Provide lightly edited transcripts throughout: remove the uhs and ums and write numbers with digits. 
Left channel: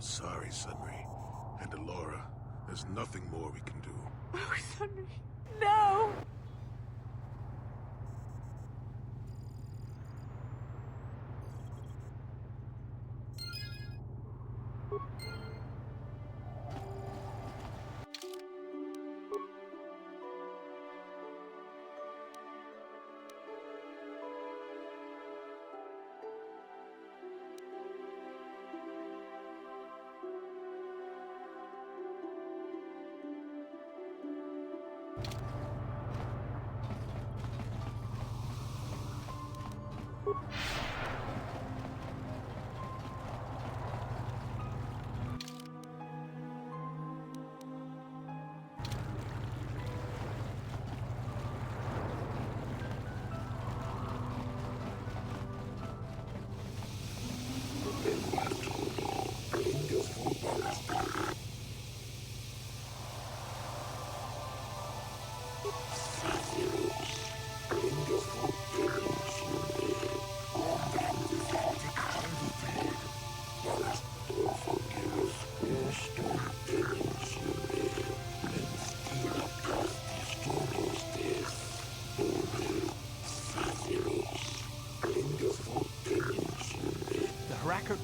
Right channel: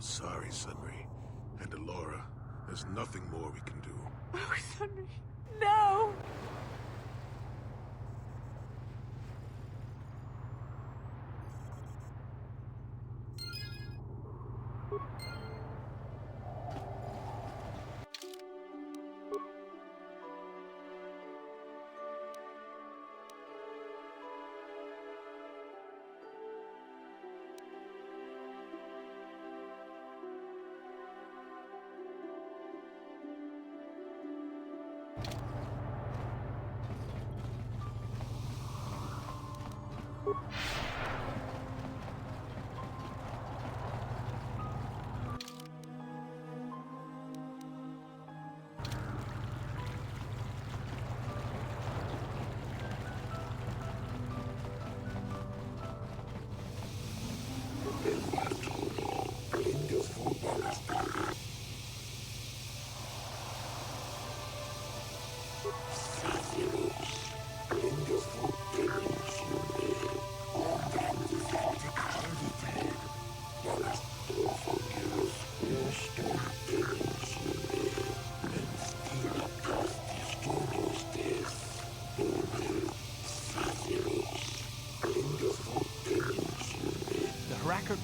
I'm sorry, Sunray. And Alora, there's nothing more we can do. Oh, Sunray, no!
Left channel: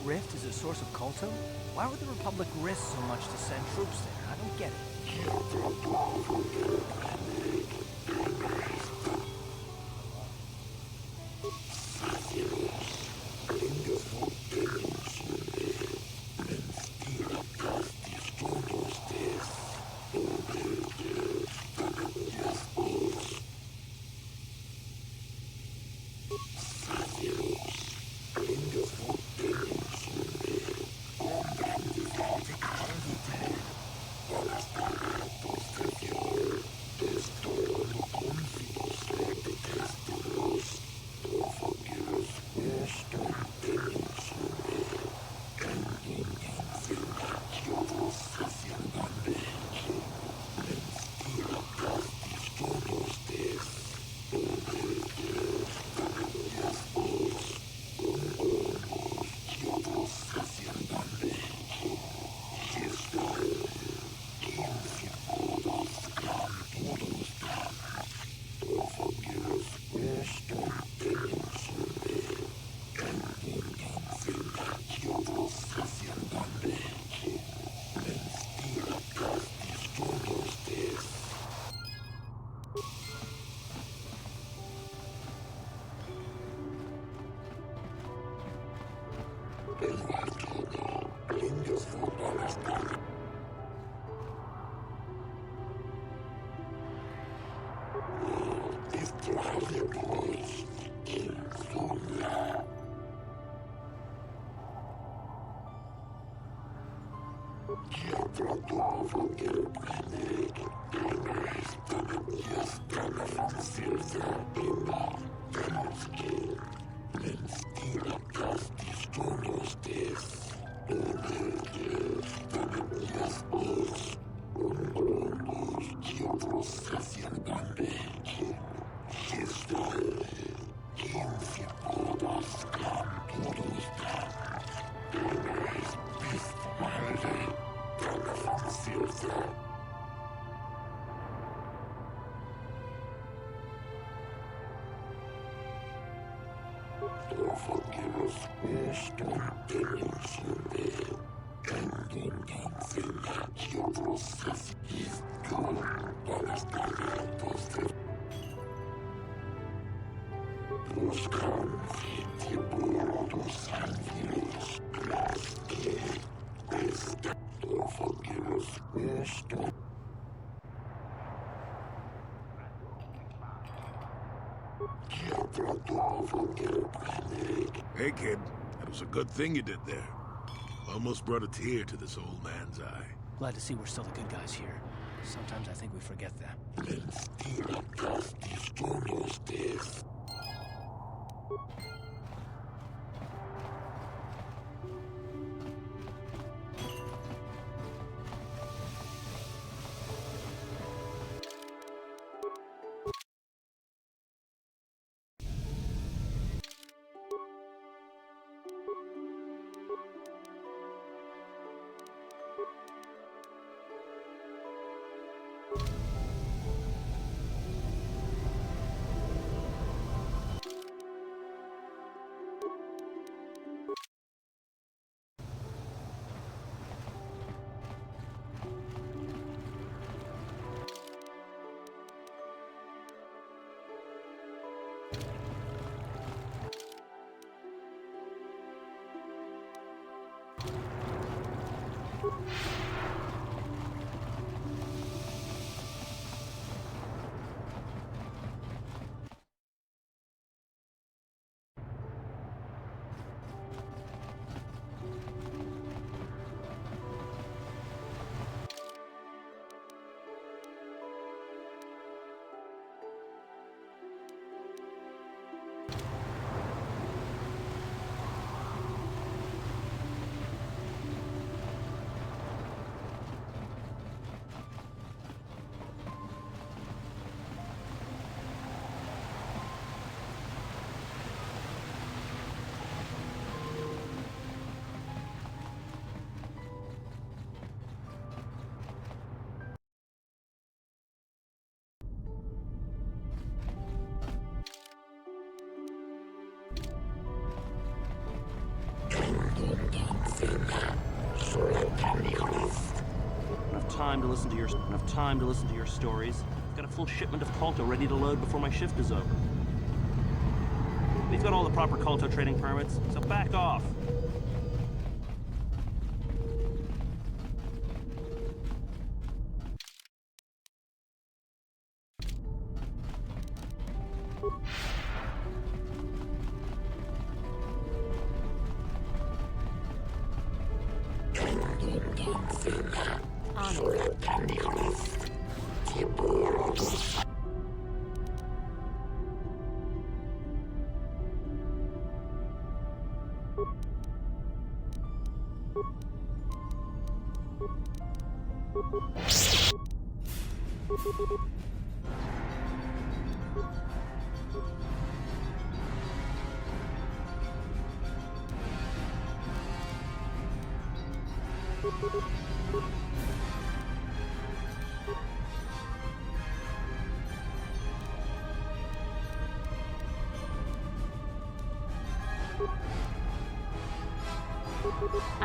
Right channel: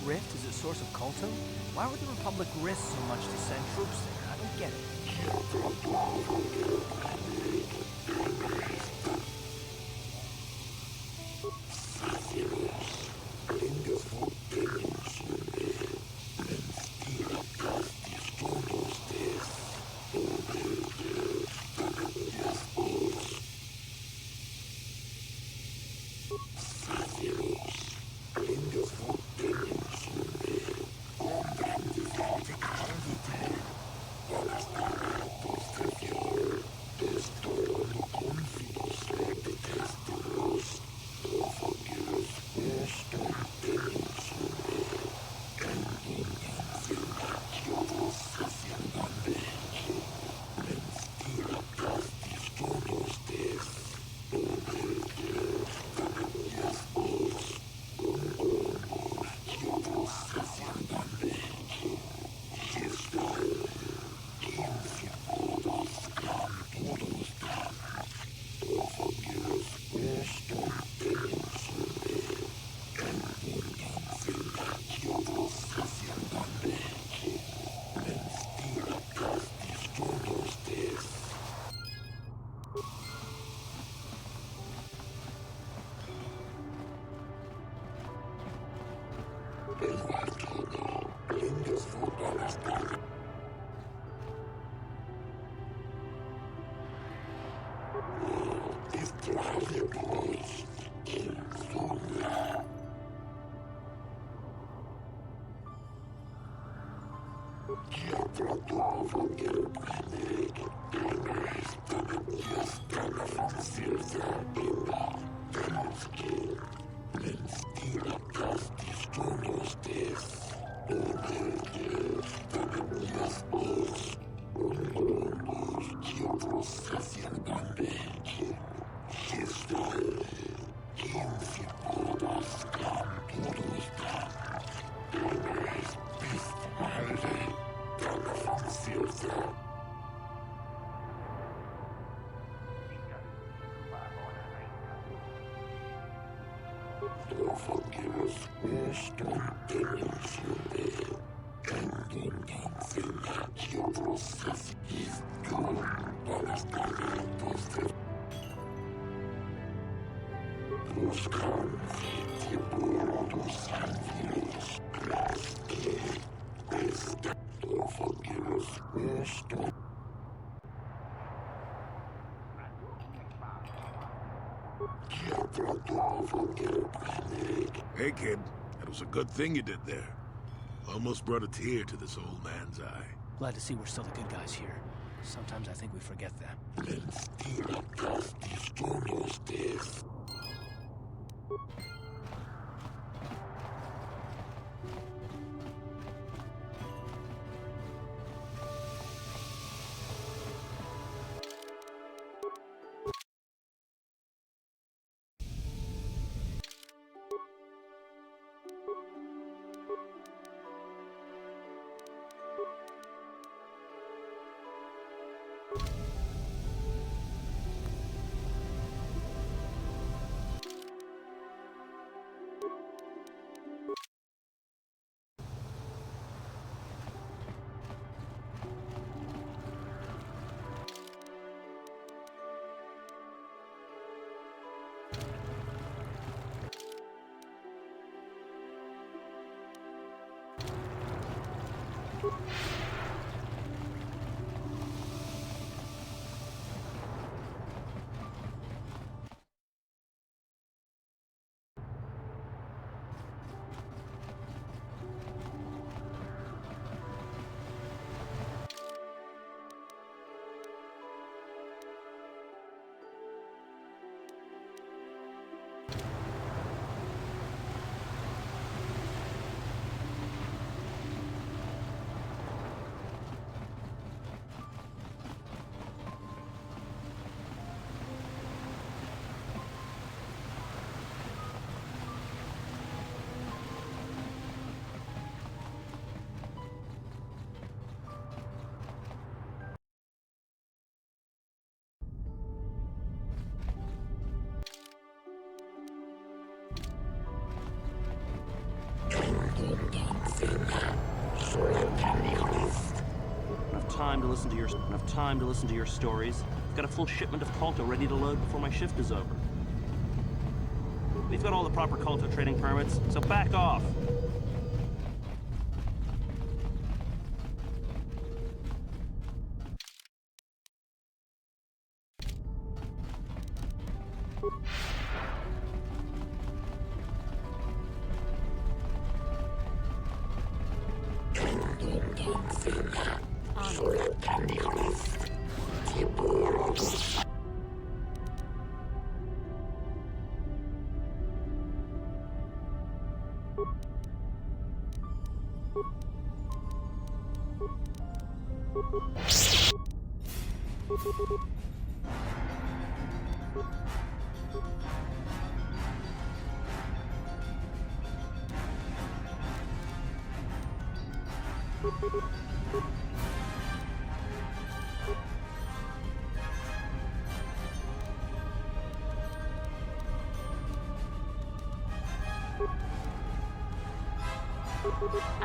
Rift is a source of Colto? Why would the Republic risk so much to send troops there? I don't get Yes. Hey, kid. That was a good thing you did there. Almost brought a tear to this old man's eye. Glad to see we're still the good guys here. Sometimes I think we forget that. Enough time to listen to your stories. I've got a full shipment of Colto ready to load before my shift is over. We've got all the proper Colto trading permits, so back off.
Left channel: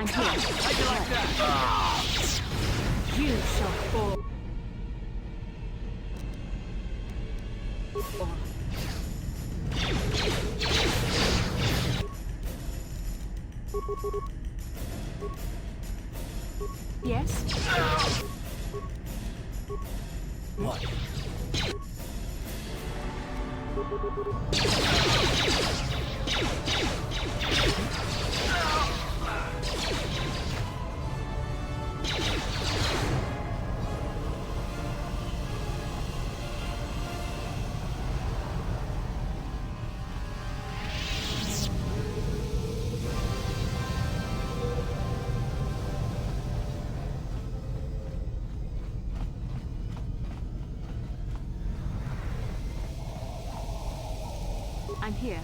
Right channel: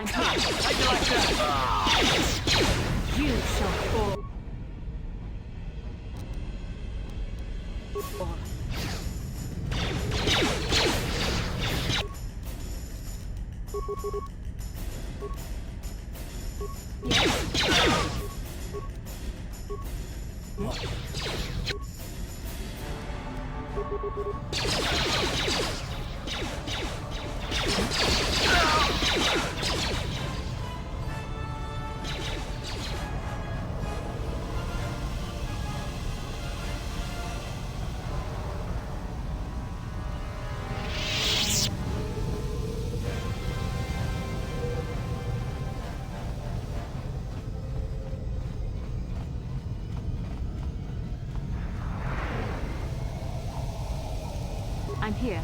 I'm here. How'd you like that? You shall fall. Yes? What? I'm here.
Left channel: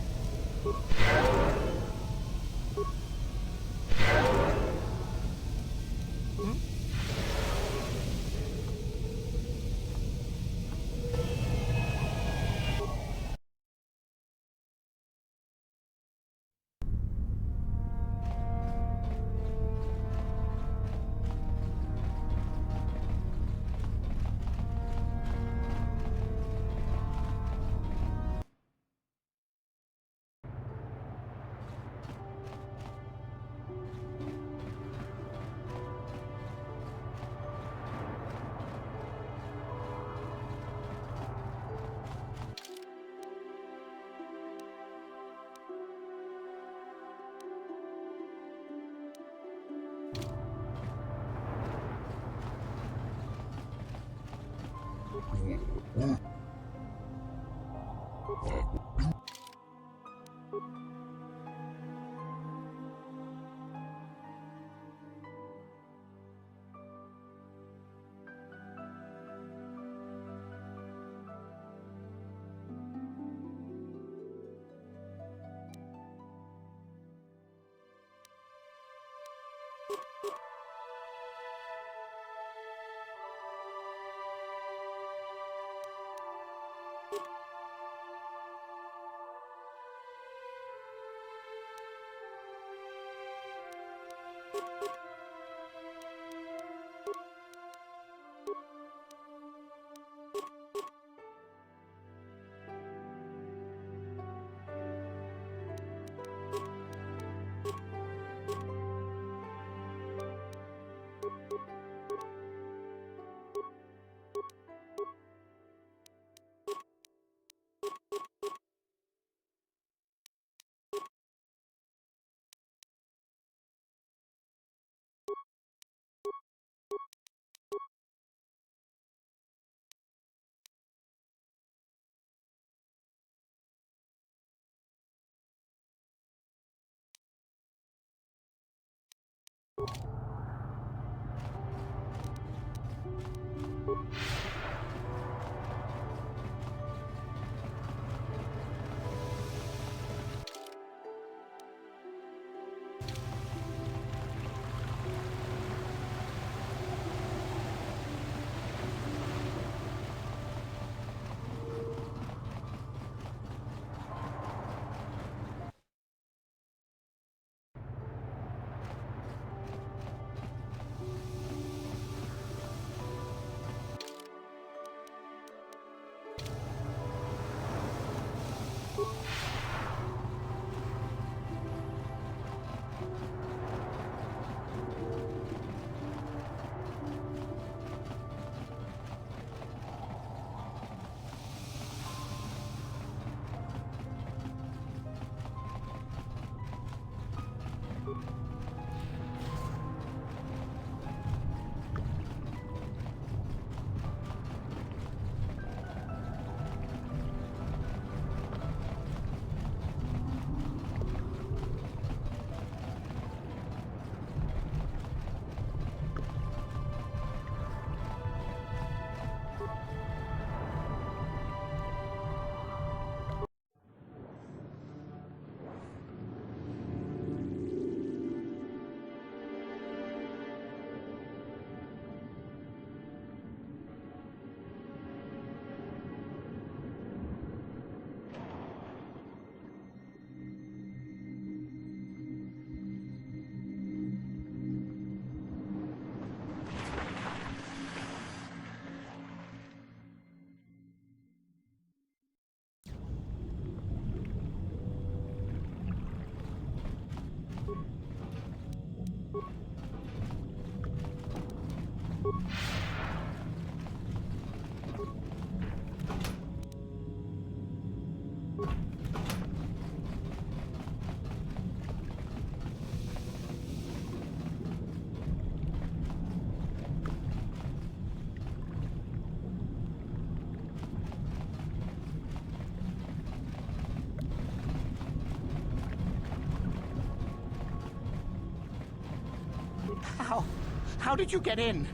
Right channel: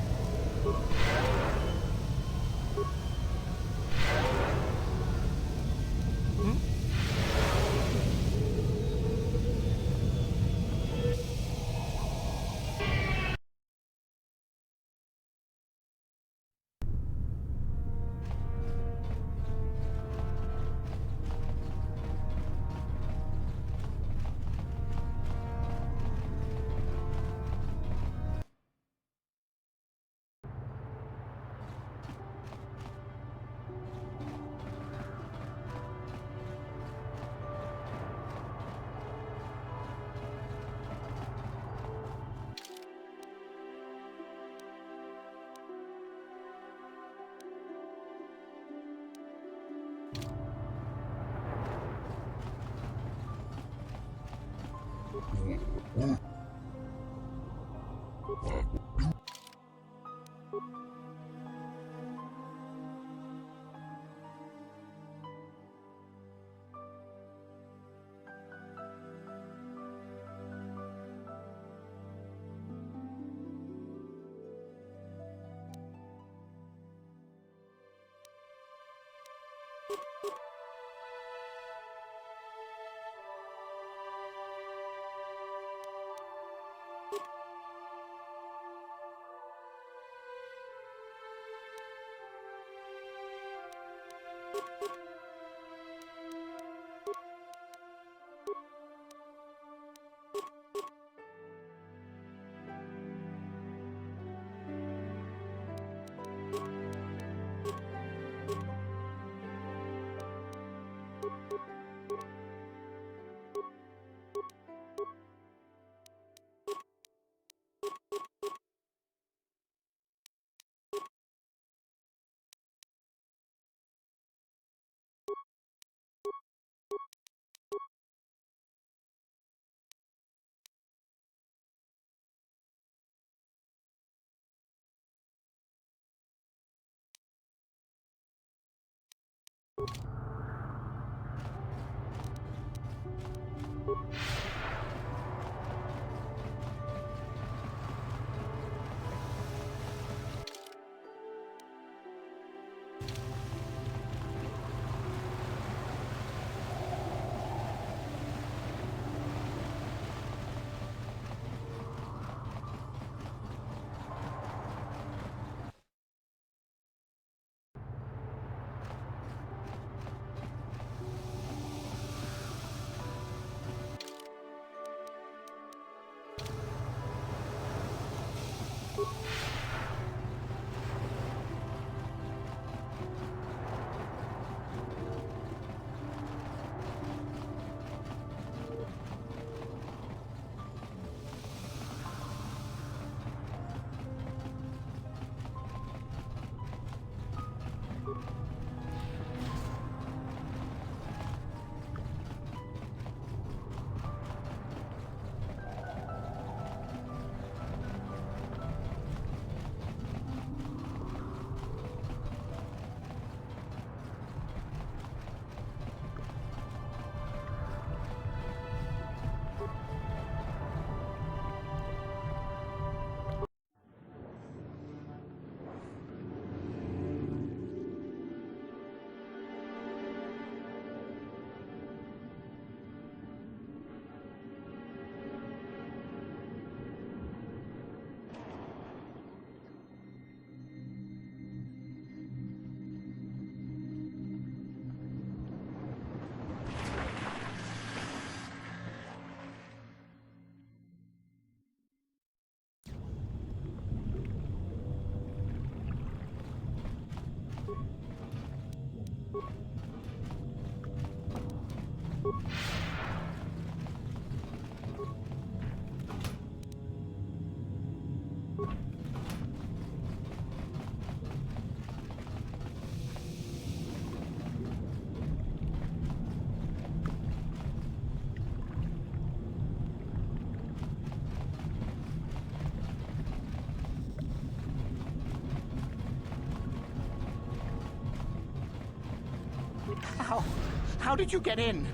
How did you get in?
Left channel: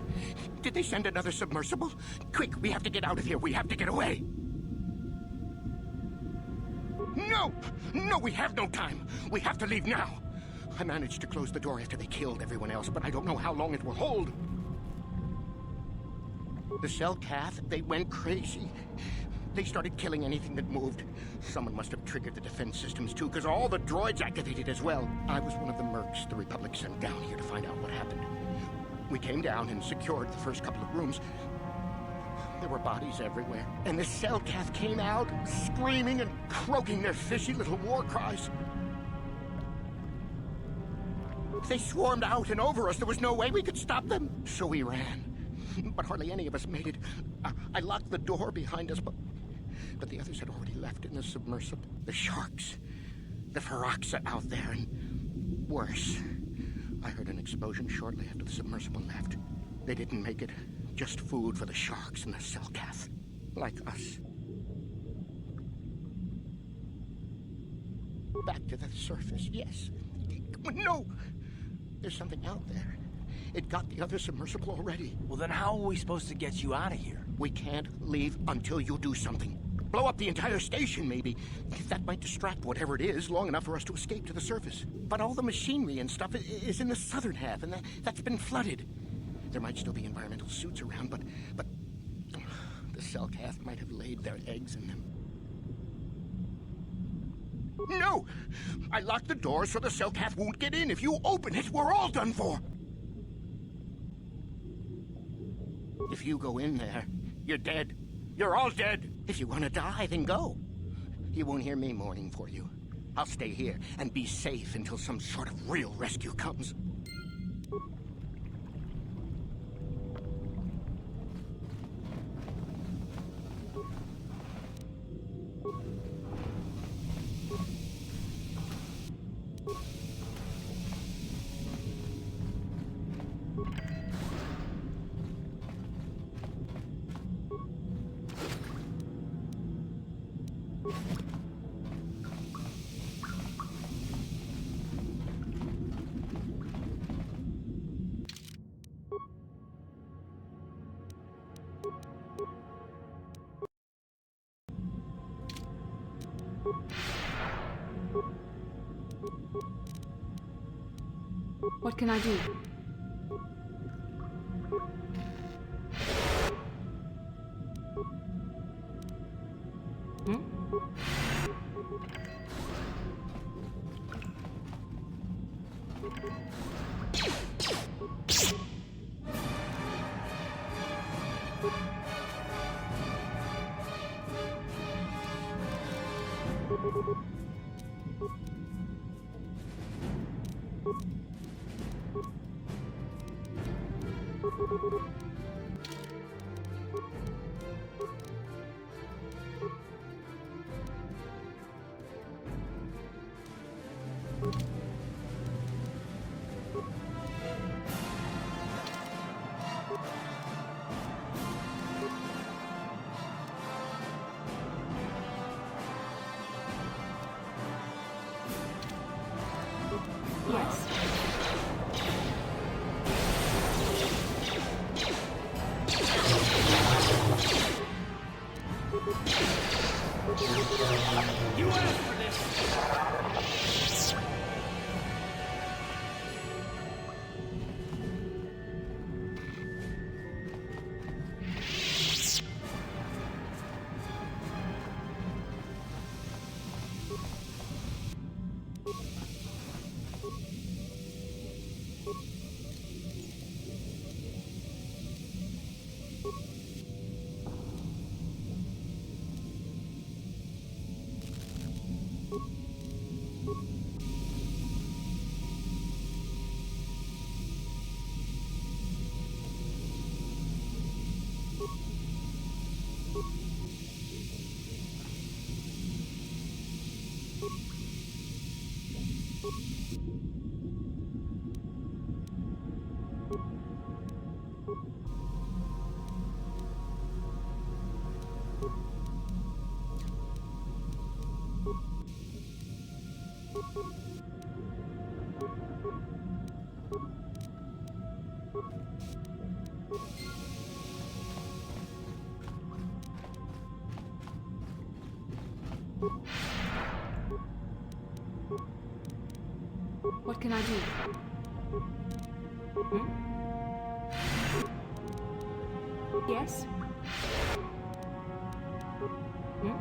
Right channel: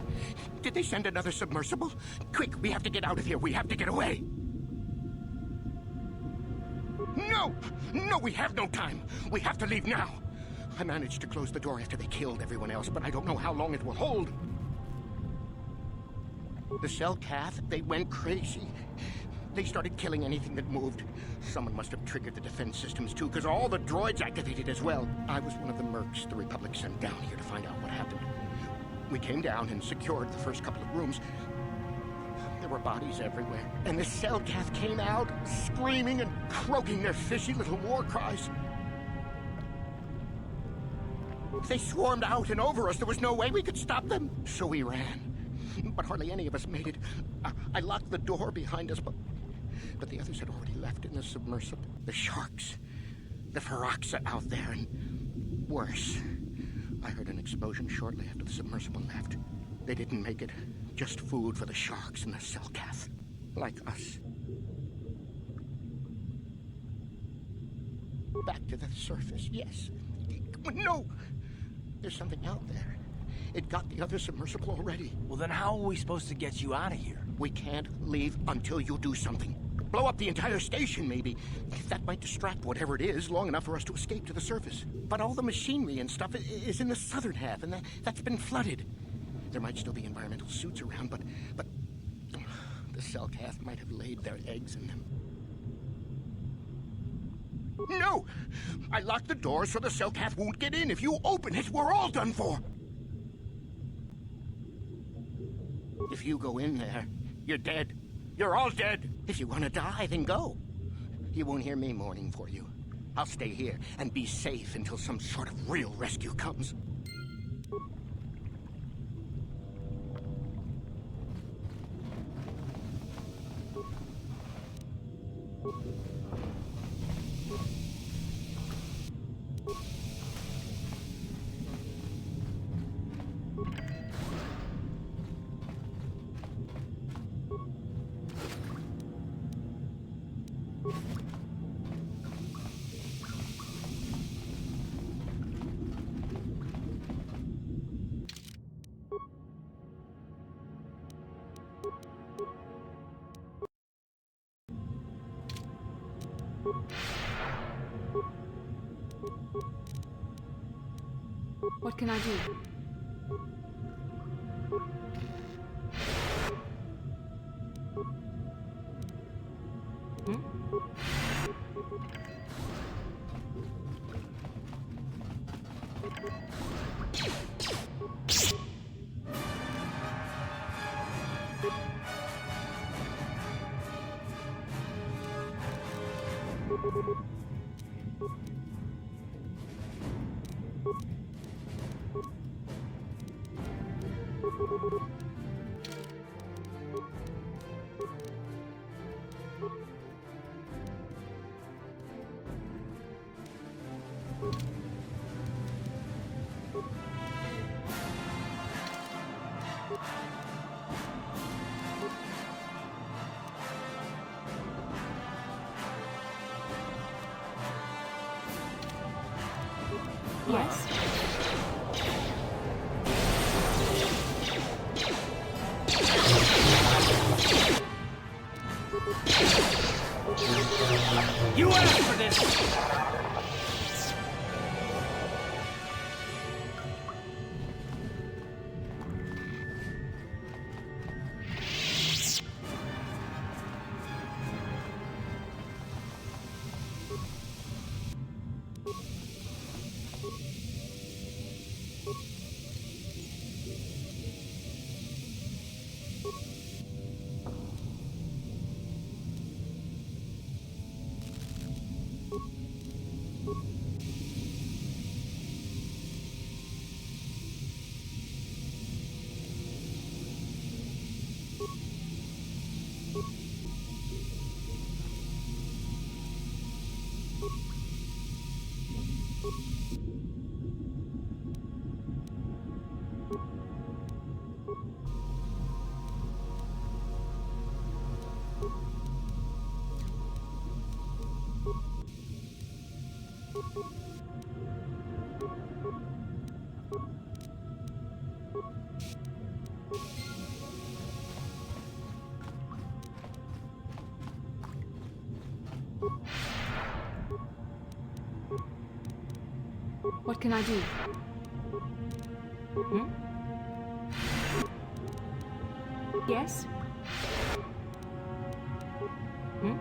Did they send another submersible? Quick, we have to get out of here. We have to get away. No! No, we have no time. We have to leave now. I managed to close the door after they killed everyone else, but I don't know how long it will hold. The Selkath, they went crazy. They started killing anything that moved. Someone must have triggered the defense systems too, because all the droids activated as well. I was one of the mercs the Republic sent down here to find out what happened. We came down and secured the first couple of rooms. There were bodies everywhere, and the Selkath came out, screaming and croaking their fishy little war cries. They swarmed out and over us. There was no way we could stop them. So we ran. But hardly any of us made it. I locked the door behind us, but the others had already left in the submersible. The sharks. The Ferox are out there, and worse. I heard an explosion shortly after the submersible left. They didn't make it. Just food for the sharks and the Selkath. Like us. Back to the surface, yes. No! There's something out there. It got the other submersible already. Well, then how are we supposed to get you out of here? We can't leave until you do something. Blow up the entire station, maybe. That might distract whatever it is long enough for us to escape to the surface. But all the machinery and stuff is in the southern half, and that's been flooded. There might still be environmental suits around, but the Selkath might have laid their eggs in them. No! I locked the door so the Selkath won't get in. If you open it, we're all done for. If you go in there, you're dead. You're all dead. If you want to die, then go. You won't hear me mourning for you. I'll stay here and be safe until some sort of real rescue comes. What can I do? Yes? You asked for this! What can I do? Hmm? Yes? Hmm?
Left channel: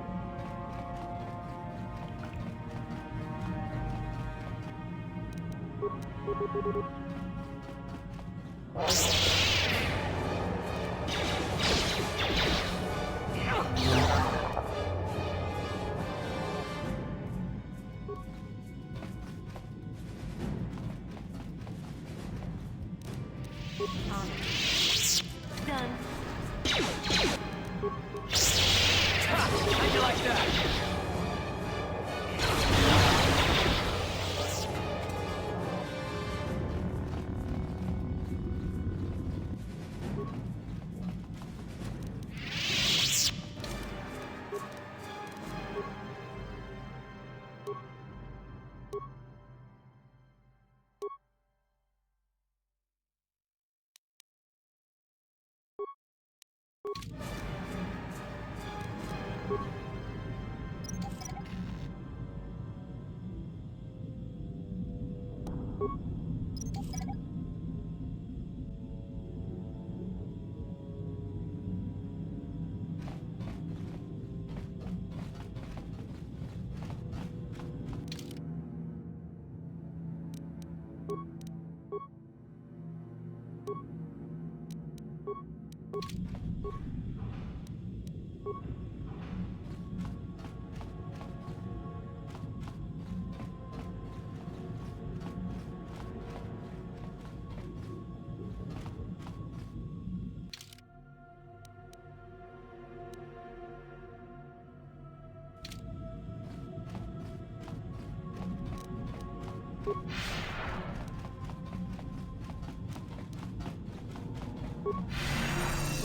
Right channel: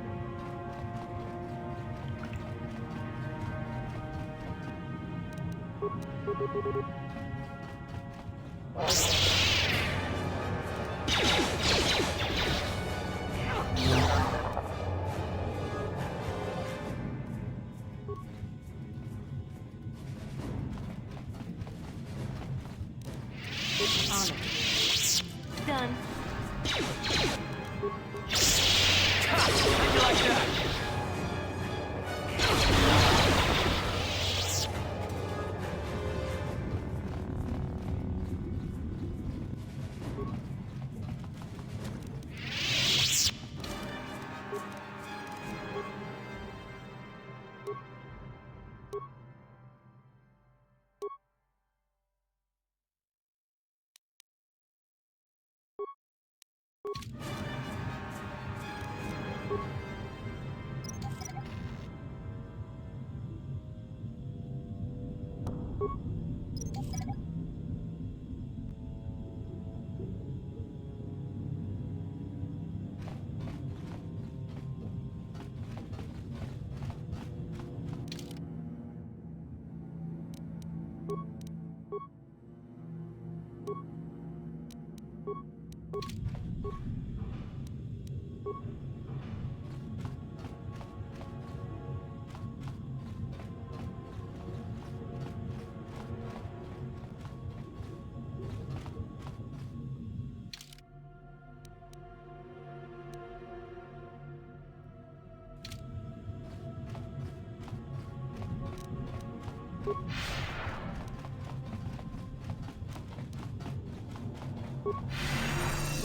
On it. Done. How'd you like that?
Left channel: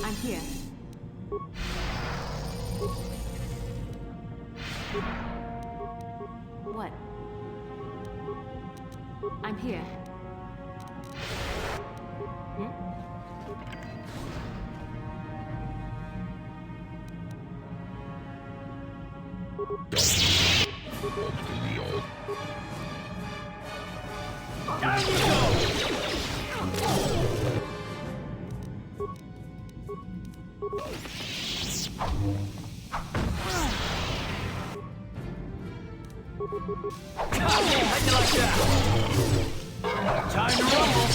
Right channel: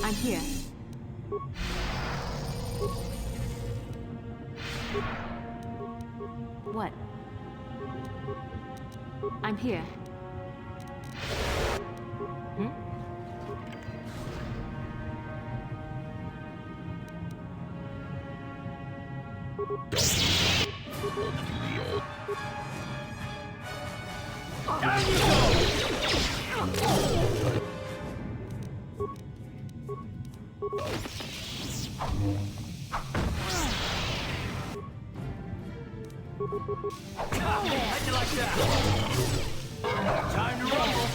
I'm here. What? I'm here. Hmm? Down you go! How'd you like that? Time to rumble!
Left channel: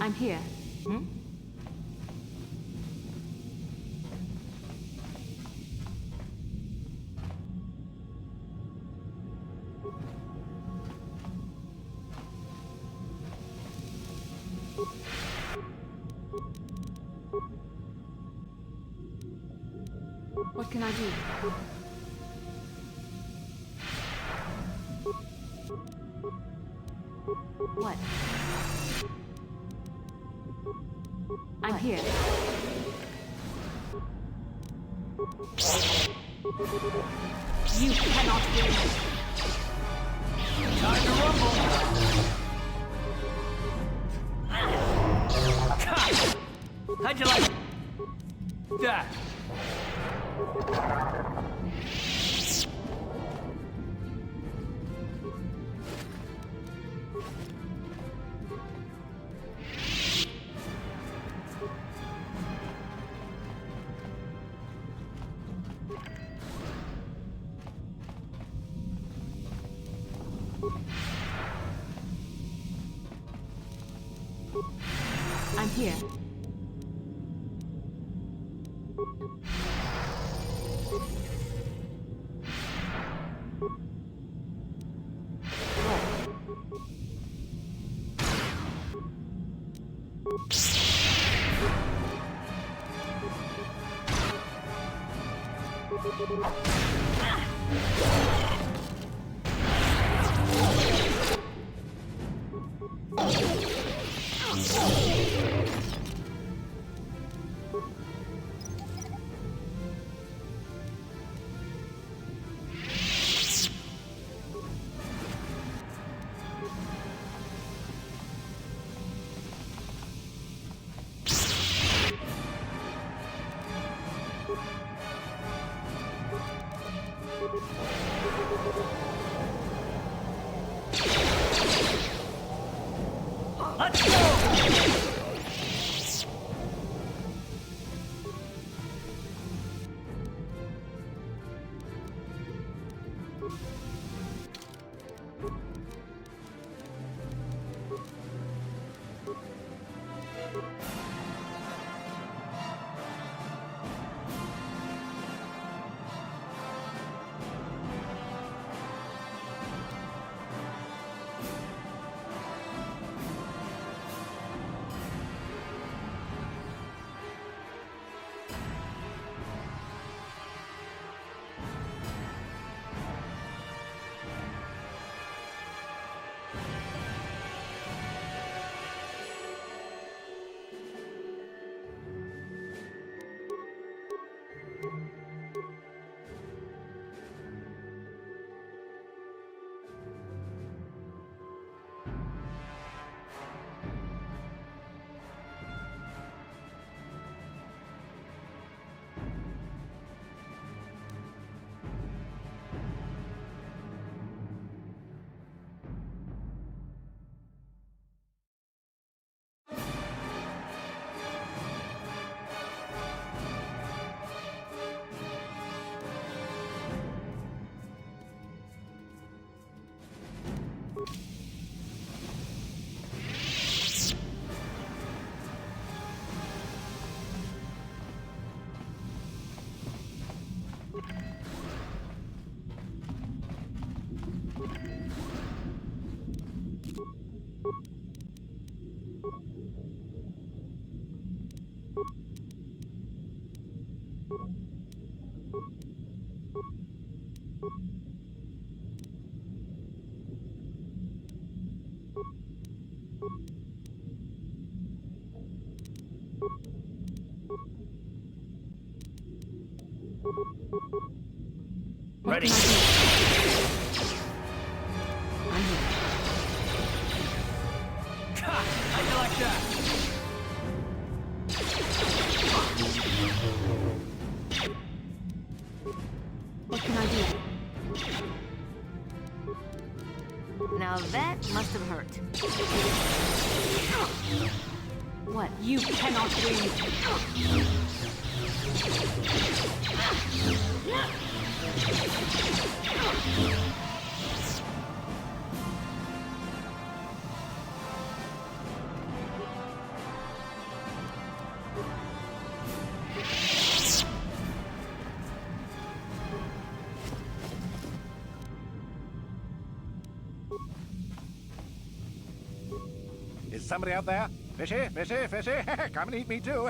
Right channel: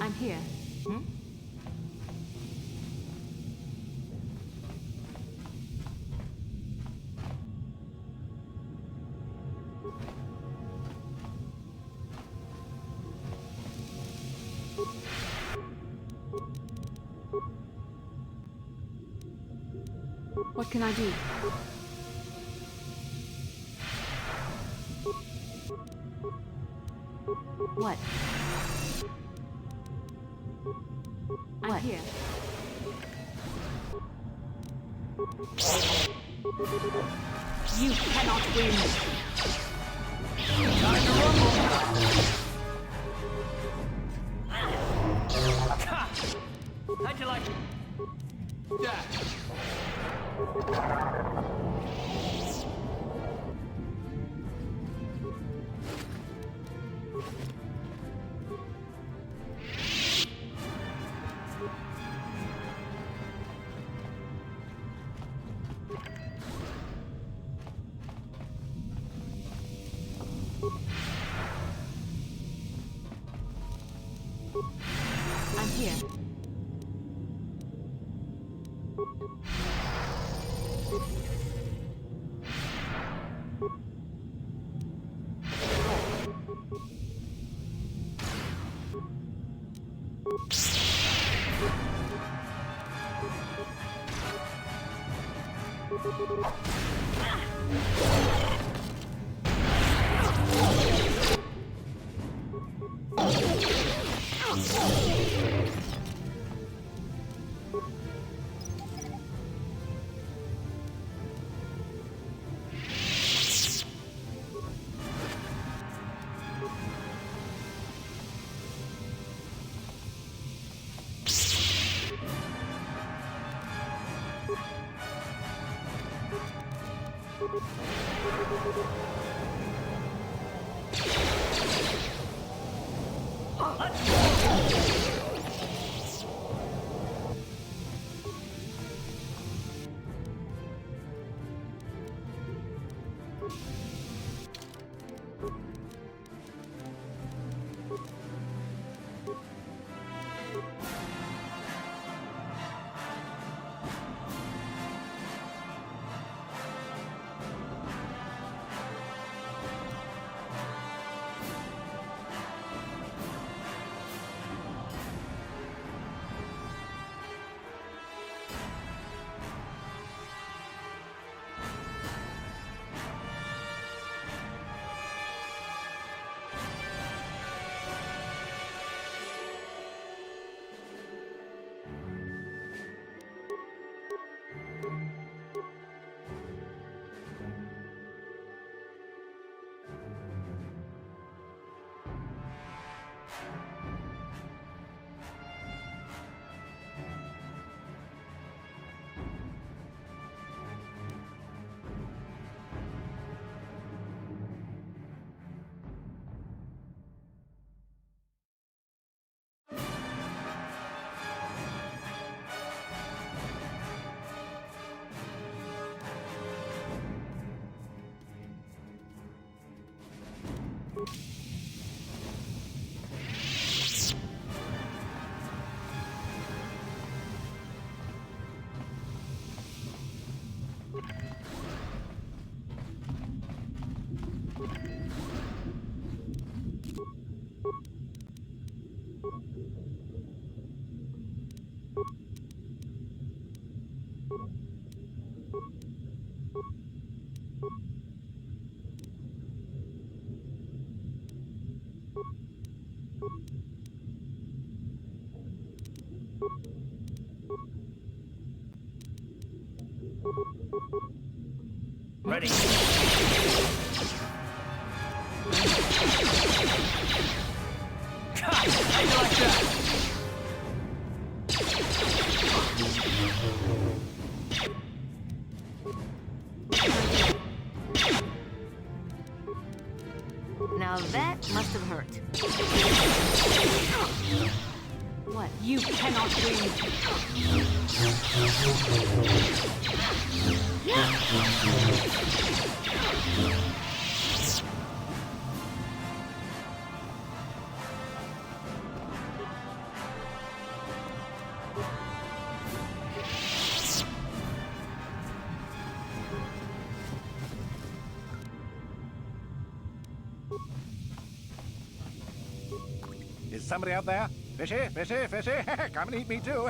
I'm here. Hmm? What can I do? What? I'm here. You cannot win. Time to rumble! How'd you like that? I'm here. Ready. How you like that? What can I do? Now that must have hurt. What? You cannot win. Is somebody out there? Fishy, fishy, fishy, come and eat me too.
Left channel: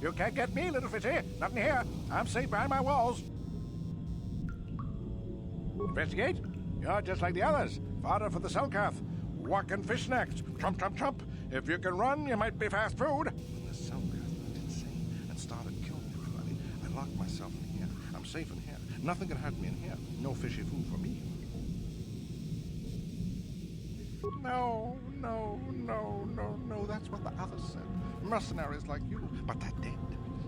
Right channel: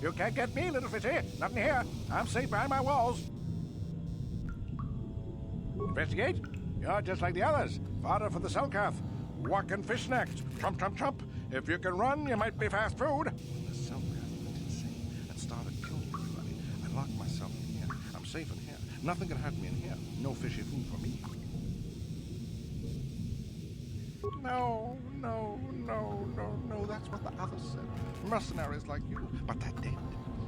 You can't get me, little fishy. Not in here. I'm safe behind my walls. Investigate? You're just like the others. Fodder for the Selkath. Walking fish snacks. Trump, trump, trump. If you can run, you might be fast food. When the Selkath went insane and started killing everybody, I locked myself in here. I'm safe in here. Nothing can hurt me in here. No fishy food for me. No, no, no, no, no. That's what the others said. Mercenaries like you. But they're dead.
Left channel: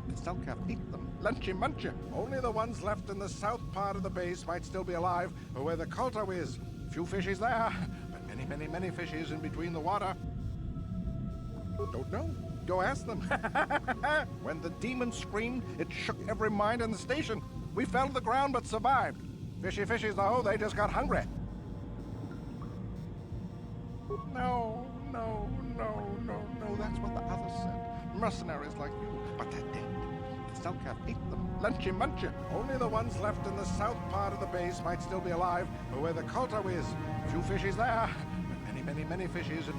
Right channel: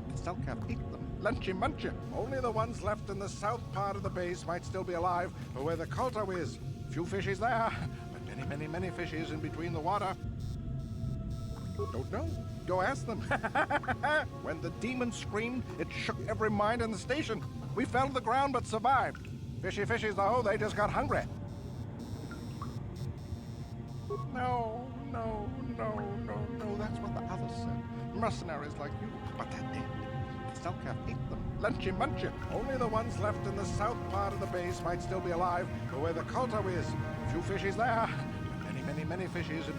The Selkath ate them. Lunchy munchy. Only the ones left in the south part of the base might still be alive, or where the Colto is. Few fishies there, but many, many, many fishies in between the water. Don't know. Go ask them. When the demon screamed, it shook every mind in the station. We fell to the ground but survived. Fishy fishies, though, they just got hungry. No, no, no, no, no. That's what the others said. Mercenaries like you, but they're dead. The Selkath ate them. Lunchy munchy. Only the ones left in the south part of the base might still be alive, or where the Colto is. Few fishies there, but many, many, many fishies.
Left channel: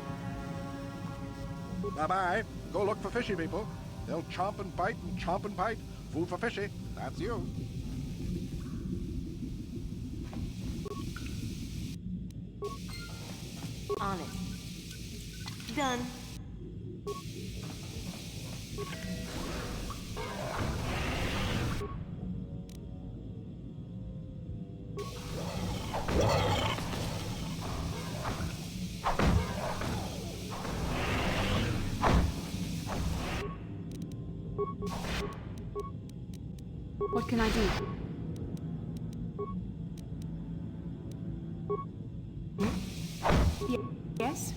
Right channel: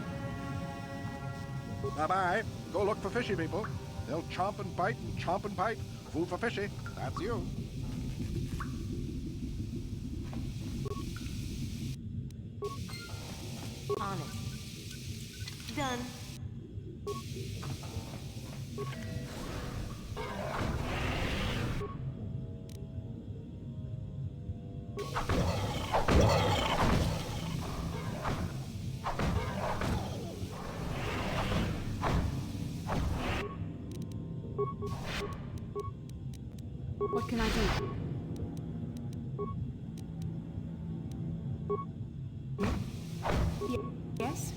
Bye-bye. Go look for fishy people. They'll chomp and bite and chomp and bite. Food for fishy. That's you. On it. Done. What can I do? Yes?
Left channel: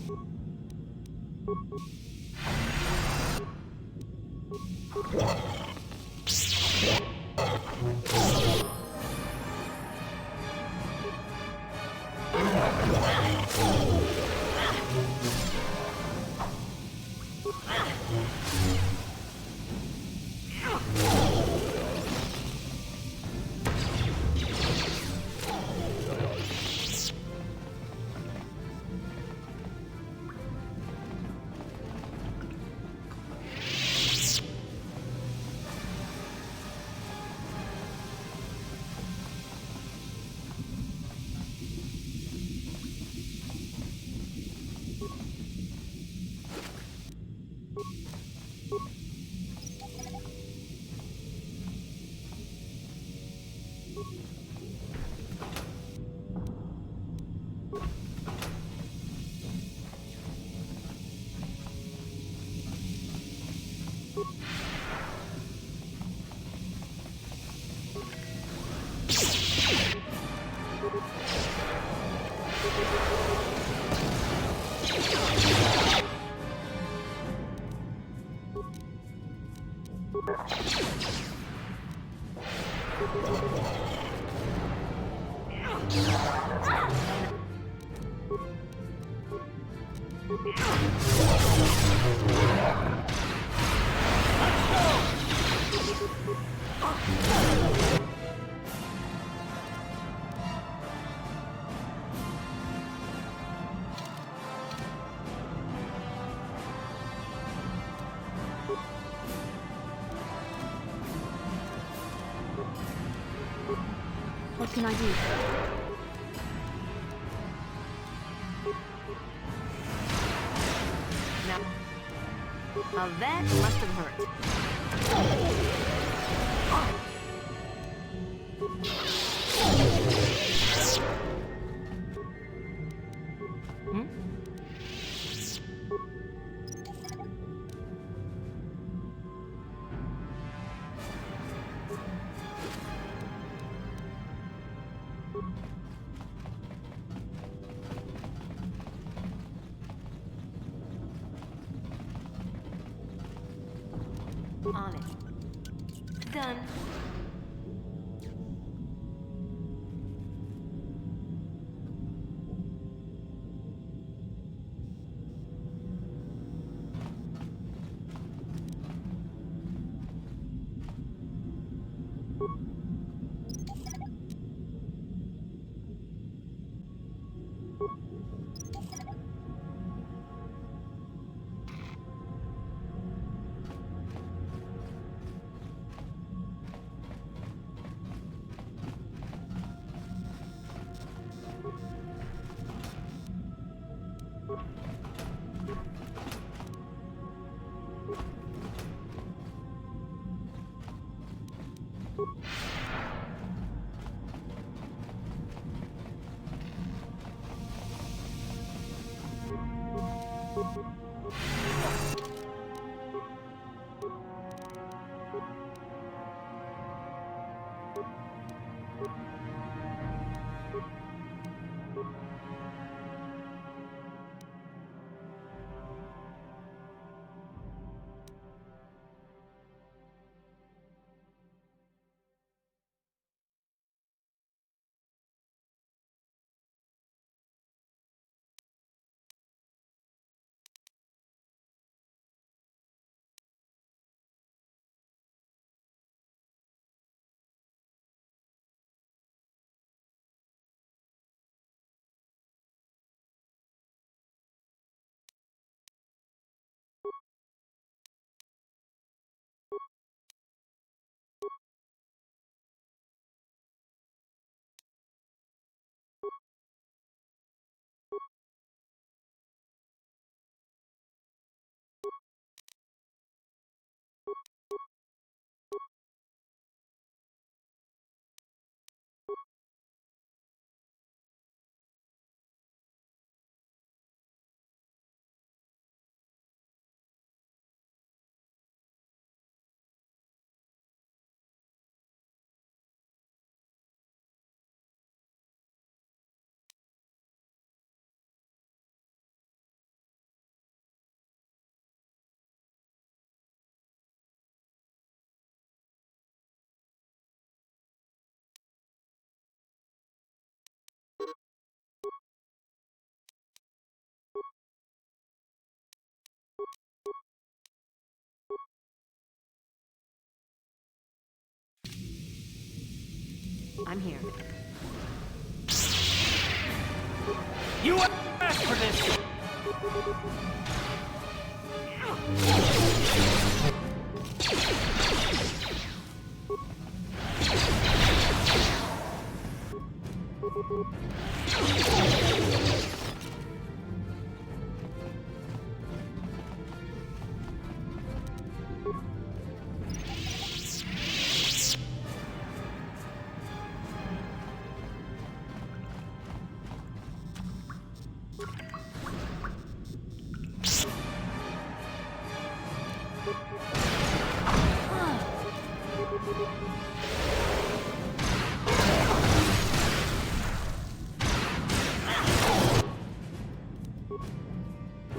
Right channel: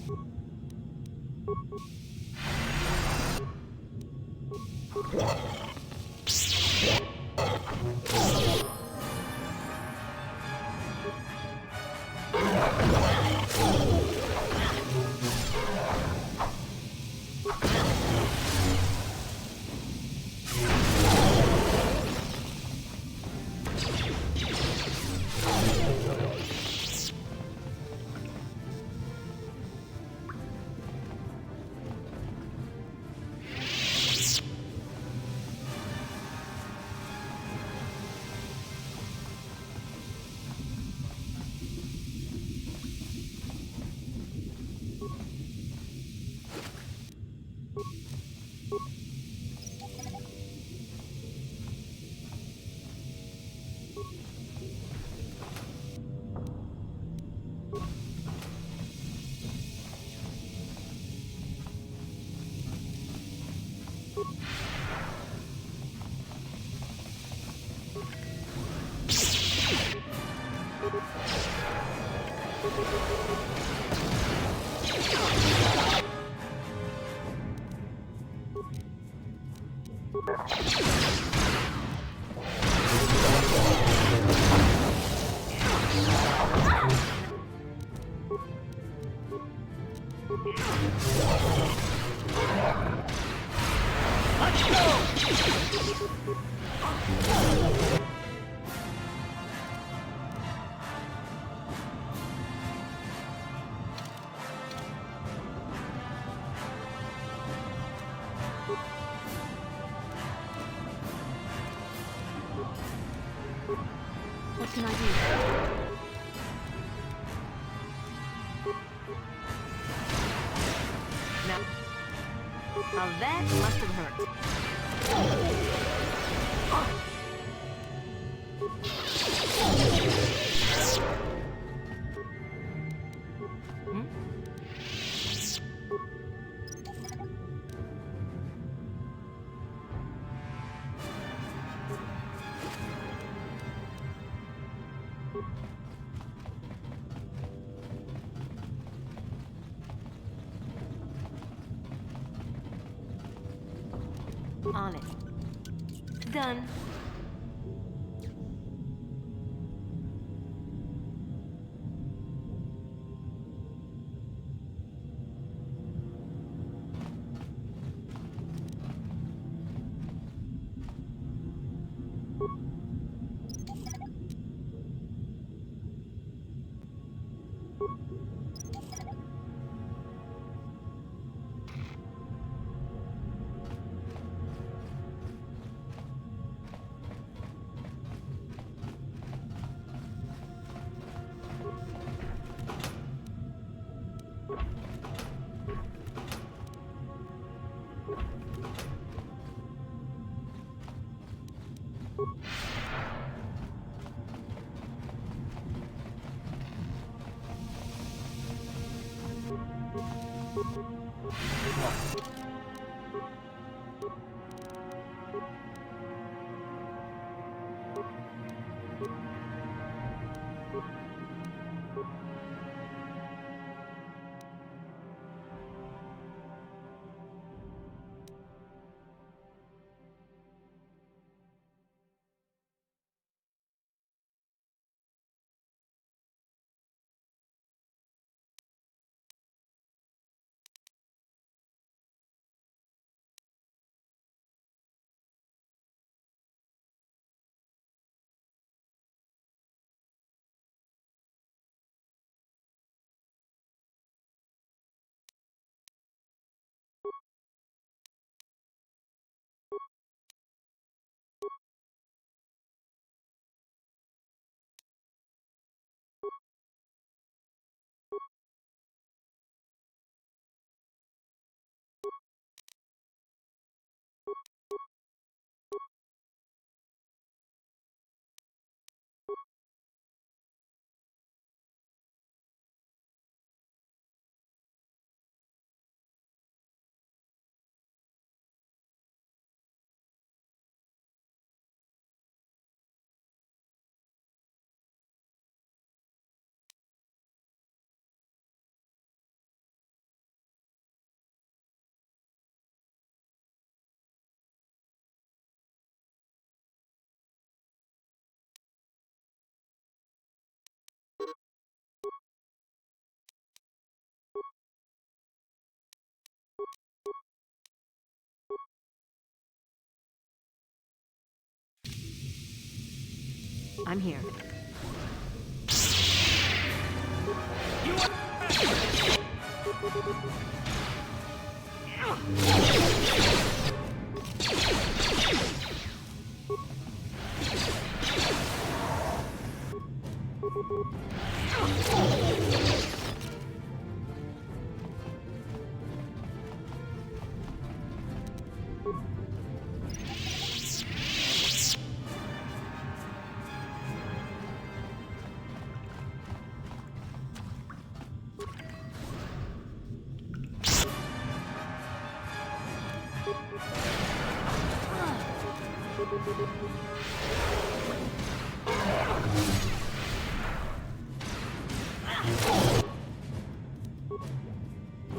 What can I do? Now that must have hurt. On it. Done. I'm here. You asked for this!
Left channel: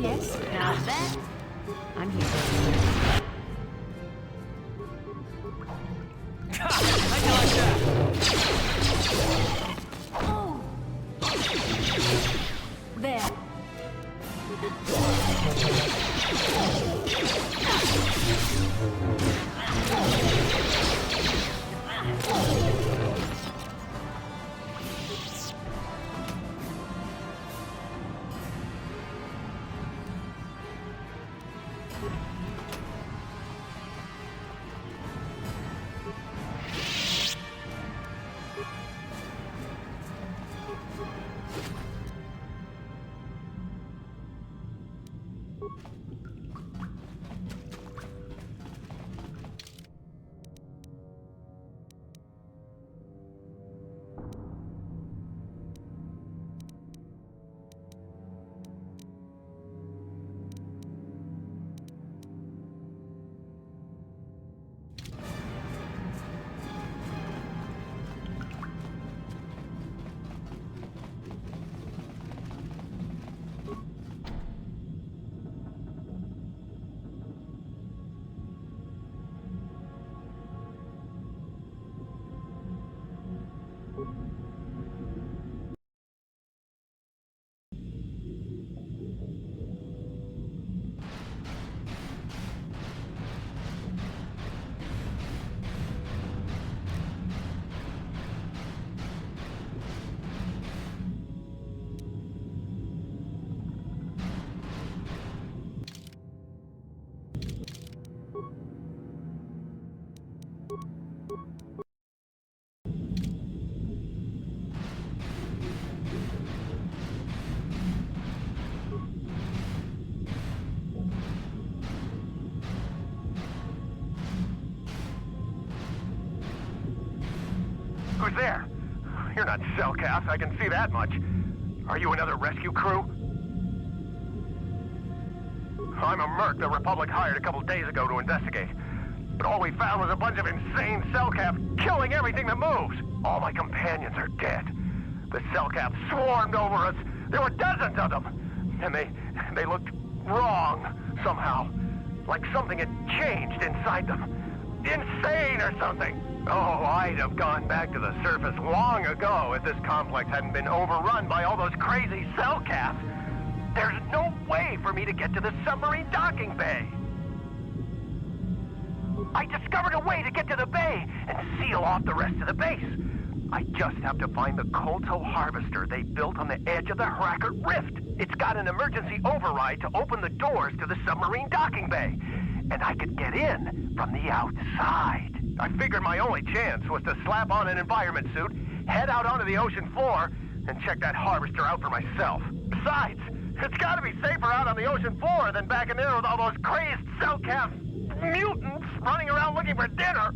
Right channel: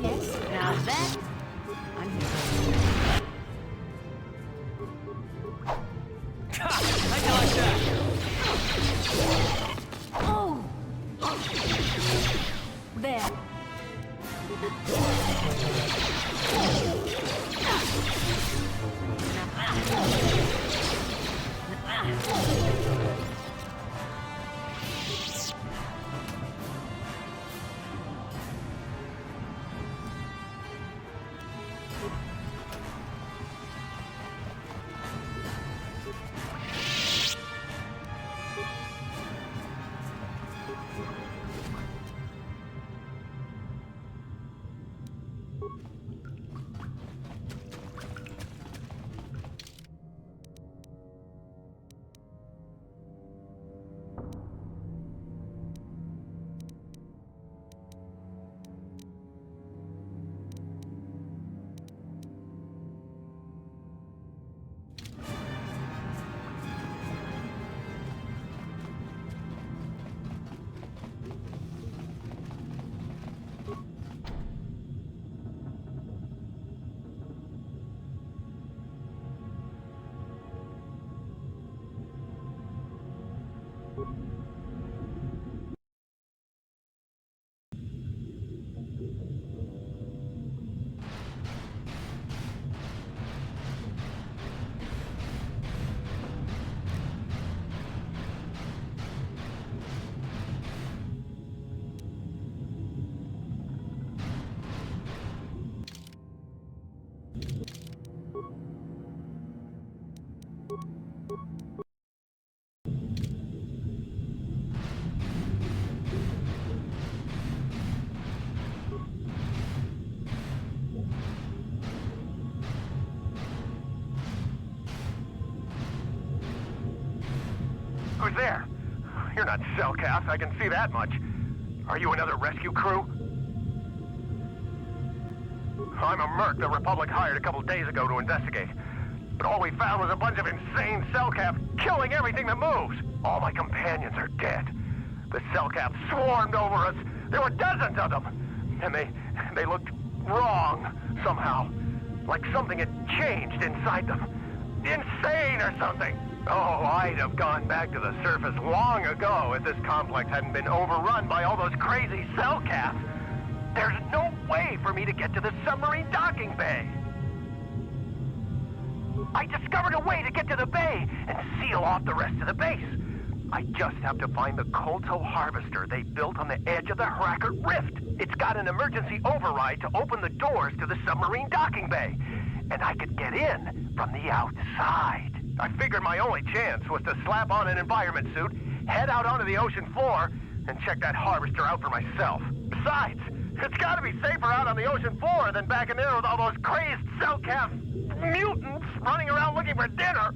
Yes, now that... I'm here. How'd you like that? Oh! There. Who's there? You're not Cellcast, I can see that much. Are you another rescue crew? I'm a merc the Republic hired a couple days ago to investigate. But all we found was a bunch of insane Cellcaps killing everything that moves. All my companions are dead. The Cellcaps swarmed over us. There were dozens of them. And they looked wrong, somehow. Like something had changed inside them. Insane or something. Oh, I'd have gone back to the surface long ago if this complex hadn't been overrun by all those crazy Cellcaps. There's no way for me to get to the submarine docking bay. I discovered a way to get to the bay and seal off the rest of the base. I just have to find the Kolto harvester they built on the edge of the Hackert Rift. It's got an emergency override to open the doors to the submarine docking bay. And I could get in from the outside. I figured my only chance was to slap on an environment suit, head out onto the ocean floor, and check that harvester out for myself. Besides, it's gotta be safer out on the ocean floor than back in there with all those crazed Cellcap mutants running around looking for dinner.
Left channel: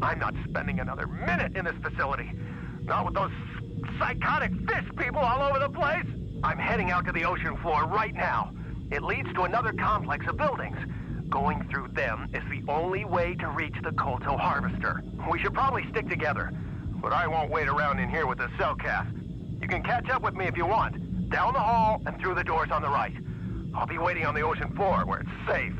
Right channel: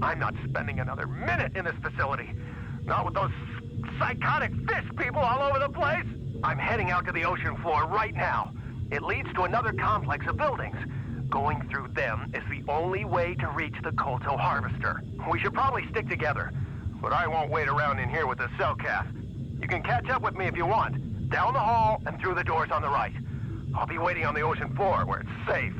I'm not spending another minute in this facility. Not with those psychotic fish people all over the place. I'm heading out to the ocean floor right now. It leads to another complex of buildings. Going through them is the only way to reach the Kolto harvester. We should probably stick together, but I won't wait around in here with the Cellcast. You can catch up with me if you want. Down the hall and through the doors on the right. I'll be waiting on the ocean floor where it's safe.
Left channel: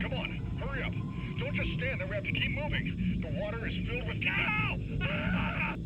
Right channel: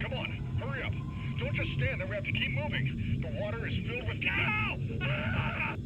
Come on, hurry up. Don't just stand there, we have to keep moving. The water is filled with... Ow! Ah!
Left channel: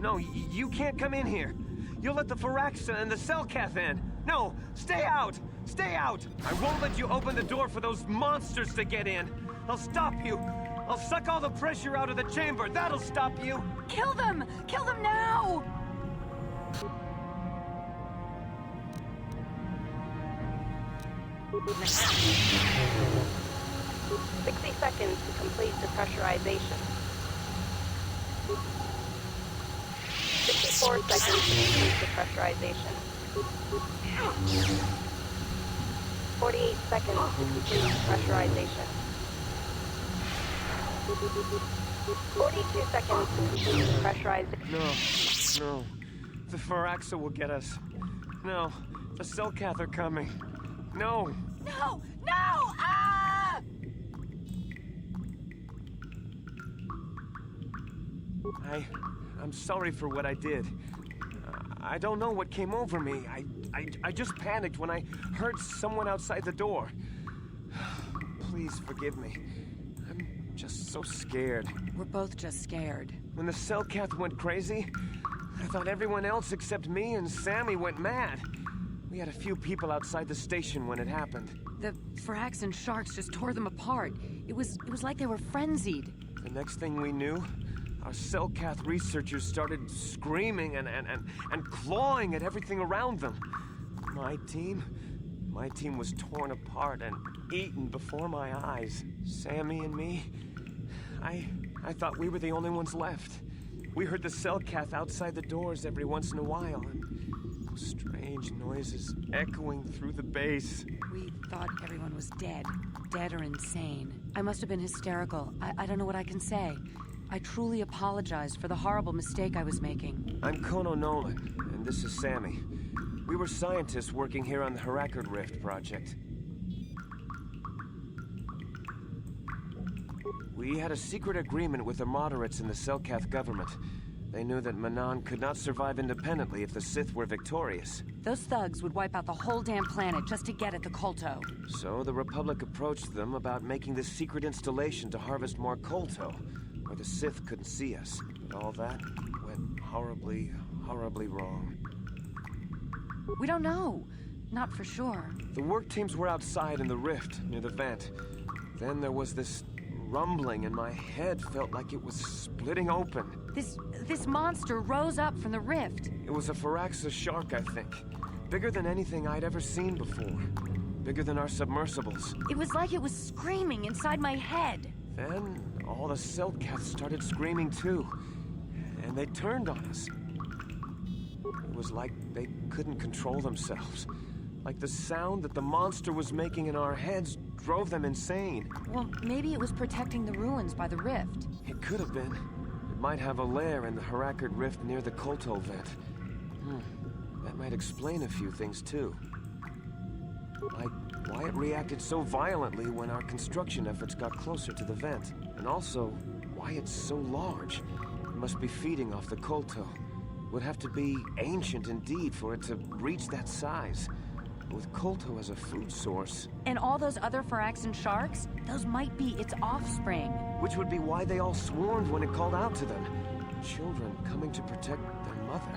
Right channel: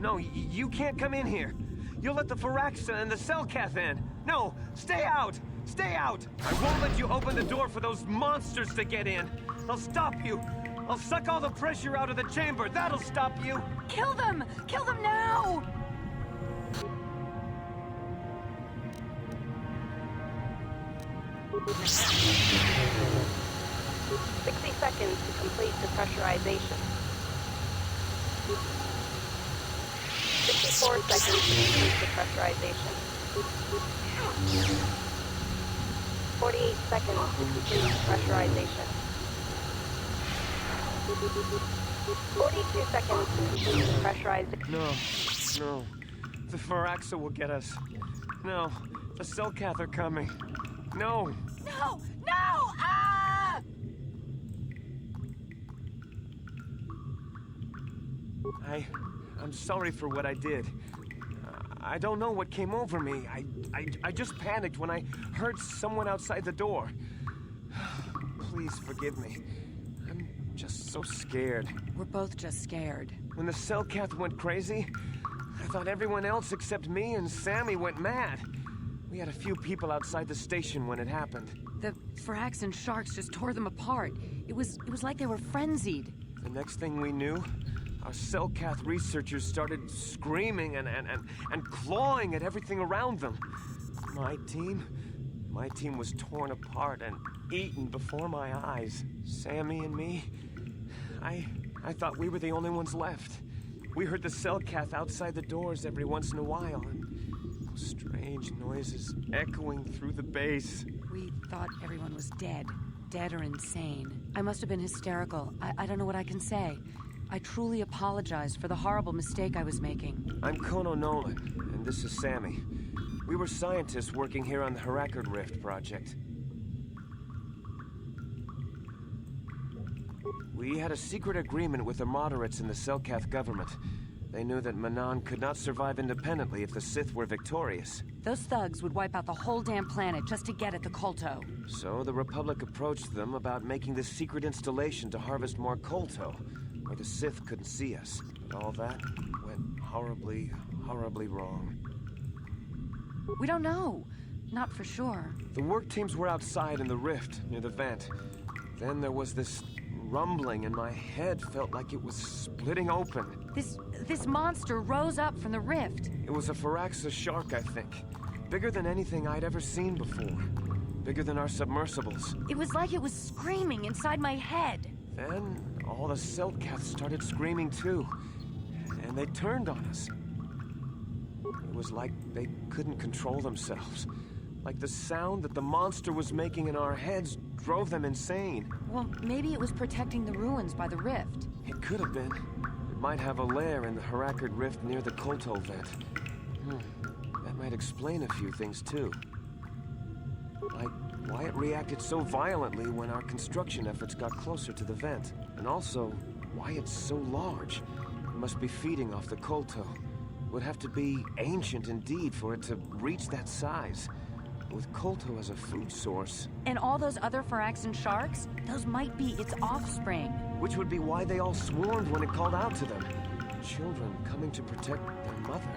No, you can't come in here. You'll let the Firaxa and the Selkath in! No! Stay out! Stay out! I won't let you open the door for those monsters to get in! I'll stop you! I'll suck all the pressure out of the chamber! That'll stop you! Kill them! Kill them now! "60 seconds to complete depressurization. 64 seconds to complete depressurization. 48 seconds to complete depressurization. 42 seconds to complete depressurization. No. The Firaxa will get us. No. The Selkath are coming. No! No! No! Ah! I'm sorry for what I did. I don't know what came over me. I just panicked when I heard someone outside the door. Please forgive me. I'm just so scared. We're both just scared. When the Selkath went crazy, I thought everyone else except me and Sammy went mad. We had a few people outside the station when it happened. The Firaxan sharks just tore them apart. It was like they were frenzied. The next thing we knew, our Selkath researchers started screaming and clawing at everything around them. My team was torn apart and eaten before my eyes. Sammy and me, I thought we were the only ones left. We heard the Selkath outside the doors every once in a while, and those strange noises echoing through the base. We thought everyone was dead. Dead or insane. I must have been hysterical. I don't know what I can say. I truly apologize for the horrible mistake I was making. I'm Kono Nolan, and this is Sammy. We were scientists working here on the Harakard Rift project. We had a secret agreement with the moderates in the Selkath government. They knew that Manan could not survive independently if the Sith were victorious. Those thugs would wipe out the whole damn planet just to get at the Kolto. So the Republic approached them about making this secret installation to harvest more Kolto, where the Sith couldn't see us. But all that went horribly, horribly wrong. We don't know. Not for sure. The work teams were outside in the rift, near the vent. Then there was this rumbling, and my head felt like it was splitting open. This monster rose up from the rift. It was a Firaxa shark, I think. Bigger than anything I'd ever seen before. Bigger than our submersibles. It was like it was screaming inside my head. Then all the Selkath started screaming too. And they turned on us. It was like they couldn't control themselves. Like the sound that the monster was making in our heads drove them insane. Well, maybe it was protecting the ruins by the rift. It could have been. It might have a lair in the Harakard Rift near the Kolto vent. That might explain a few things too. Like why it reacted so violently when our construction efforts got closer to the vent. And also, why it's so large. It must be feeding off the Kolto. It would have to be ancient indeed for it to reach that size. With Kolto as a food source. And all those other Firaxan sharks? Those might be its offspring. Which would be why they all swarmed when it called out to them. Children coming to protect their mother.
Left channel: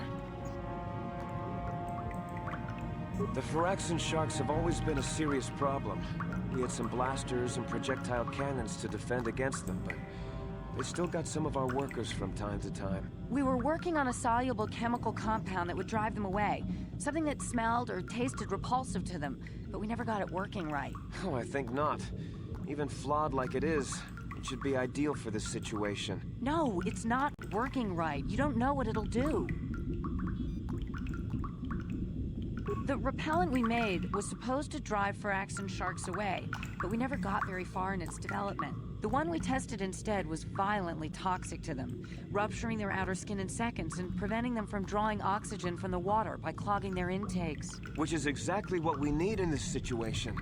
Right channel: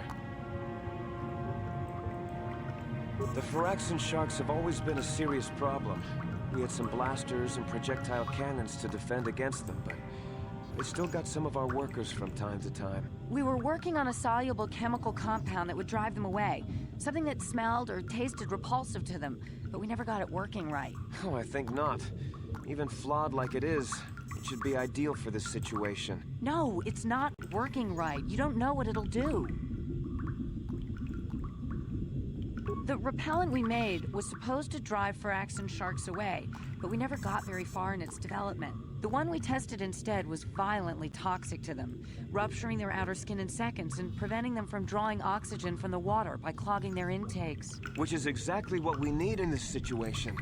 The Firaxan sharks have always been a serious problem. We had some blasters and projectile cannons to defend against them, but they still got some of our workers from time to time. We were working on a soluble chemical compound that would drive them away. Something that smelled or tasted repulsive to them, but we never got it working right. Oh, I think not. Even flawed like it is, it should be ideal for this situation. No, it's not working right. You don't know what it'll do. The repellent we made was supposed to drive Firaxan sharks away, but we never got very far in its development. The one we tested instead was violently toxic to them, rupturing their outer skin in seconds and preventing them from drawing oxygen from the water by clogging their intakes. Which is exactly what we need in this situation.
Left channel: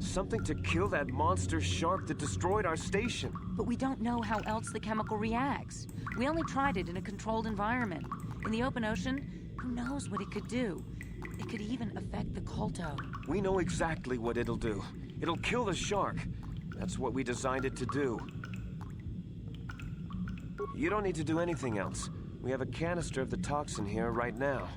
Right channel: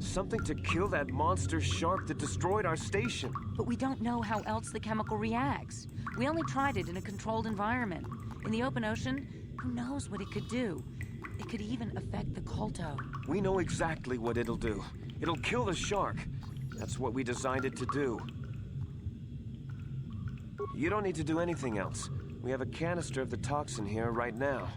Something to kill that monster shark that destroyed our station. But we don't know how else the chemical reacts. We only tried it in a controlled environment. In the open ocean, who knows what it could do? It could even affect the Kolto. We know exactly what it'll do. It'll kill the shark. That's what we designed it to do. You don't need to do anything else. We have a canister of the toxin here right now.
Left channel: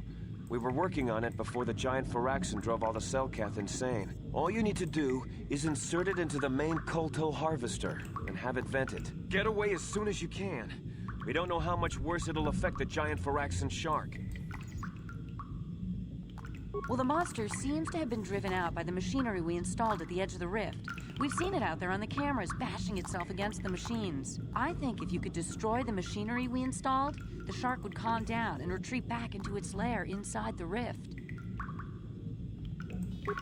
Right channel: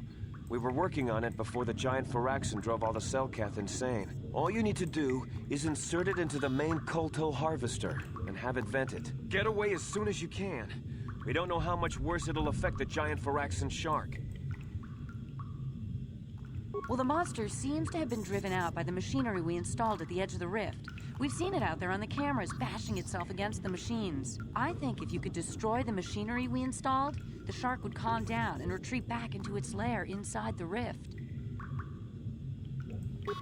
We were working on it before the giant Firaxin drove all the Selkath insane. All you need to do is insert it into the main Kolto harvester and have it vented. Get away as soon as you can. We don't know how much worse it'll affect the giant Firaxin shark. Well, the monster seems to have been driven out by the machinery we installed at the edge of the rift. We've seen it out there on the cameras, bashing itself against the machines. I think if you could destroy the machinery we installed, the shark would calm down and retreat back into its lair inside the rift.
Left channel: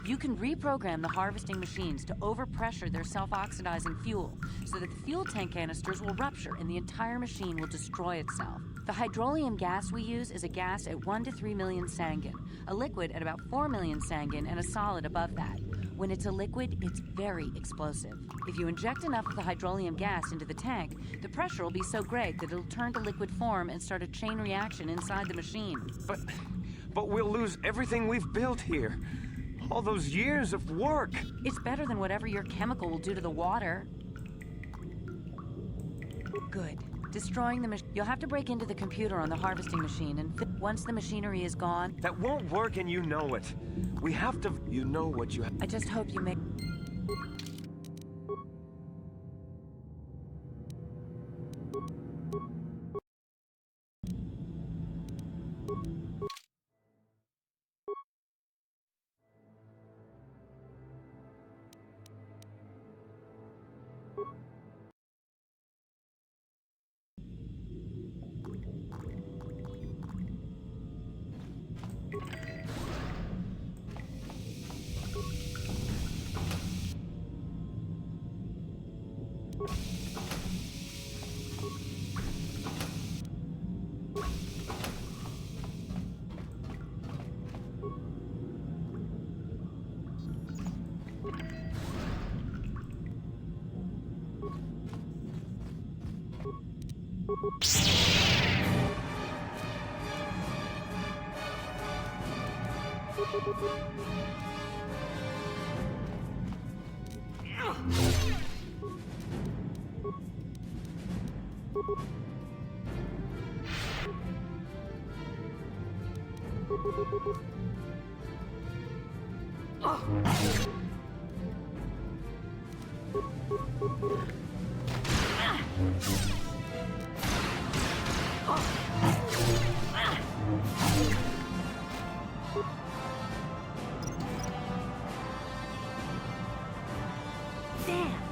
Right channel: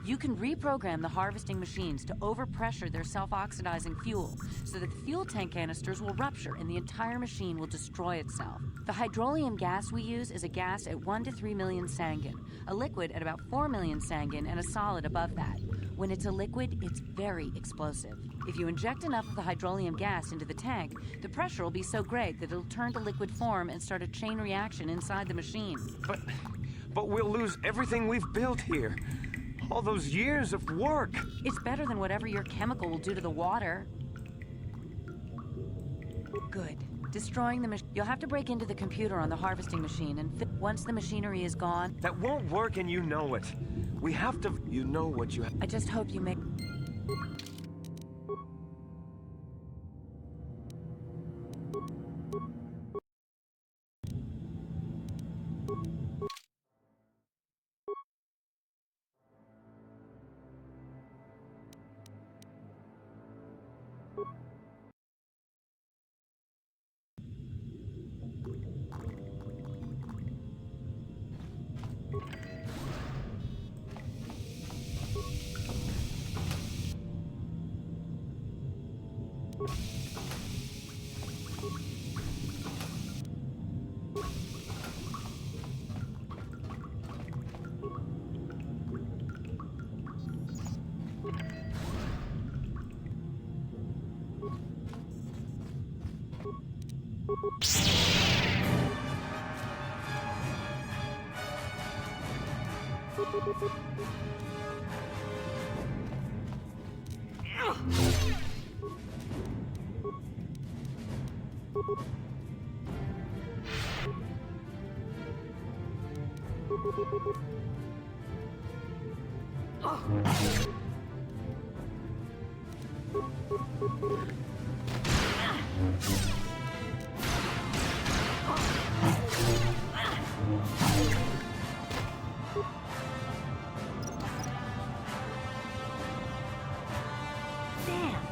You can reprogram the harvesting machines to overpressure their self-oxidizing fuel so that the fuel tank canisters will rupture and the entire machine will destroy itself. The hydrolium gas we use is a gas at 1 to 3 million sangin, a liquid at about 4 million sangin, and a solid above that. When it's a liquid, it's very explosive. If you inject enough of the hydrolium gas into the tank, the pressure will be so great that it'll turn to liquid form and start a chain reaction inside the machine. But we'll lose everything we've built here. All those years of work. It's better than whatever your chemical will do to the water. Good. Destroying the machine. You'll have to break into the computer on the harvesting machine, and once the machinery is gone... That won't work, and you know it. We have to... You know what you have... I just hope you make... Damn!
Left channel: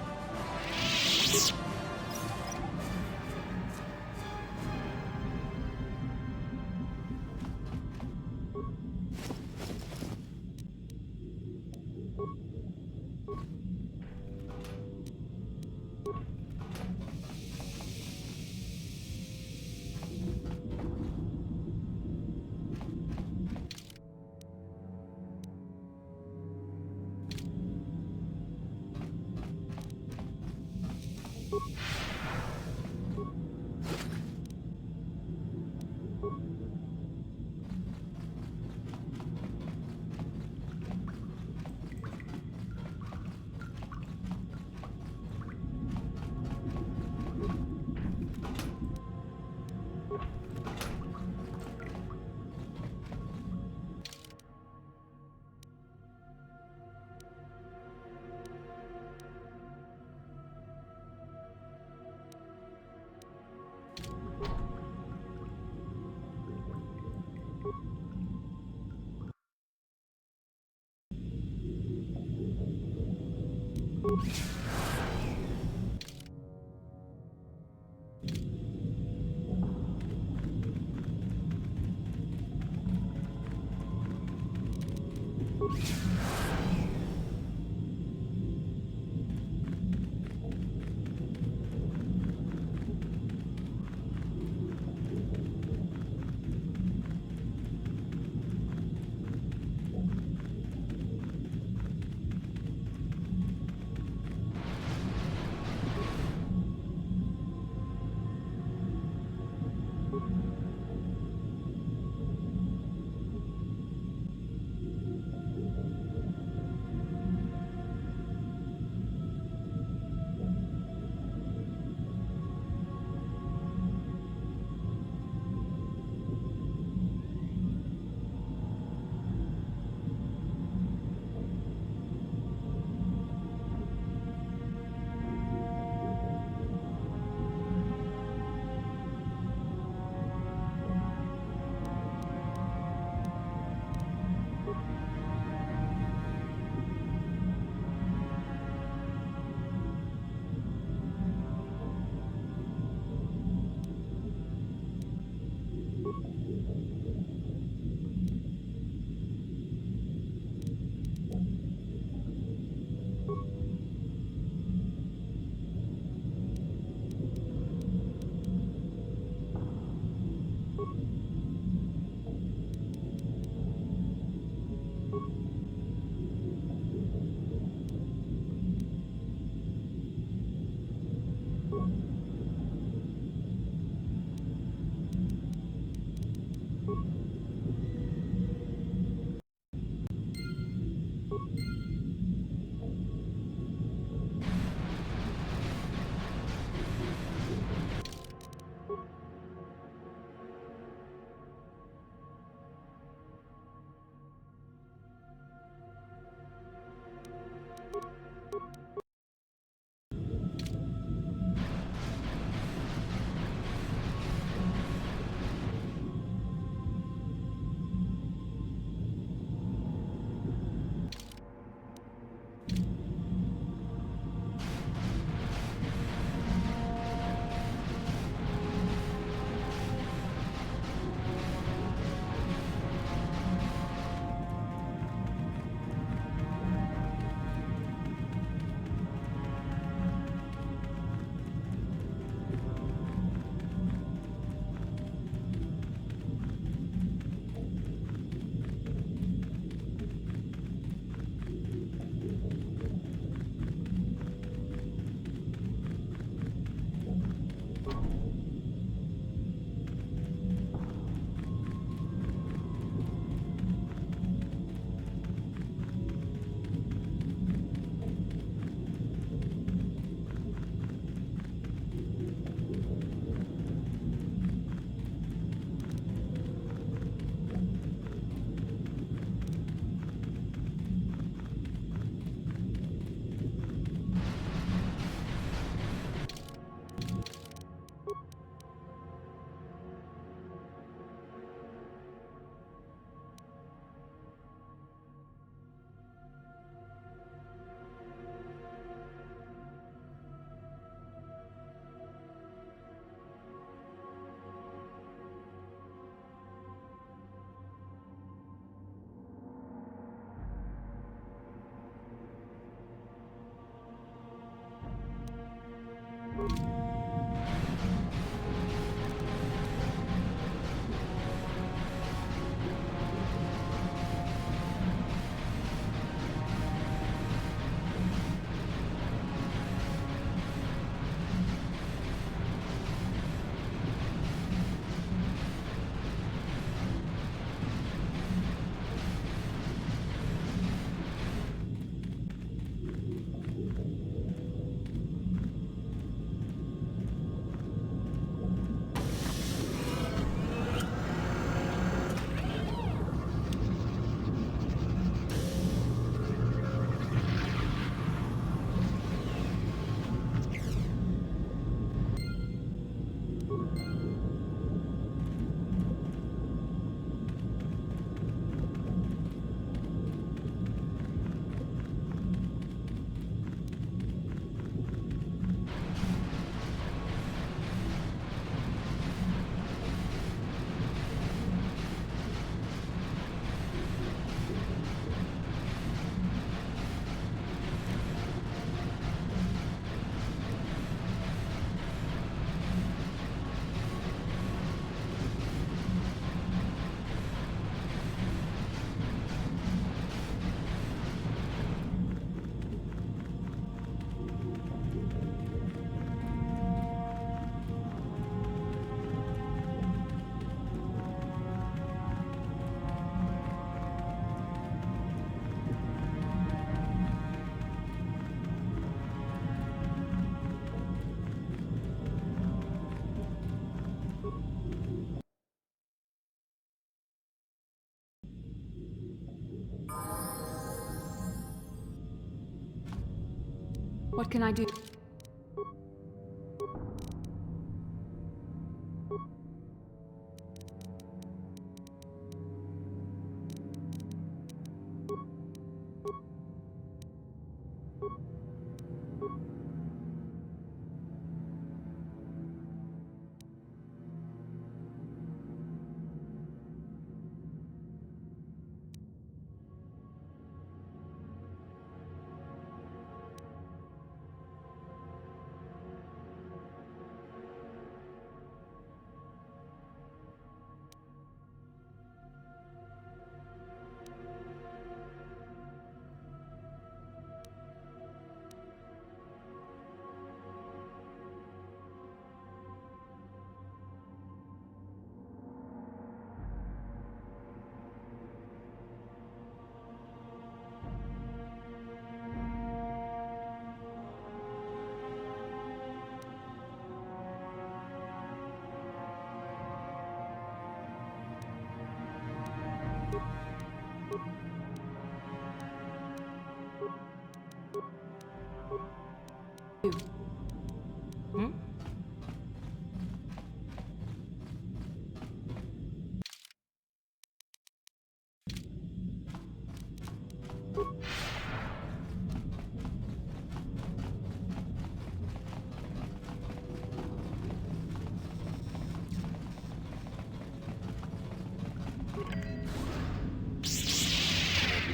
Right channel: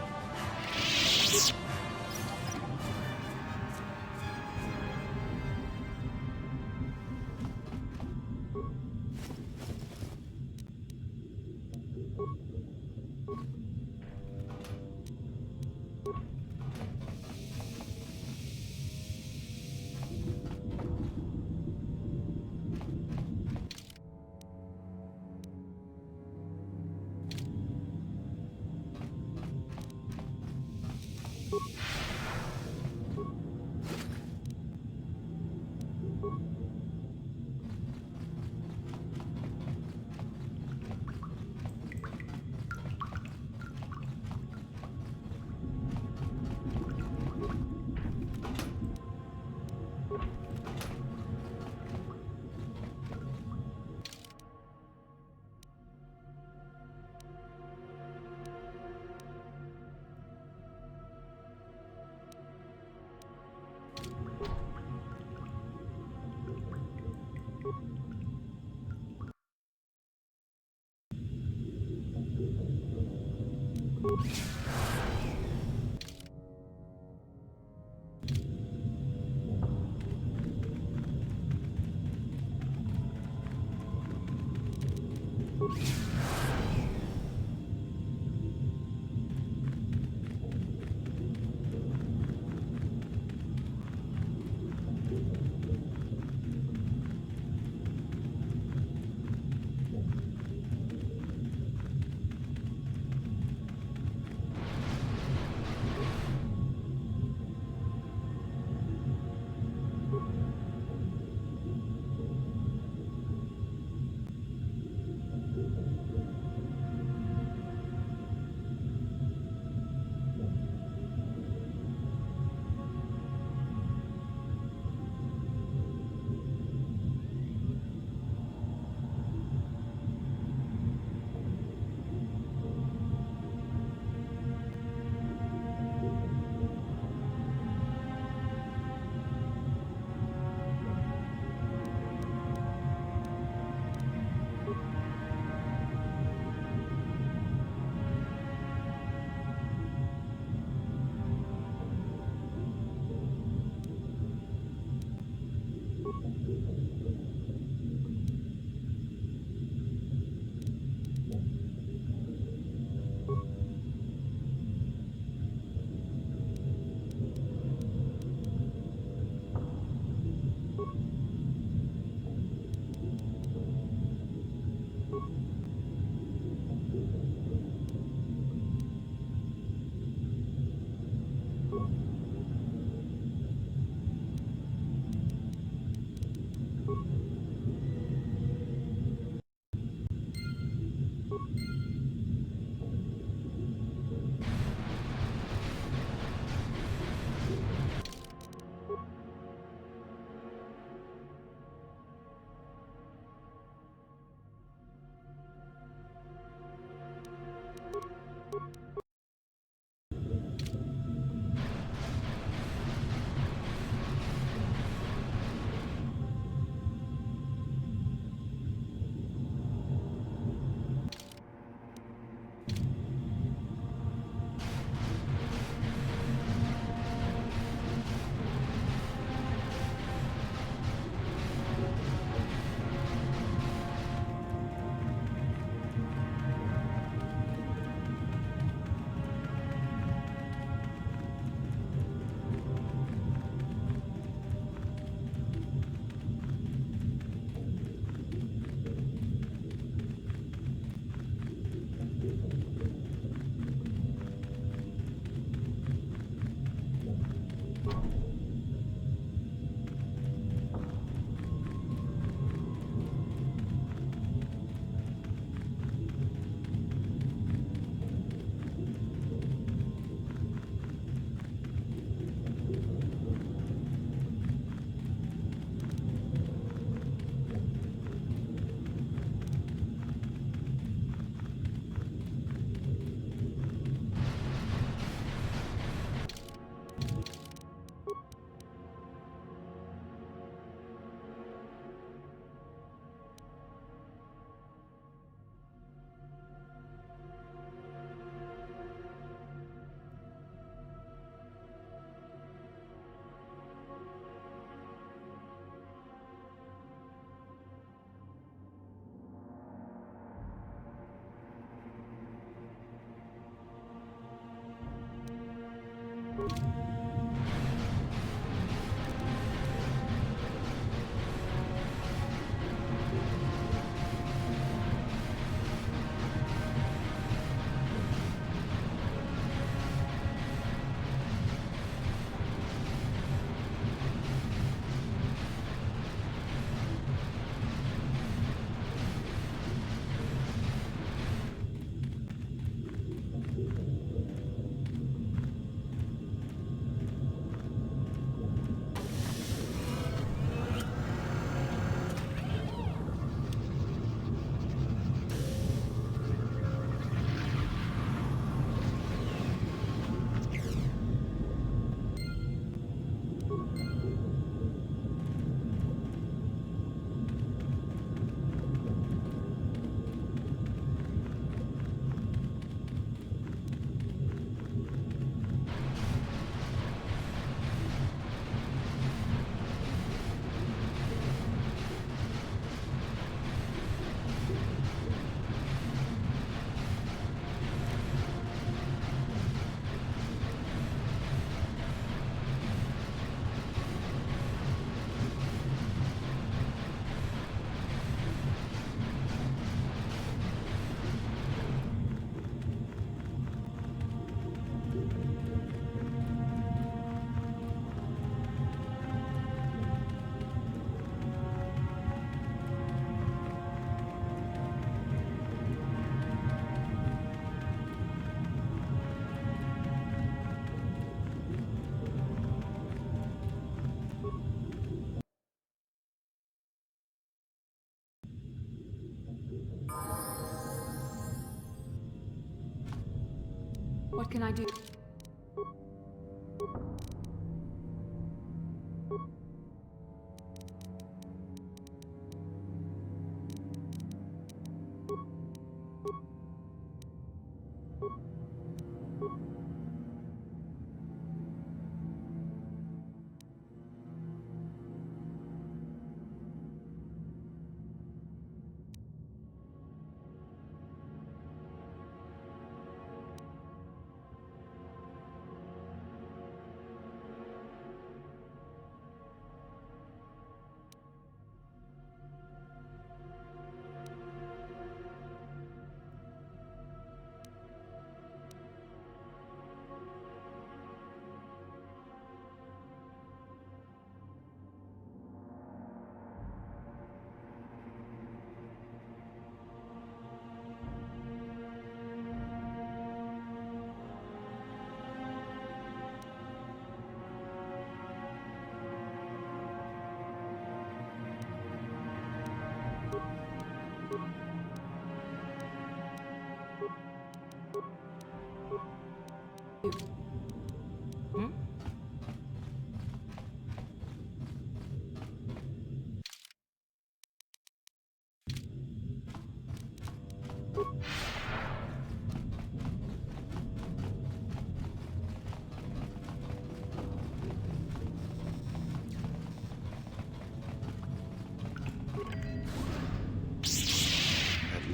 What can I do?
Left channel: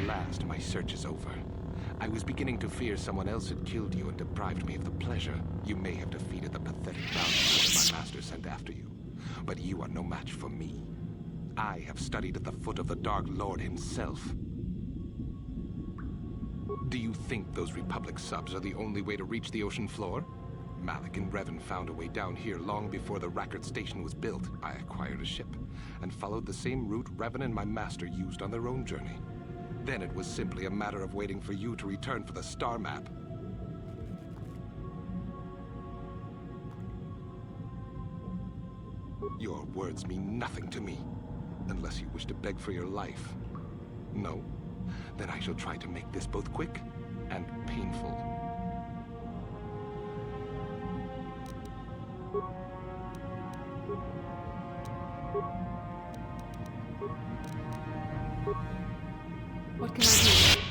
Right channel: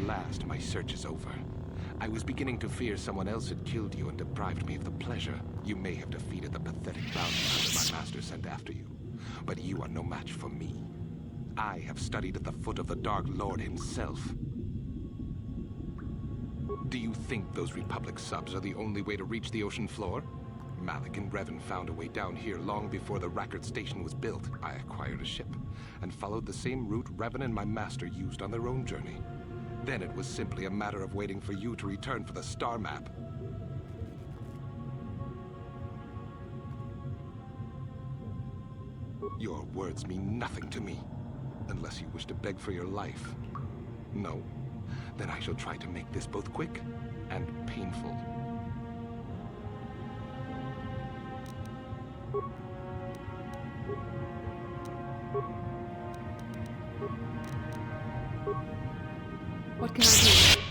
last, my search is over. I was beginning to fear someone else had killed you and deprived me of the pleasure. You may have defeated the pathetic bounty hunter my master sent after you, but you are no match for me. I have studied at the foot of the Dark Lord himself. Do you think those Republic subs are the only way to reach the ocean floor? Malik and Revan found a way down here long before the Rackard station was built. I acquired a ship and followed the same route Revan and my master used on their own journey. Then it was simply a matter of waiting for you to return for the star map. Your words mean nothing to me, unless you wish to beg for your life. No? Then I shall try to make this both quick and painful. What can I do?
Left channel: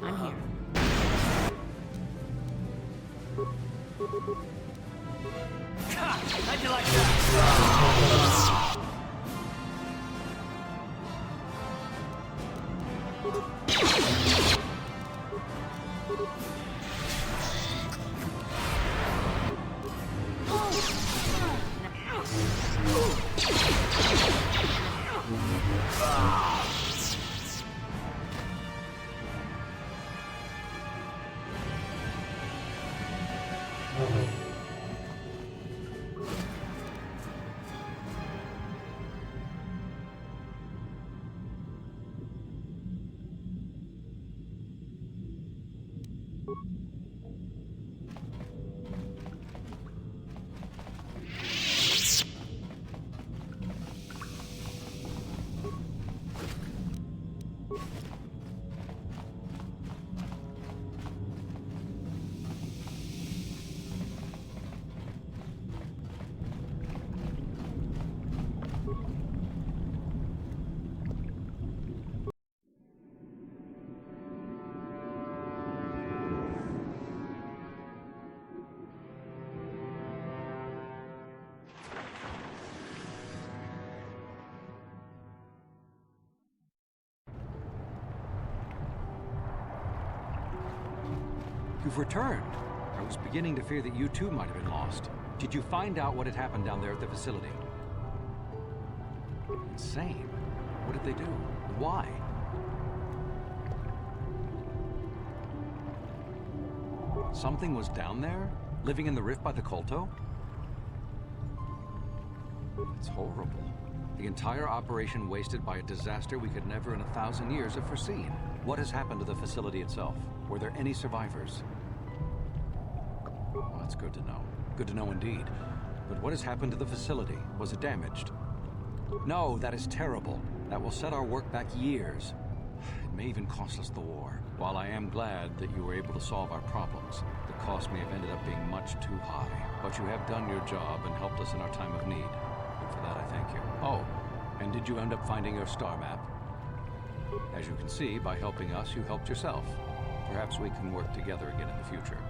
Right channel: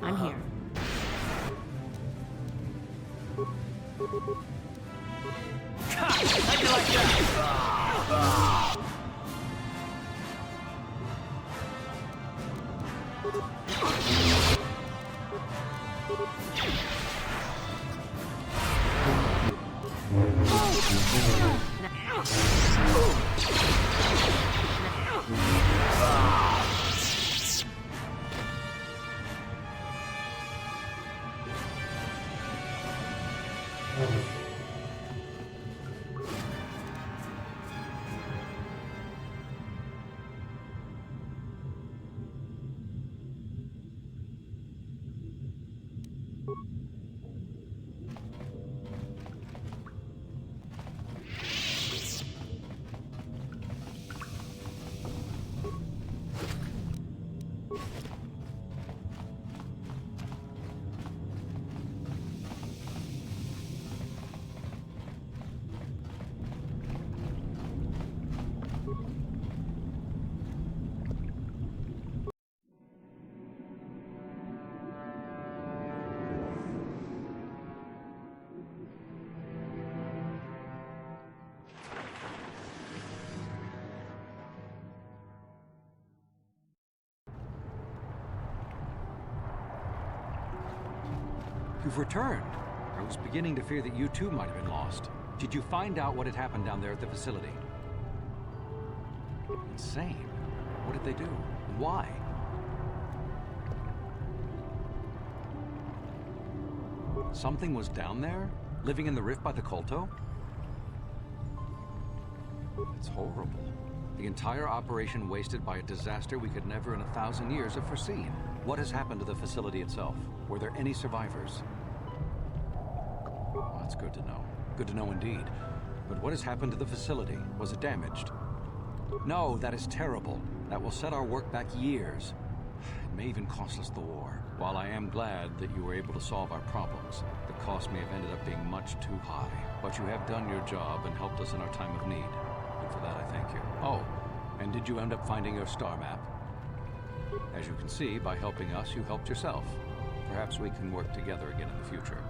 I'm here. How'd you like that? You've returned. I was beginning to fear that you too might have been lost. Did you find out what had happened down there at the facility? Insane. What did they do? And why? Something was down there? Living in the rift by the Kolto? It's horrible. The entire operation wasted by a disaster we could never in 1,000 years have foreseen. What has happened to the facility itself? Were there any survivors? Well, that's good to know. Good to know indeed. But what has happened to the facility? Was it damaged? No, that is terrible. That will set our work back years. It may even cost us the war. While I am glad that you were able to solve our problems, the cost may have ended up being much too high. But you have done your job and helped us in our time of need. And for that I thank you. Oh, and did you end up finding your star map? As you can see, by helping us, you helped yourself. Perhaps we can work together again in the future.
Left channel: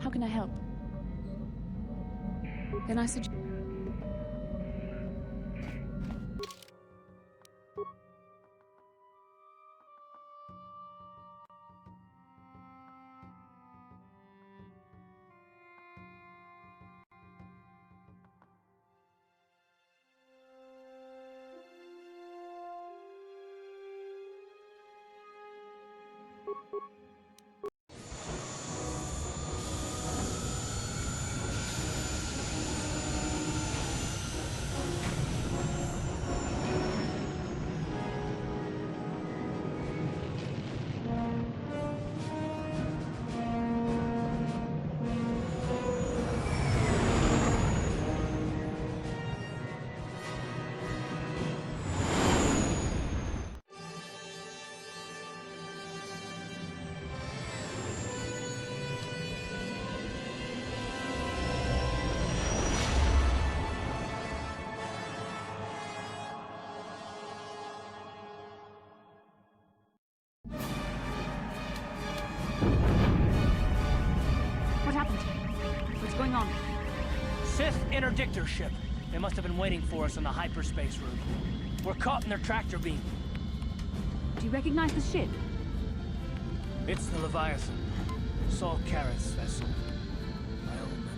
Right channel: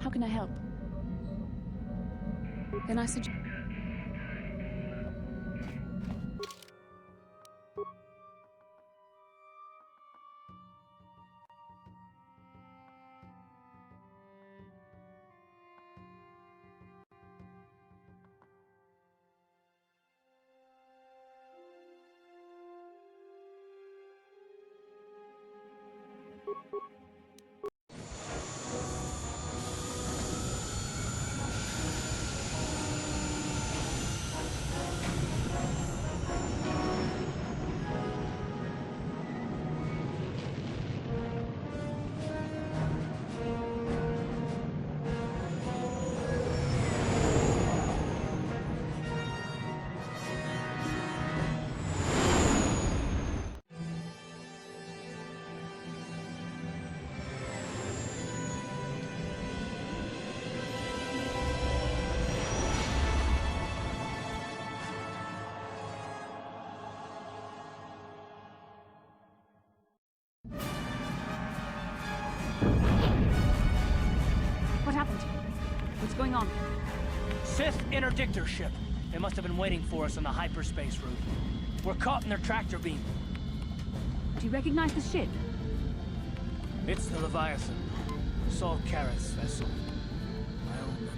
How can I help? Then I suggest... happened? What's going on? Sith interdictor ship. They must have been waiting for us on the hyperspace route. We're caught in their tractor beam. Do you recognize the ship? It's the Leviathan. Saul Karrath's vessel. My old mentor.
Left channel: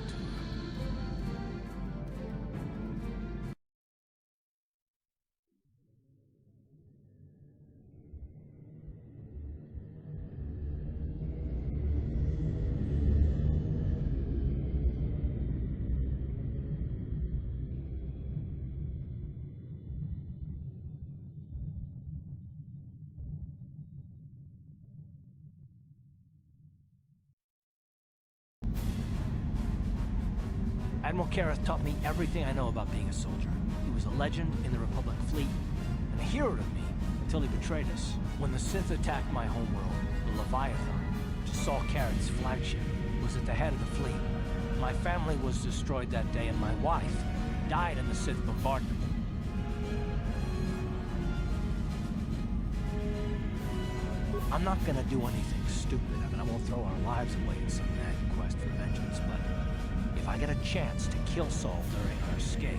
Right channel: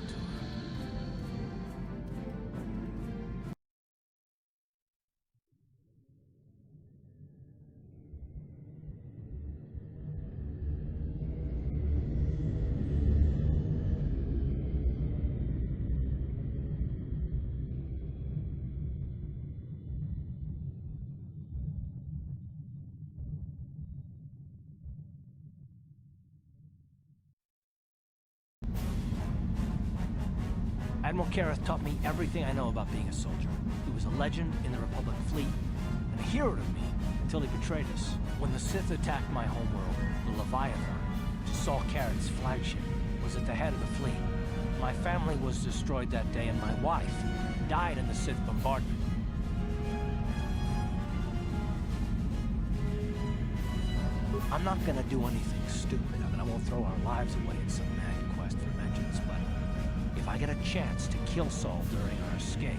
Admiral Karrath taught me everything I know about being a soldier. He was a legend in the Republic fleet, and a hero to me until he betrayed us. When the Sith attacked my homeworld, the Leviathan, which is Saul Karrath's flagship, was at the head of the fleet. My family was destroyed that day, and my wife died in the Sith bombardment. I'm not gonna do anything stupid. I mean, I won't throw our lives away in some mad quest for vengeance, but if I get a chance to kill Saul during our escape,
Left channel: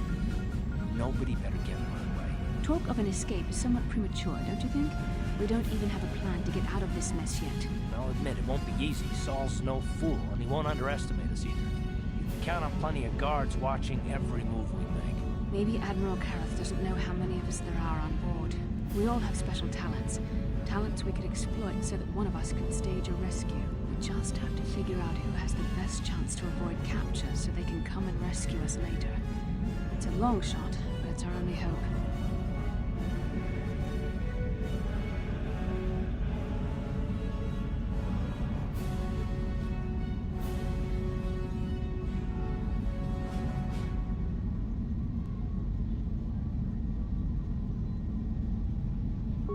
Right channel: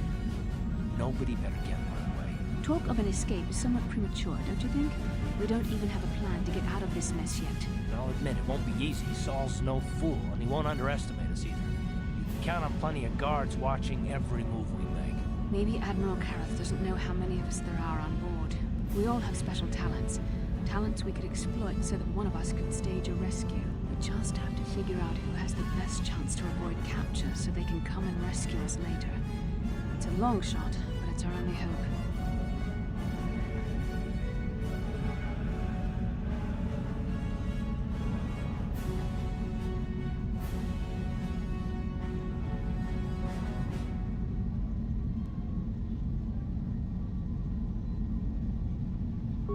nobody better get in my way. Talk of an escape is somewhat premature, don't you think? We don't even have a plan to get out of this mess yet. I'll admit, it won't be easy. Saul's no fool, and he won't underestimate us either. You can count on plenty of guards watching every move we make. Maybe Admiral Karrath doesn't know how many of us there are on board. We all have special talents. Talents we could exploit so that one of us could stage a rescue. We just have to figure out who has the best chance to avoid capture so they can come and rescue us later. It's a long shot, but it's our only hope.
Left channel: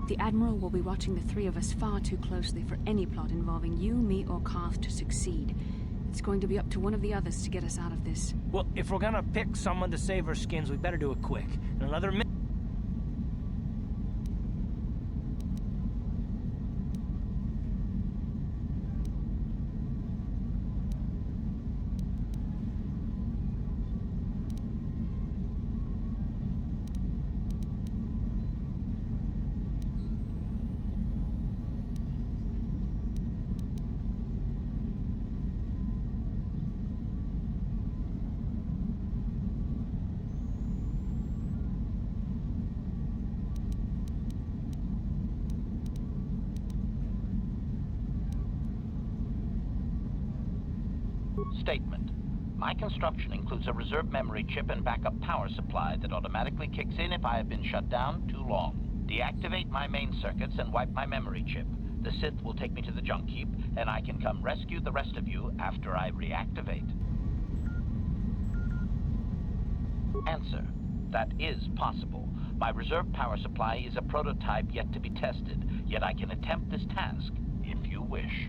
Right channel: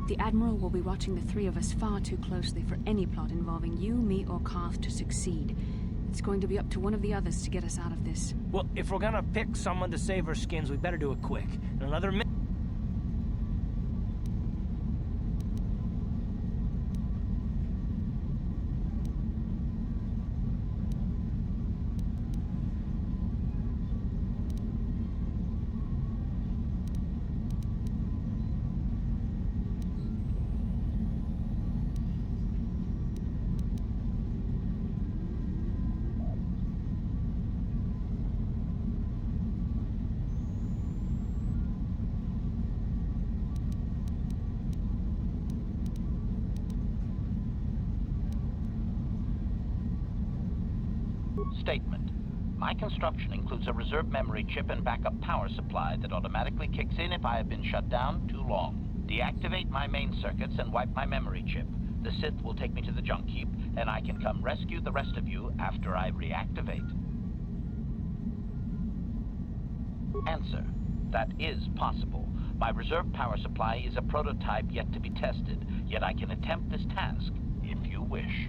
The Admiral will be watching the three of us far too closely for any plot involving you, me, or Karth to succeed. It's going to be up to one of the others to get us out of this. Well, if we're gonna pick someone to save our skins, we better do it quick. In another minute. Statement. My construction includes a reserve memory chip and backup power supply that automatically kicks in if I have been shut down too long. Deactivate my main circuits and wipe my memory chip. The Sith will take me to the junk heap, and I can come rescue the rest of you after I reactivate. Answer. That is possible. My reserve power supply is a prototype yet to be tested, yet I can attempt this task if you wish.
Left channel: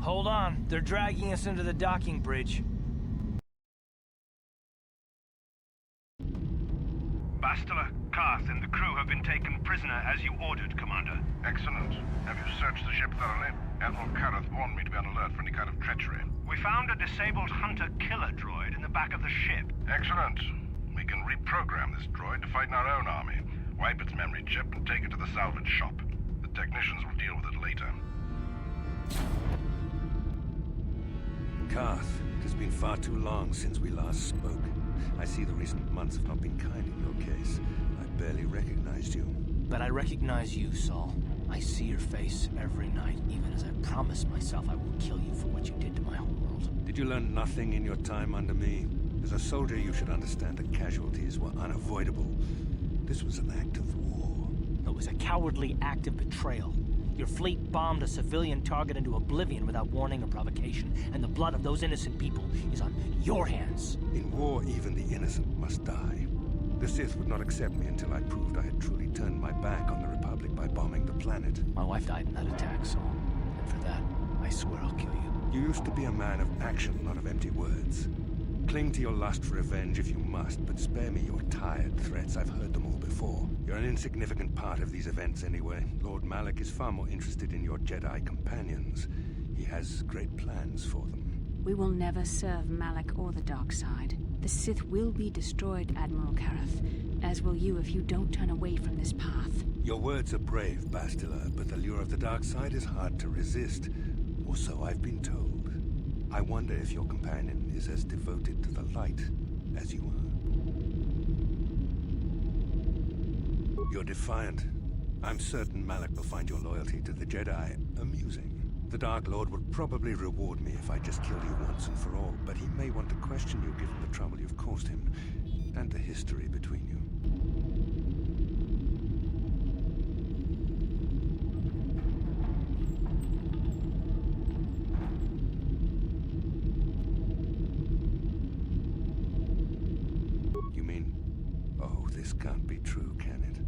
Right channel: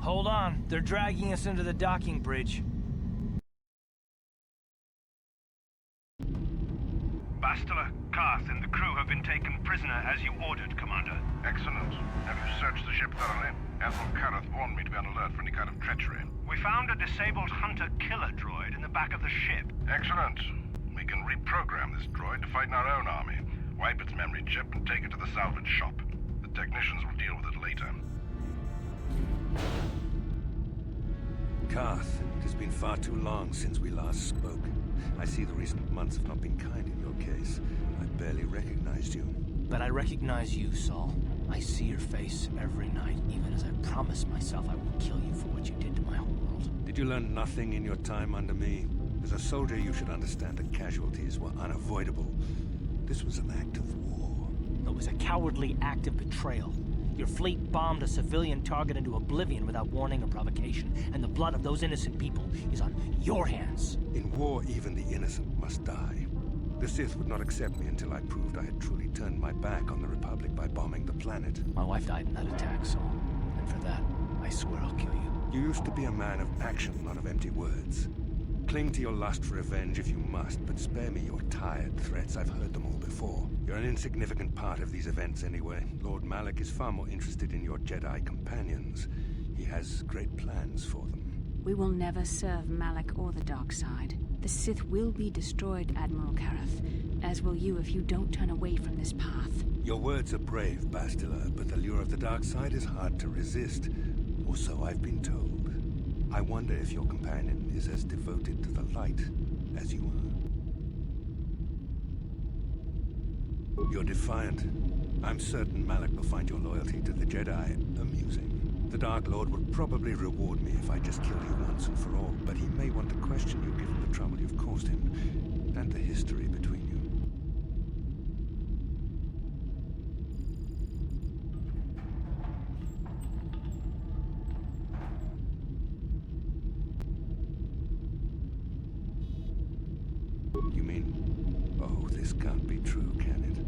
Hold on, they're dragging us into the docking bridge. Bastila, Karth, and the crew have been taken prisoner as you ordered, Commander. Excellent. Have you searched the ship thoroughly? Admiral Karrath warned me to be on alert for any kind of treachery. We found a disabled hunter-killer droid in the back of the ship. Excellent. We can reprogram this droid to fight in our own army, wipe its memory chip, and take it to the salvage shop. The technicians will deal with it later. Karth, it has been far too long since we last spoke. I see the recent months have not been kind in your case. I barely recognized you. But I recognize you, Saul. I see your face every night, even as I promise myself I will kill you for what you did to my homeworld. Did you learn nothing in your time under me? As a soldier, you should understand that casualties were unavoidable. This was an act of war. It was a cowardly act of betrayal. Your fleet bombed a civilian target into oblivion without warning or provocation, and the blood of those innocent people is on your hands. In war, even the innocent must die. The Sith would not accept me until I proved I had truly turned my back on the Republic by bombing the planet. My wife died in that attack, Saul. And for that, I swear I'll kill you. You used to be a man of action, not of empty words. Cling to your lust for revenge if you must, but spare me your tired threats. I've heard them all before. You're an insignificant part of these events anyway. Lord Malak is far more interested in your Jedi companions. He has great plans for them. We will never serve Malak or the dark side. The Sith will be destroyed, Admiral Kareth, as will you if you don't turn away from this path. Your words are brave, Bastila, but the lure of the dark side is hard to resist. Or so I've been told. I wonder if your companion is as devoted to the light as you are. You're defiant. I'm certain Malak will find your loyalty to the Jedi amusing. The Dark Lord would probably reward me if I just killed you once and for all, but he may want to question you given the trouble you've caused him, and the history between you. You mean, oh, this can't be true, can it?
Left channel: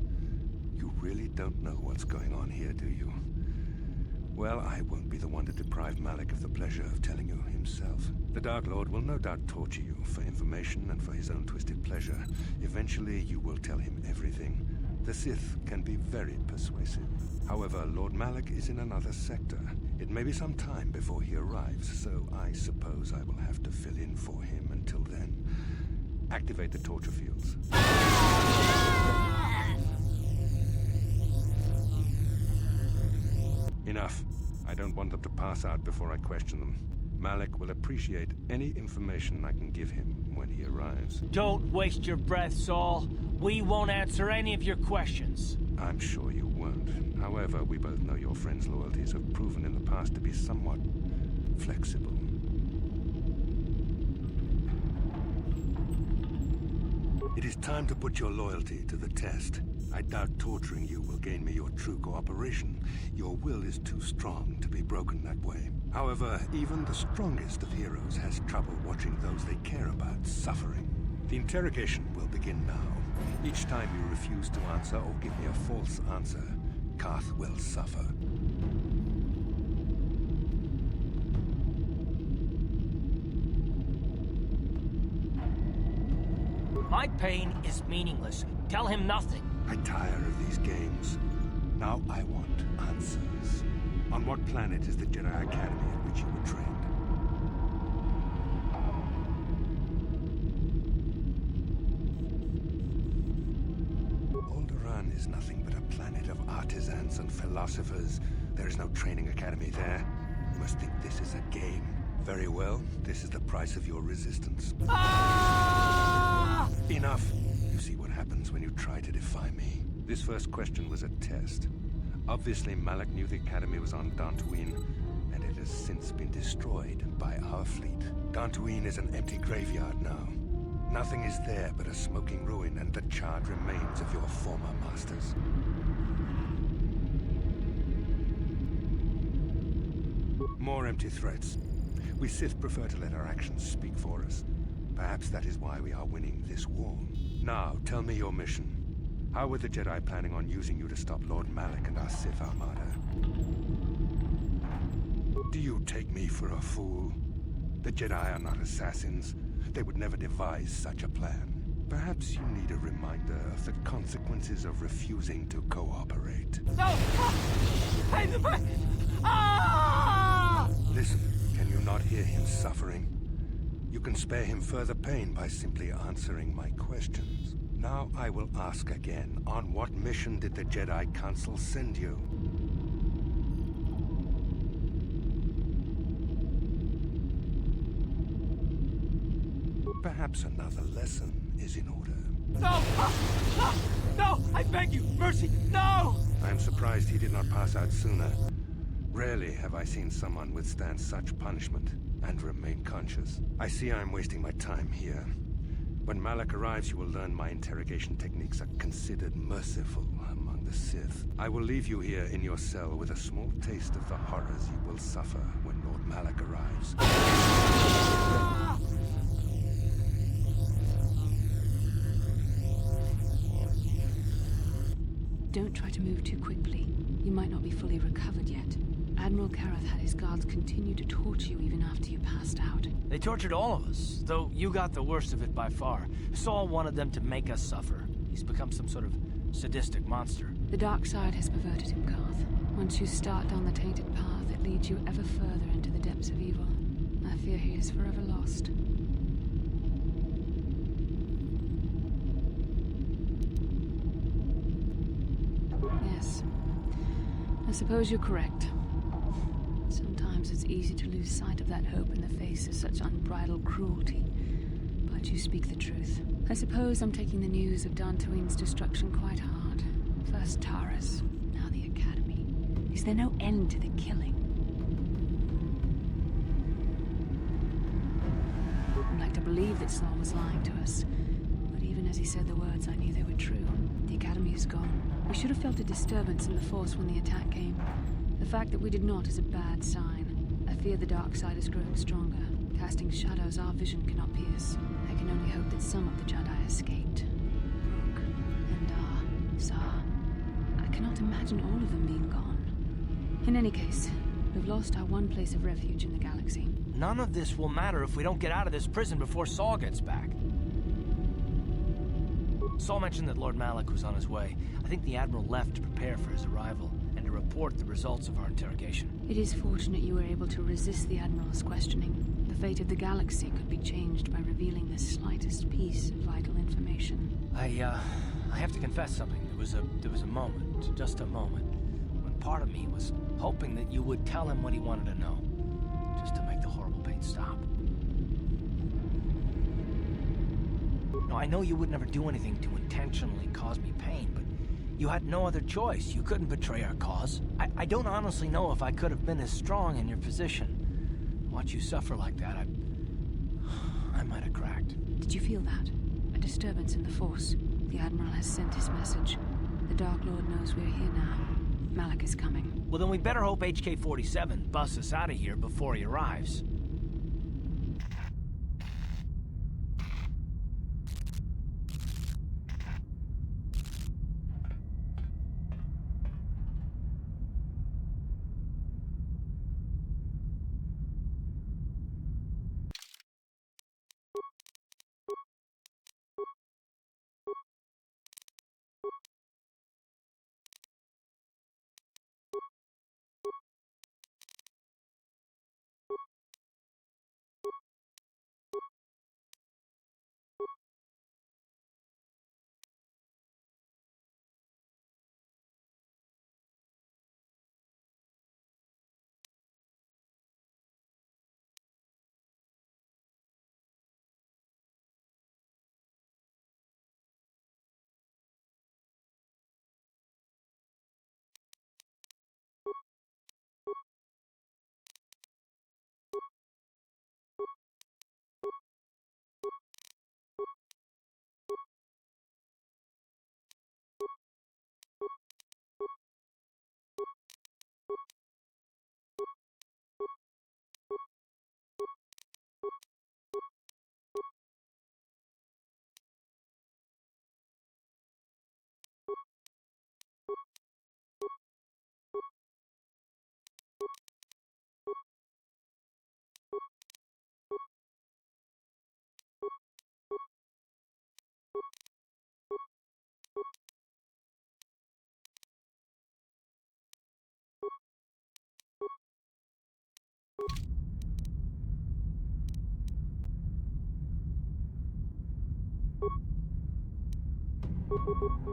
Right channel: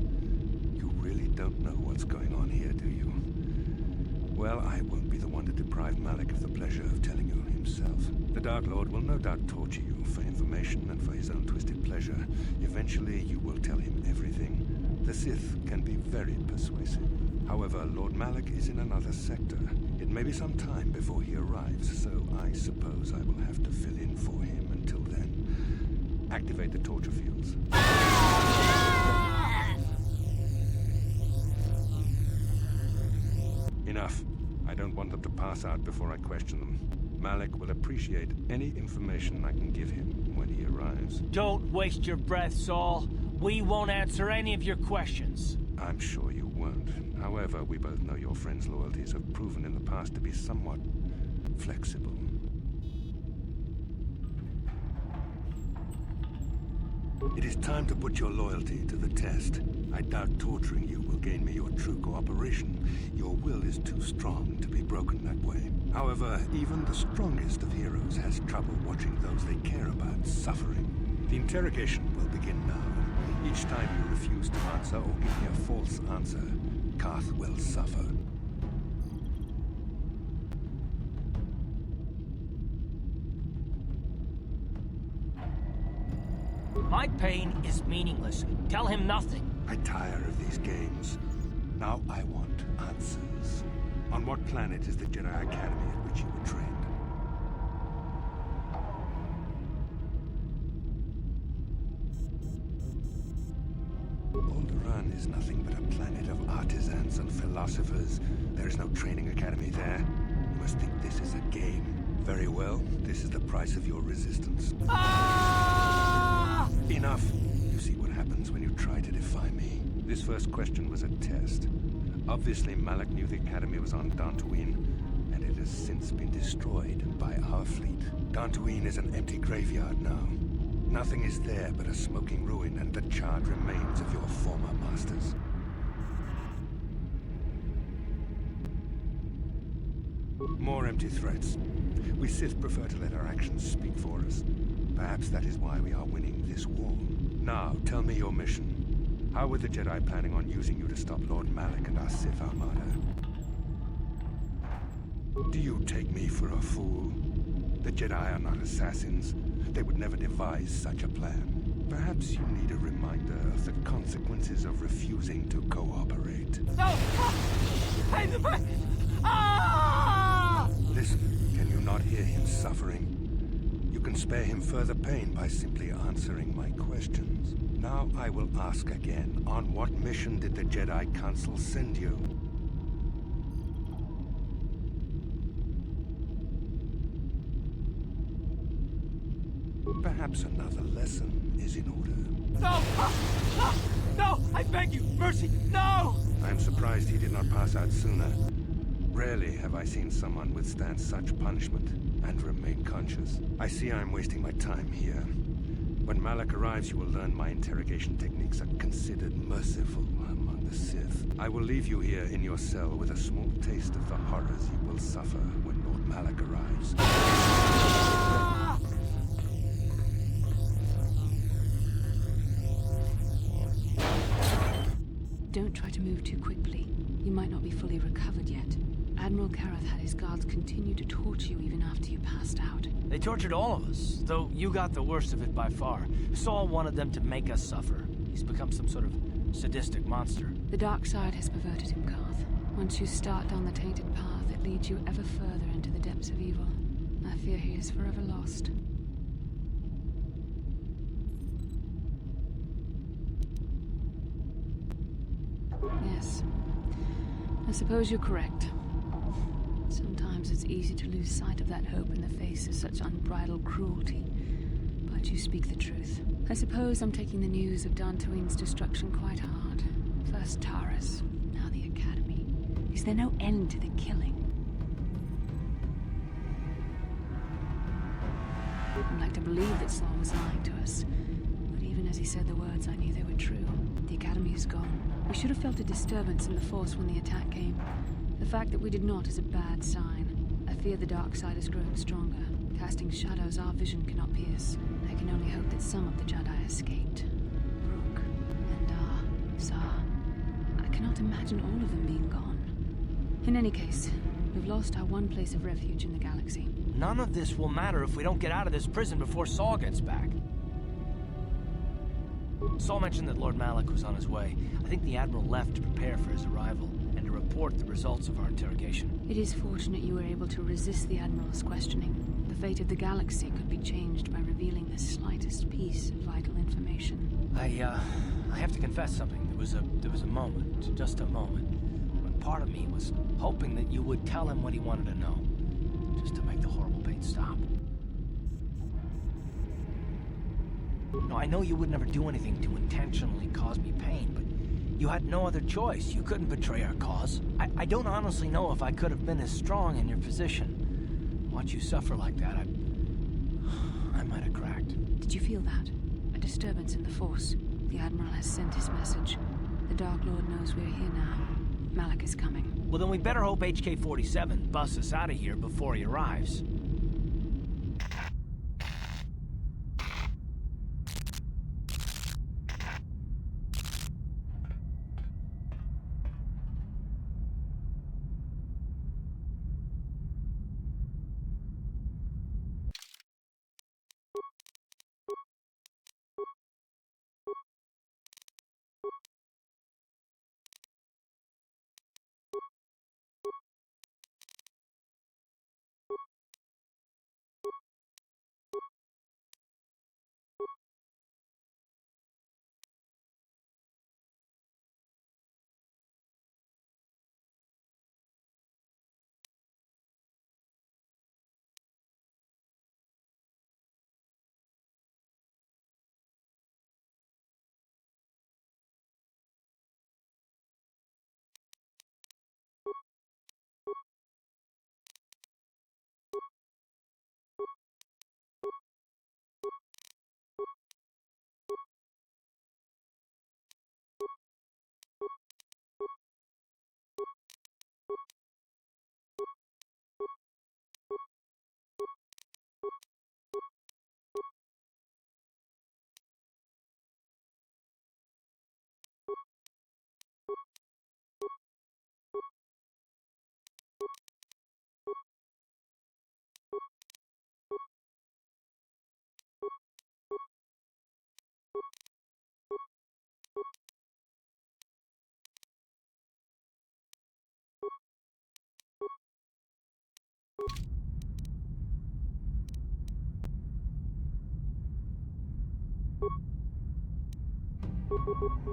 You really don't know what's going on here, do you? Well, I won't be the one to deprive Malak of the pleasure of telling you himself. The Dark Lord will no doubt torture you for information and for his own twisted pleasure. Eventually, you will tell him everything. The Sith can be very persuasive. However, Lord Malak is in another sector. It may be some time before he arrives, so I suppose I will have to fill in for him until then. Activate the torture fields. Enough. I don't want them to pass out before I question them. Malak will appreciate any information I can give him when he arrives. Don't waste your breath, Saul. We won't answer any of your questions. I'm sure you won't. However, we both know your friend's loyalties have proven in the past to be somewhat flexible. It is time to put your loyalty to the test. I doubt torturing you will gain me your true cooperation. Your will is too strong to be broken that way. However, even the strongest of heroes has trouble watching those they care about suffering. The interrogation will begin now. Each time you refuse to answer or give me a false answer, Karth will suffer. My pain is meaningless. Tell him nothing. I tire of these games. Now I want answers. On what planet is the Jedi Academy at which you were trained? Alderaan is nothing but a planet of artisans and philosophers. There is no training academy there. You must think this is a game. Very well, this is the price of your resistance. Ah! Enough! You see what happens when you try to defy me. This first question was a test. Obviously, Malak knew the Academy was on Dantooine, and it has since been destroyed by our fleet. Dantooine is an empty graveyard now. Nothing is there but a smoking ruin and the charred remains of your former masters. More empty threats. We Sith prefer to let our actions speak for us. Perhaps that is why we are winning this war. Now, tell me your mission. How were the Jedi planning on using you to stop Lord Malak and our Sith Armada? Do you take me for a fool? The Jedi are not assassins. They would never devise such a plan. Perhaps you need a reminder of the consequences of refusing to cooperate. No! Ah! Listen, can you not hear him suffering? You can spare him further pain by simply answering my questions. Now I will ask again, on what mission did the Jedi Council send you? Perhaps another lesson is in order. No! No! No! I beg you! Mercy! No! I am surprised he did not pass out sooner. Rarely have I seen someone withstand such punishment and remain conscious. I see I am wasting my time here. When Malak arrives, you will learn my interrogation techniques are considered merciful among the Sith. I will leave you here in your cell with a small taste of the horrors you will suffer when Lord Malak arrives. Don't try to move too quickly. You might not be fully recovered yet. Admiral Kareth had his guards continue to torture you even after you passed out. They tortured all of us, though you got the worst of it by far. Saul wanted them to make us suffer. He's become some sort of sadistic monster. The dark side has perverted him, Karth. Once you start down the tainted path, it leads you ever further into the depths of evil. I fear he is forever lost. Yes. I suppose you're correct. Sometimes it's easy to lose sight of that hope in the face of such unbridled cruelty. But you speak the truth. I suppose I'm taking the news of Dantooine's destruction quite hard. First Taurus, now the Academy. Is there no end to the killing? I'd like to believe that Saul was lying to us. But even as he said the words, I knew they were true. The Academy is gone. We should have felt a disturbance in the Force when the attack came. The fact that we did not is a bad sign. I fear the dark side is growing stronger, casting shadows our vision cannot pierce. I can only hope that some of the Jedi escaped. Brooke, Endar, Zar. I cannot imagine all of them being gone. In any case, we've lost our one place of refuge in the galaxy. None of this will matter if we don't get out of this prison before Saul gets back. Saul mentioned that Lord Malak was on his way. I think the Admiral left to prepare for his arrival and to report the results of our interrogation. It is fortunate you were able to resist the Admiral's questioning. The fate of the galaxy could be changed by revealing the slightest piece of vital information. I have to confess something. There was a moment, just a moment, when part of me was hoping that you would tell him what he wanted to know, just to make the horrible pain stop. No, I know you would never do anything to intentionally cause me pain, but you had no other choice. You couldn't betray our cause. I don't honestly know if I could have been as strong in your position. Watch you suffer like that, I might have cracked. Did you feel that? A disturbance in the Force. The Admiral has sent his message. The Dark Lord knows we're here now. Malak is coming. Well, then we better hope HK-47 busts us out of here before he arrives.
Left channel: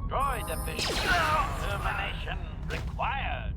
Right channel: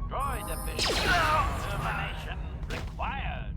Droid efficient termination required.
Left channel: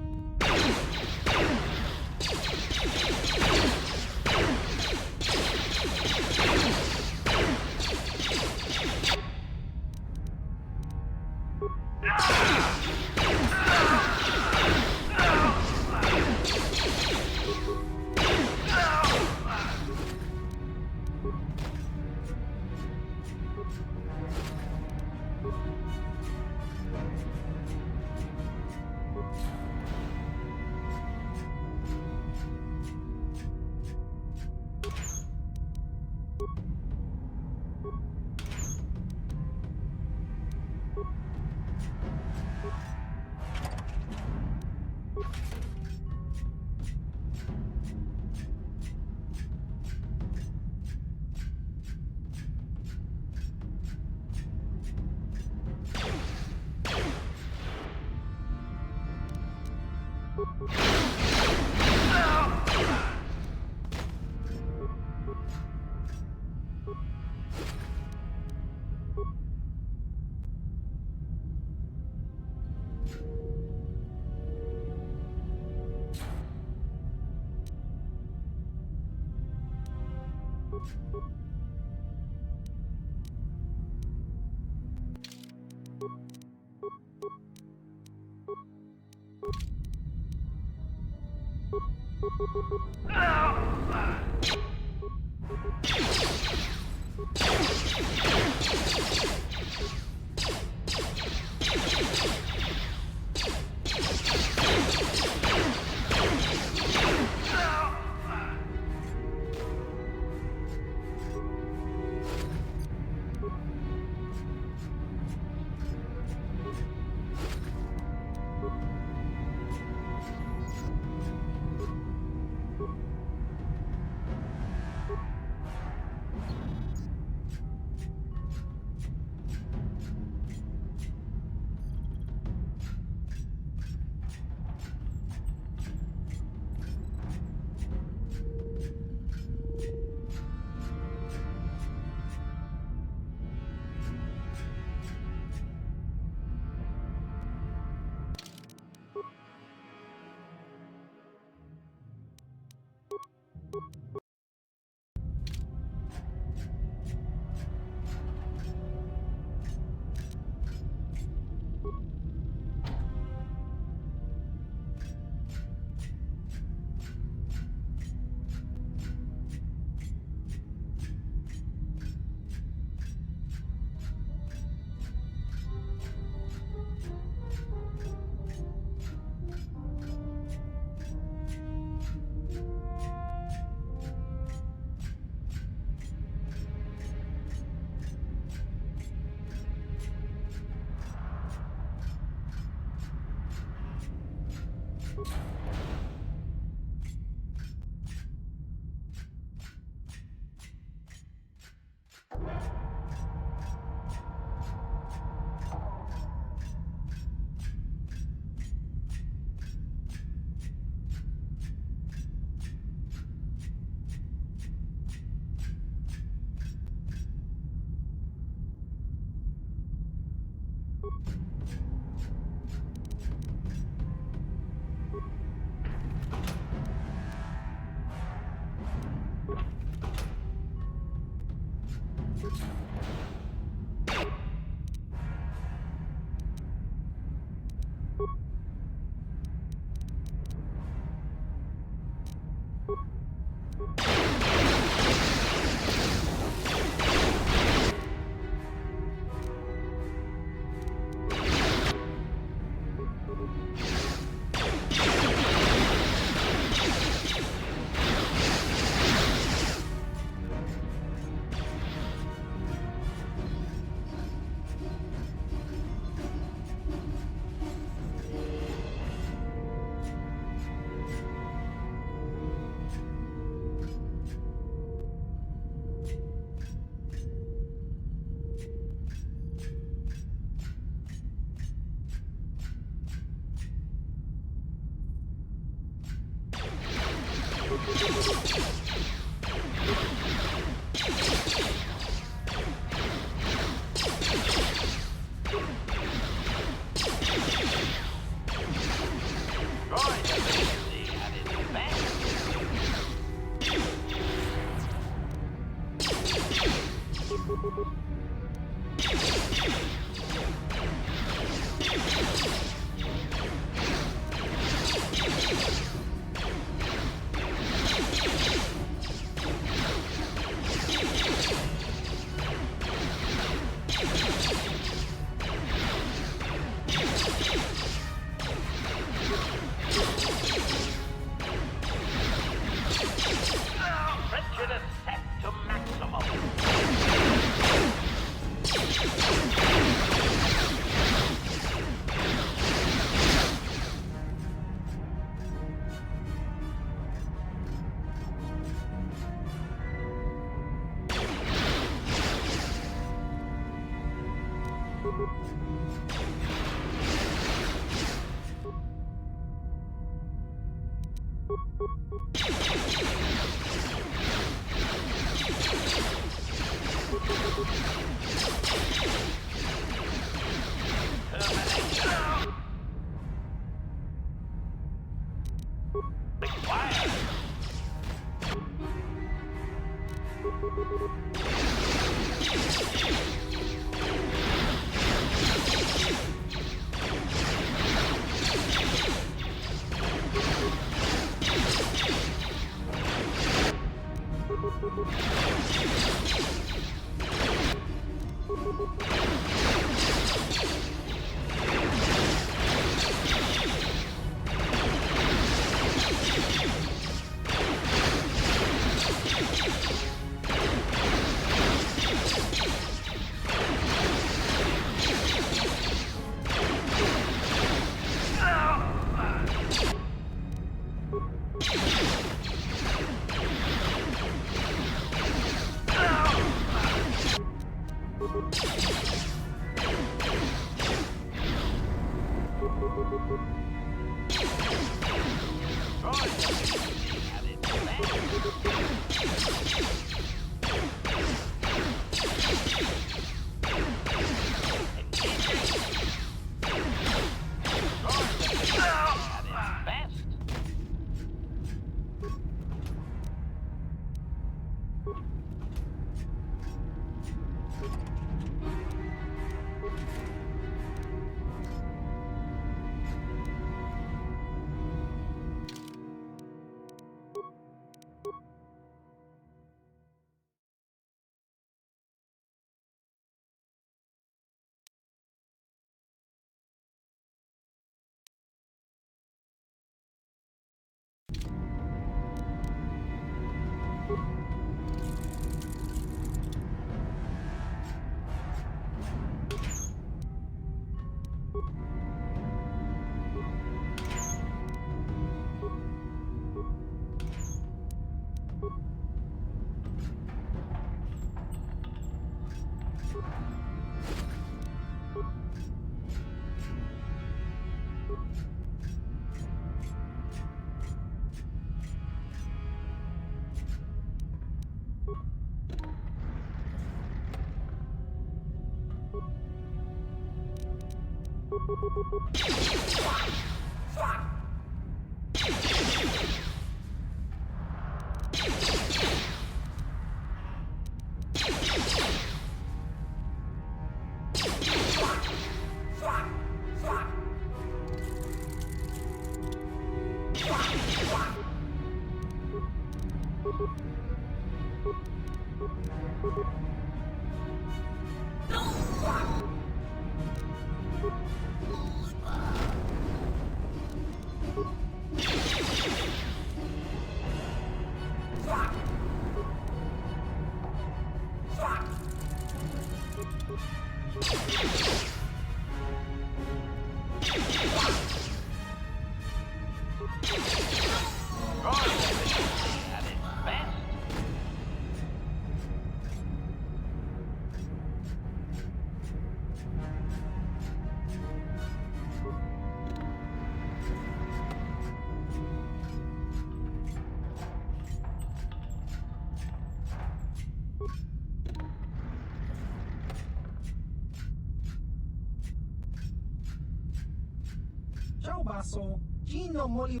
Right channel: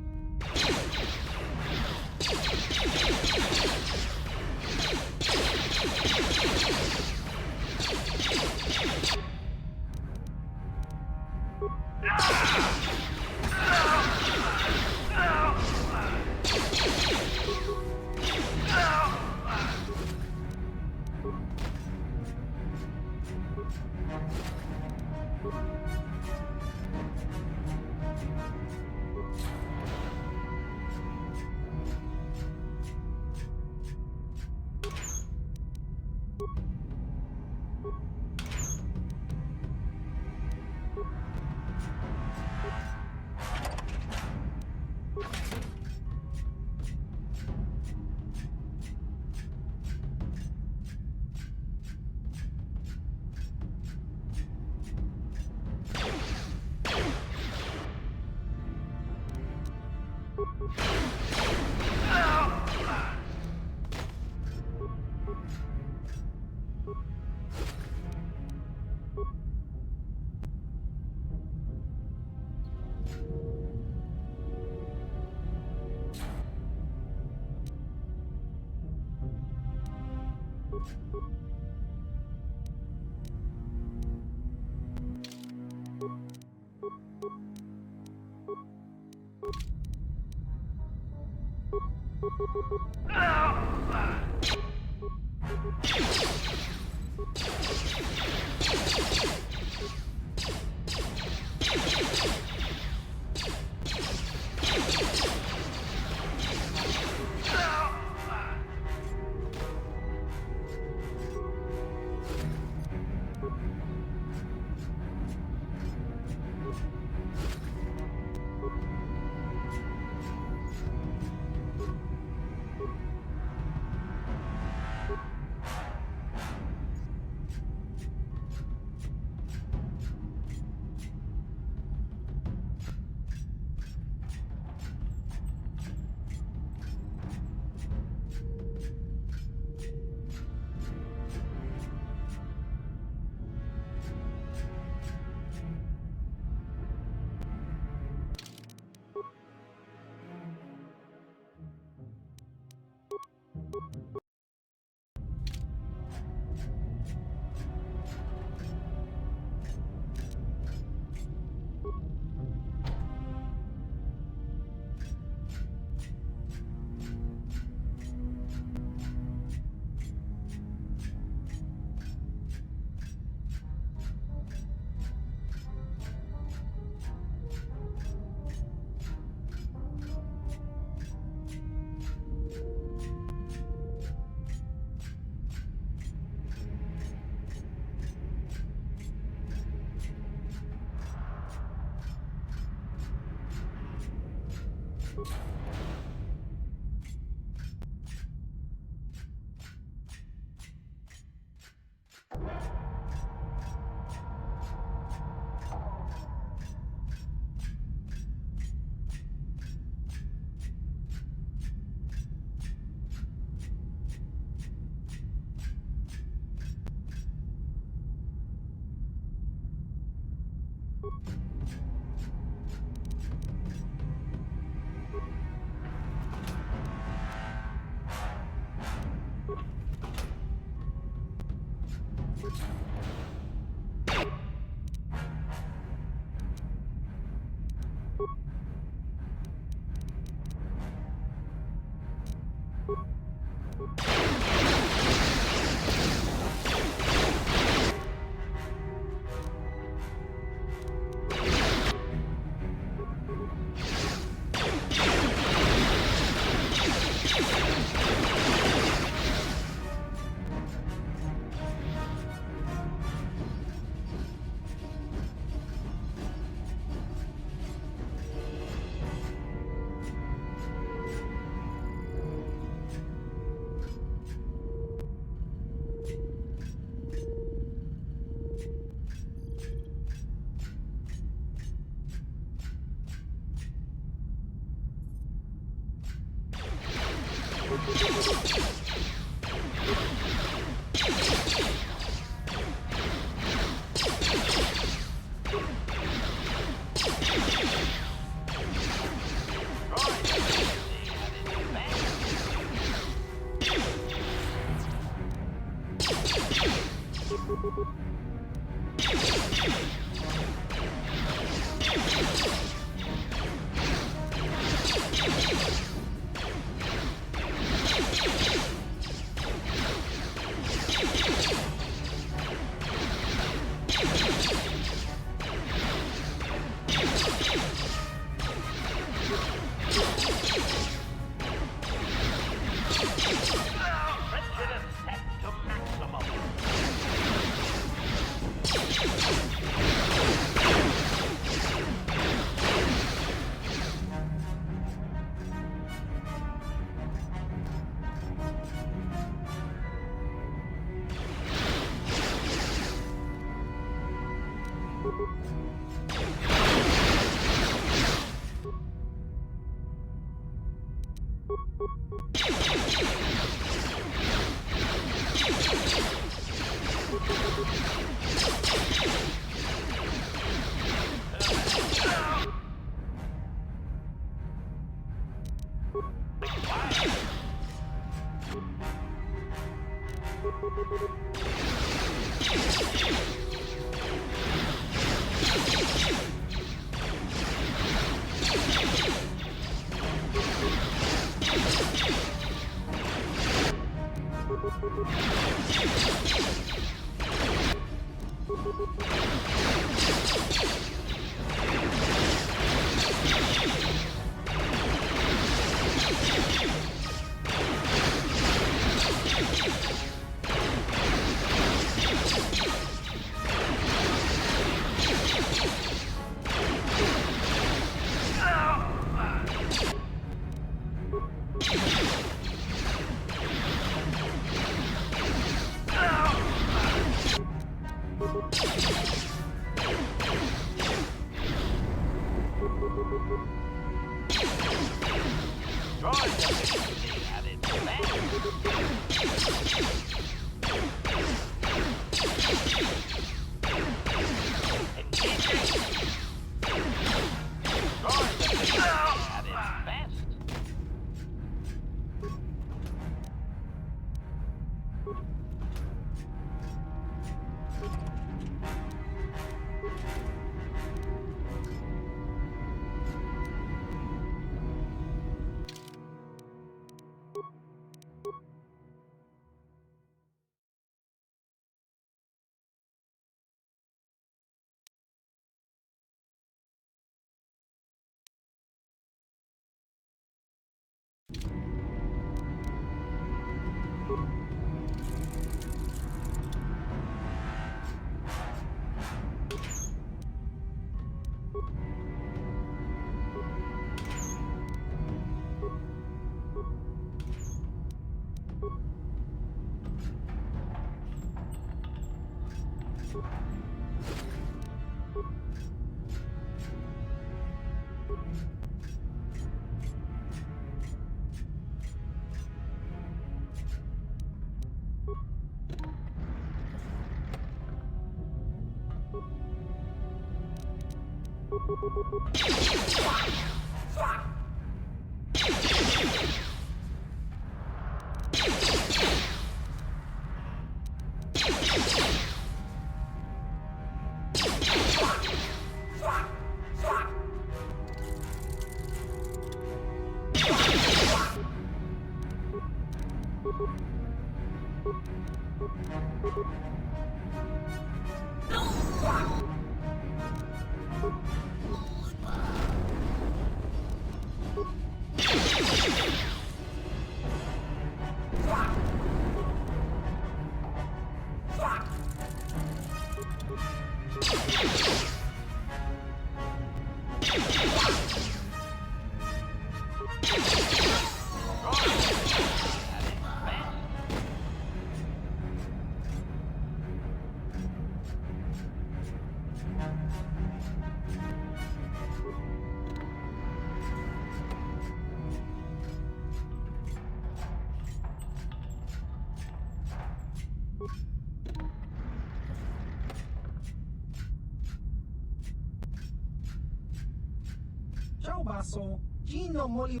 Ciao basso, Gino Moli.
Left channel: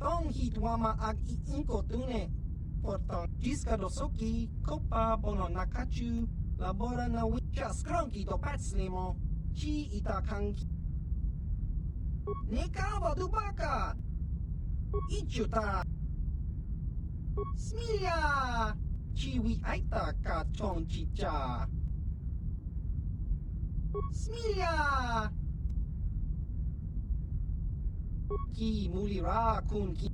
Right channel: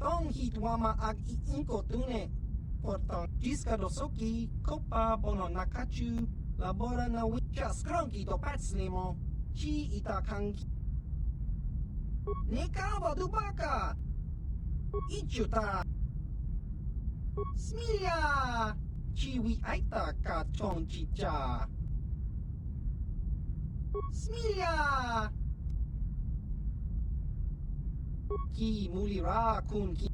Tong hitwama ag iinko tune. Portang Giscado Soki, Copa Bono Nakachu, Labora na Wicha Skronki to Patslimo, Chi Itakanki. Nekava Dubaka! Ichuta! Smilia! Chiwi Aita Ka Chong Chicha! Smilia! Ki Mulira Kun Ki.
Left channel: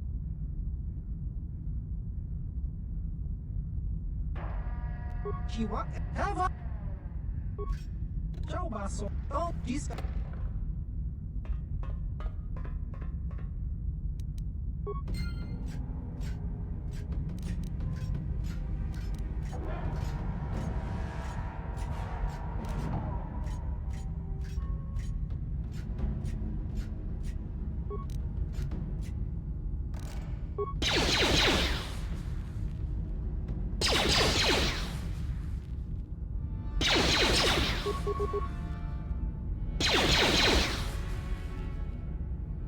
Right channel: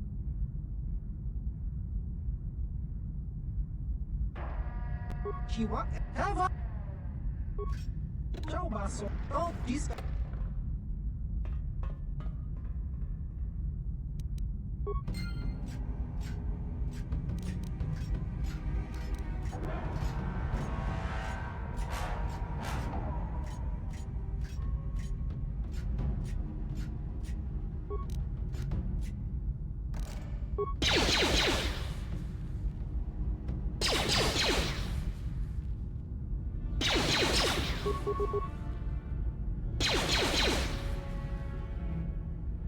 Chiwa Hava! Ciao basso, oh disca.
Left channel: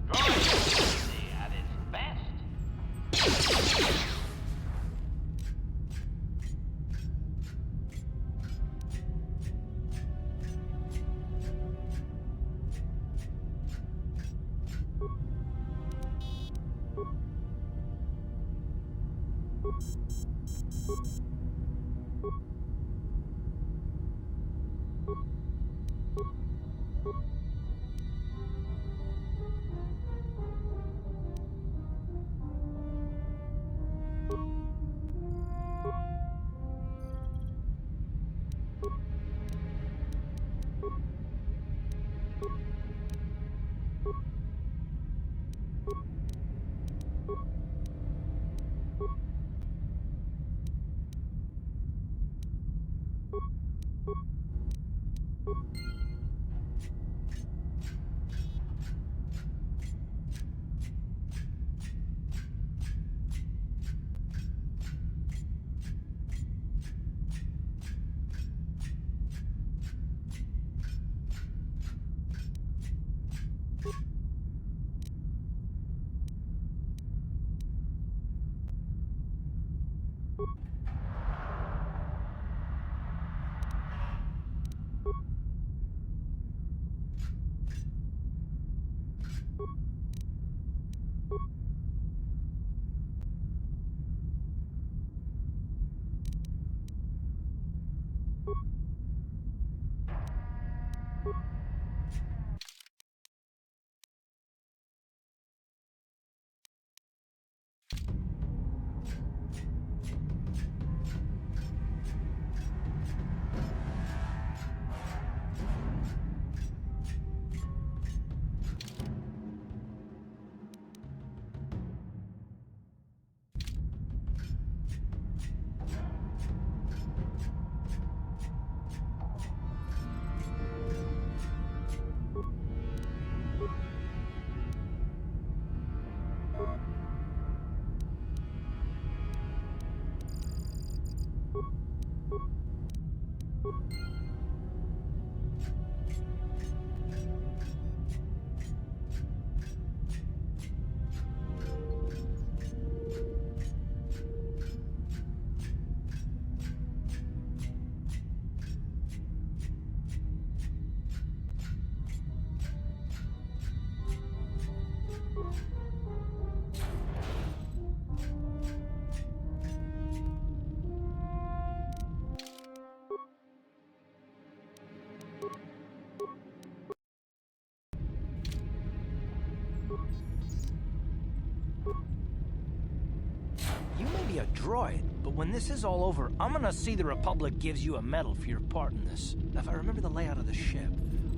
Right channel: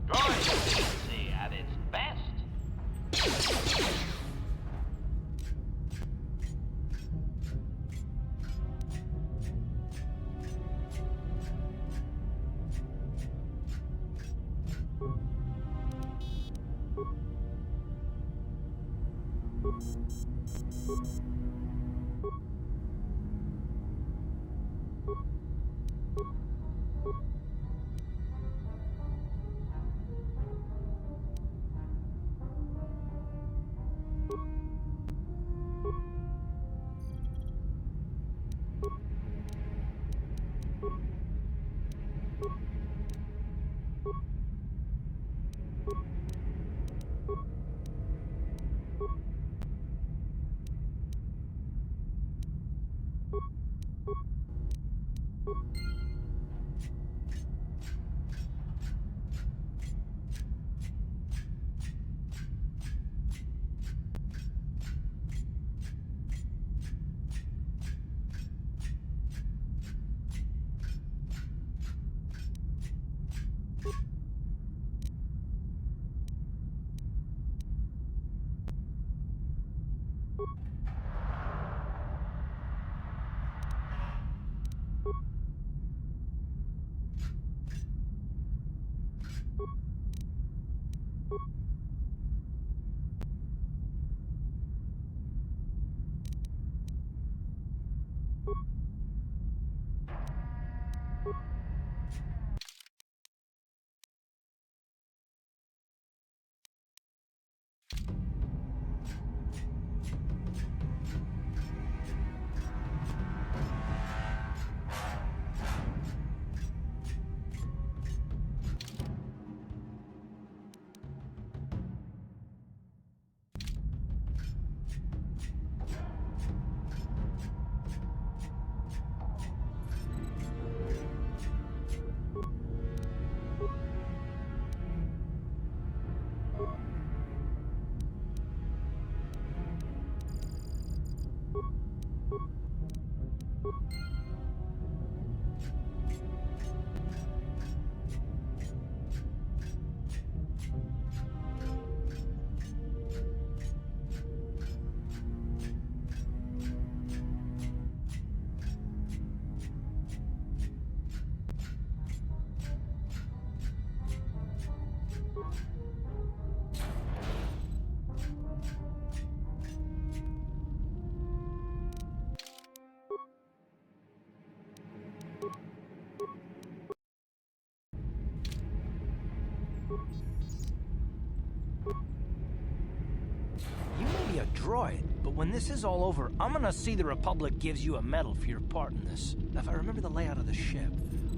Efficiency at its best. You may be a droid, but when this is all over, I'm gonna see the Republic gives you a medal for your part in this. Now, if I remember the layout of the ship,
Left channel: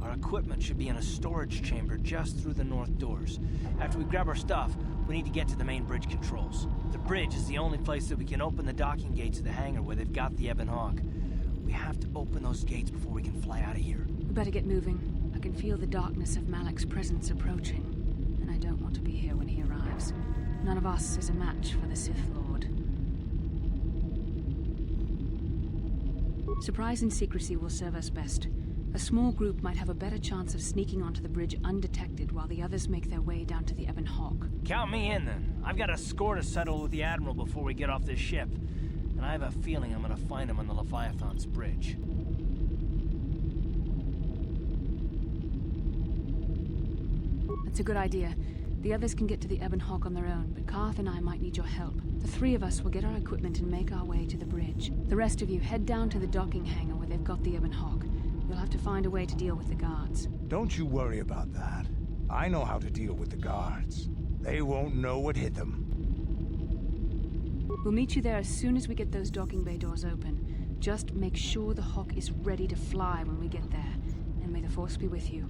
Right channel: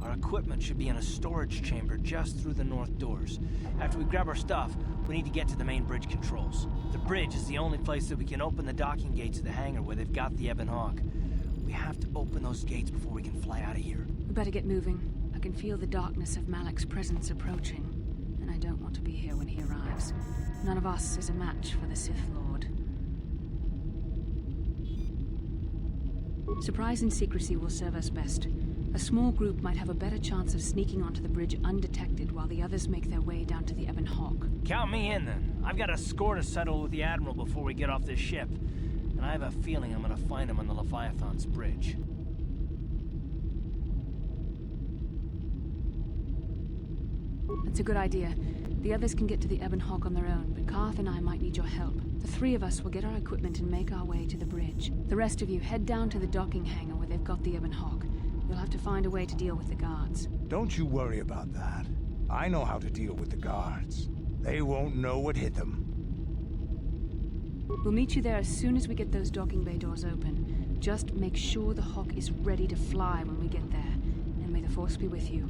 our equipment should be in a storage chamber just through the north doors. After we grab our stuff, we need to get to the main bridge controls. The bridge is the only place that we can open the docking gates of the hangar where they've got the Ebon Hawk. We have to open those gates before we can fly out of here. We better get moving. I can feel the darkness of Malak's presence approaching, and I don't want to be here when he arrives. None of us is a match for the Sith Lord. Surprise and secrecy will serve us best. A small group might have a better chance of sneaking onto the bridge undetected while the others make their way down to the Ebon Hawk. Count me in, then. I've got a score to settle with the Admiral before we get off this ship. And I have a feeling I'm gonna find him on the Leviathan's bridge. That's a good idea. The others can get to the Ebon Hawk on their own, but Karth and I might need your help. The three of us will get our equipment and make our way to the bridge. The rest of you head down to the docking hangar where they've got the Ebon Hawk. You'll have to find a way to deal with the guards. Don't you worry about that. I know how to deal with the guards. They won't know what hit them. We'll meet you there as soon as we get those docking bay doors open. Just make sure the Hawk is ready to fly when we get there. And may the Force be with you.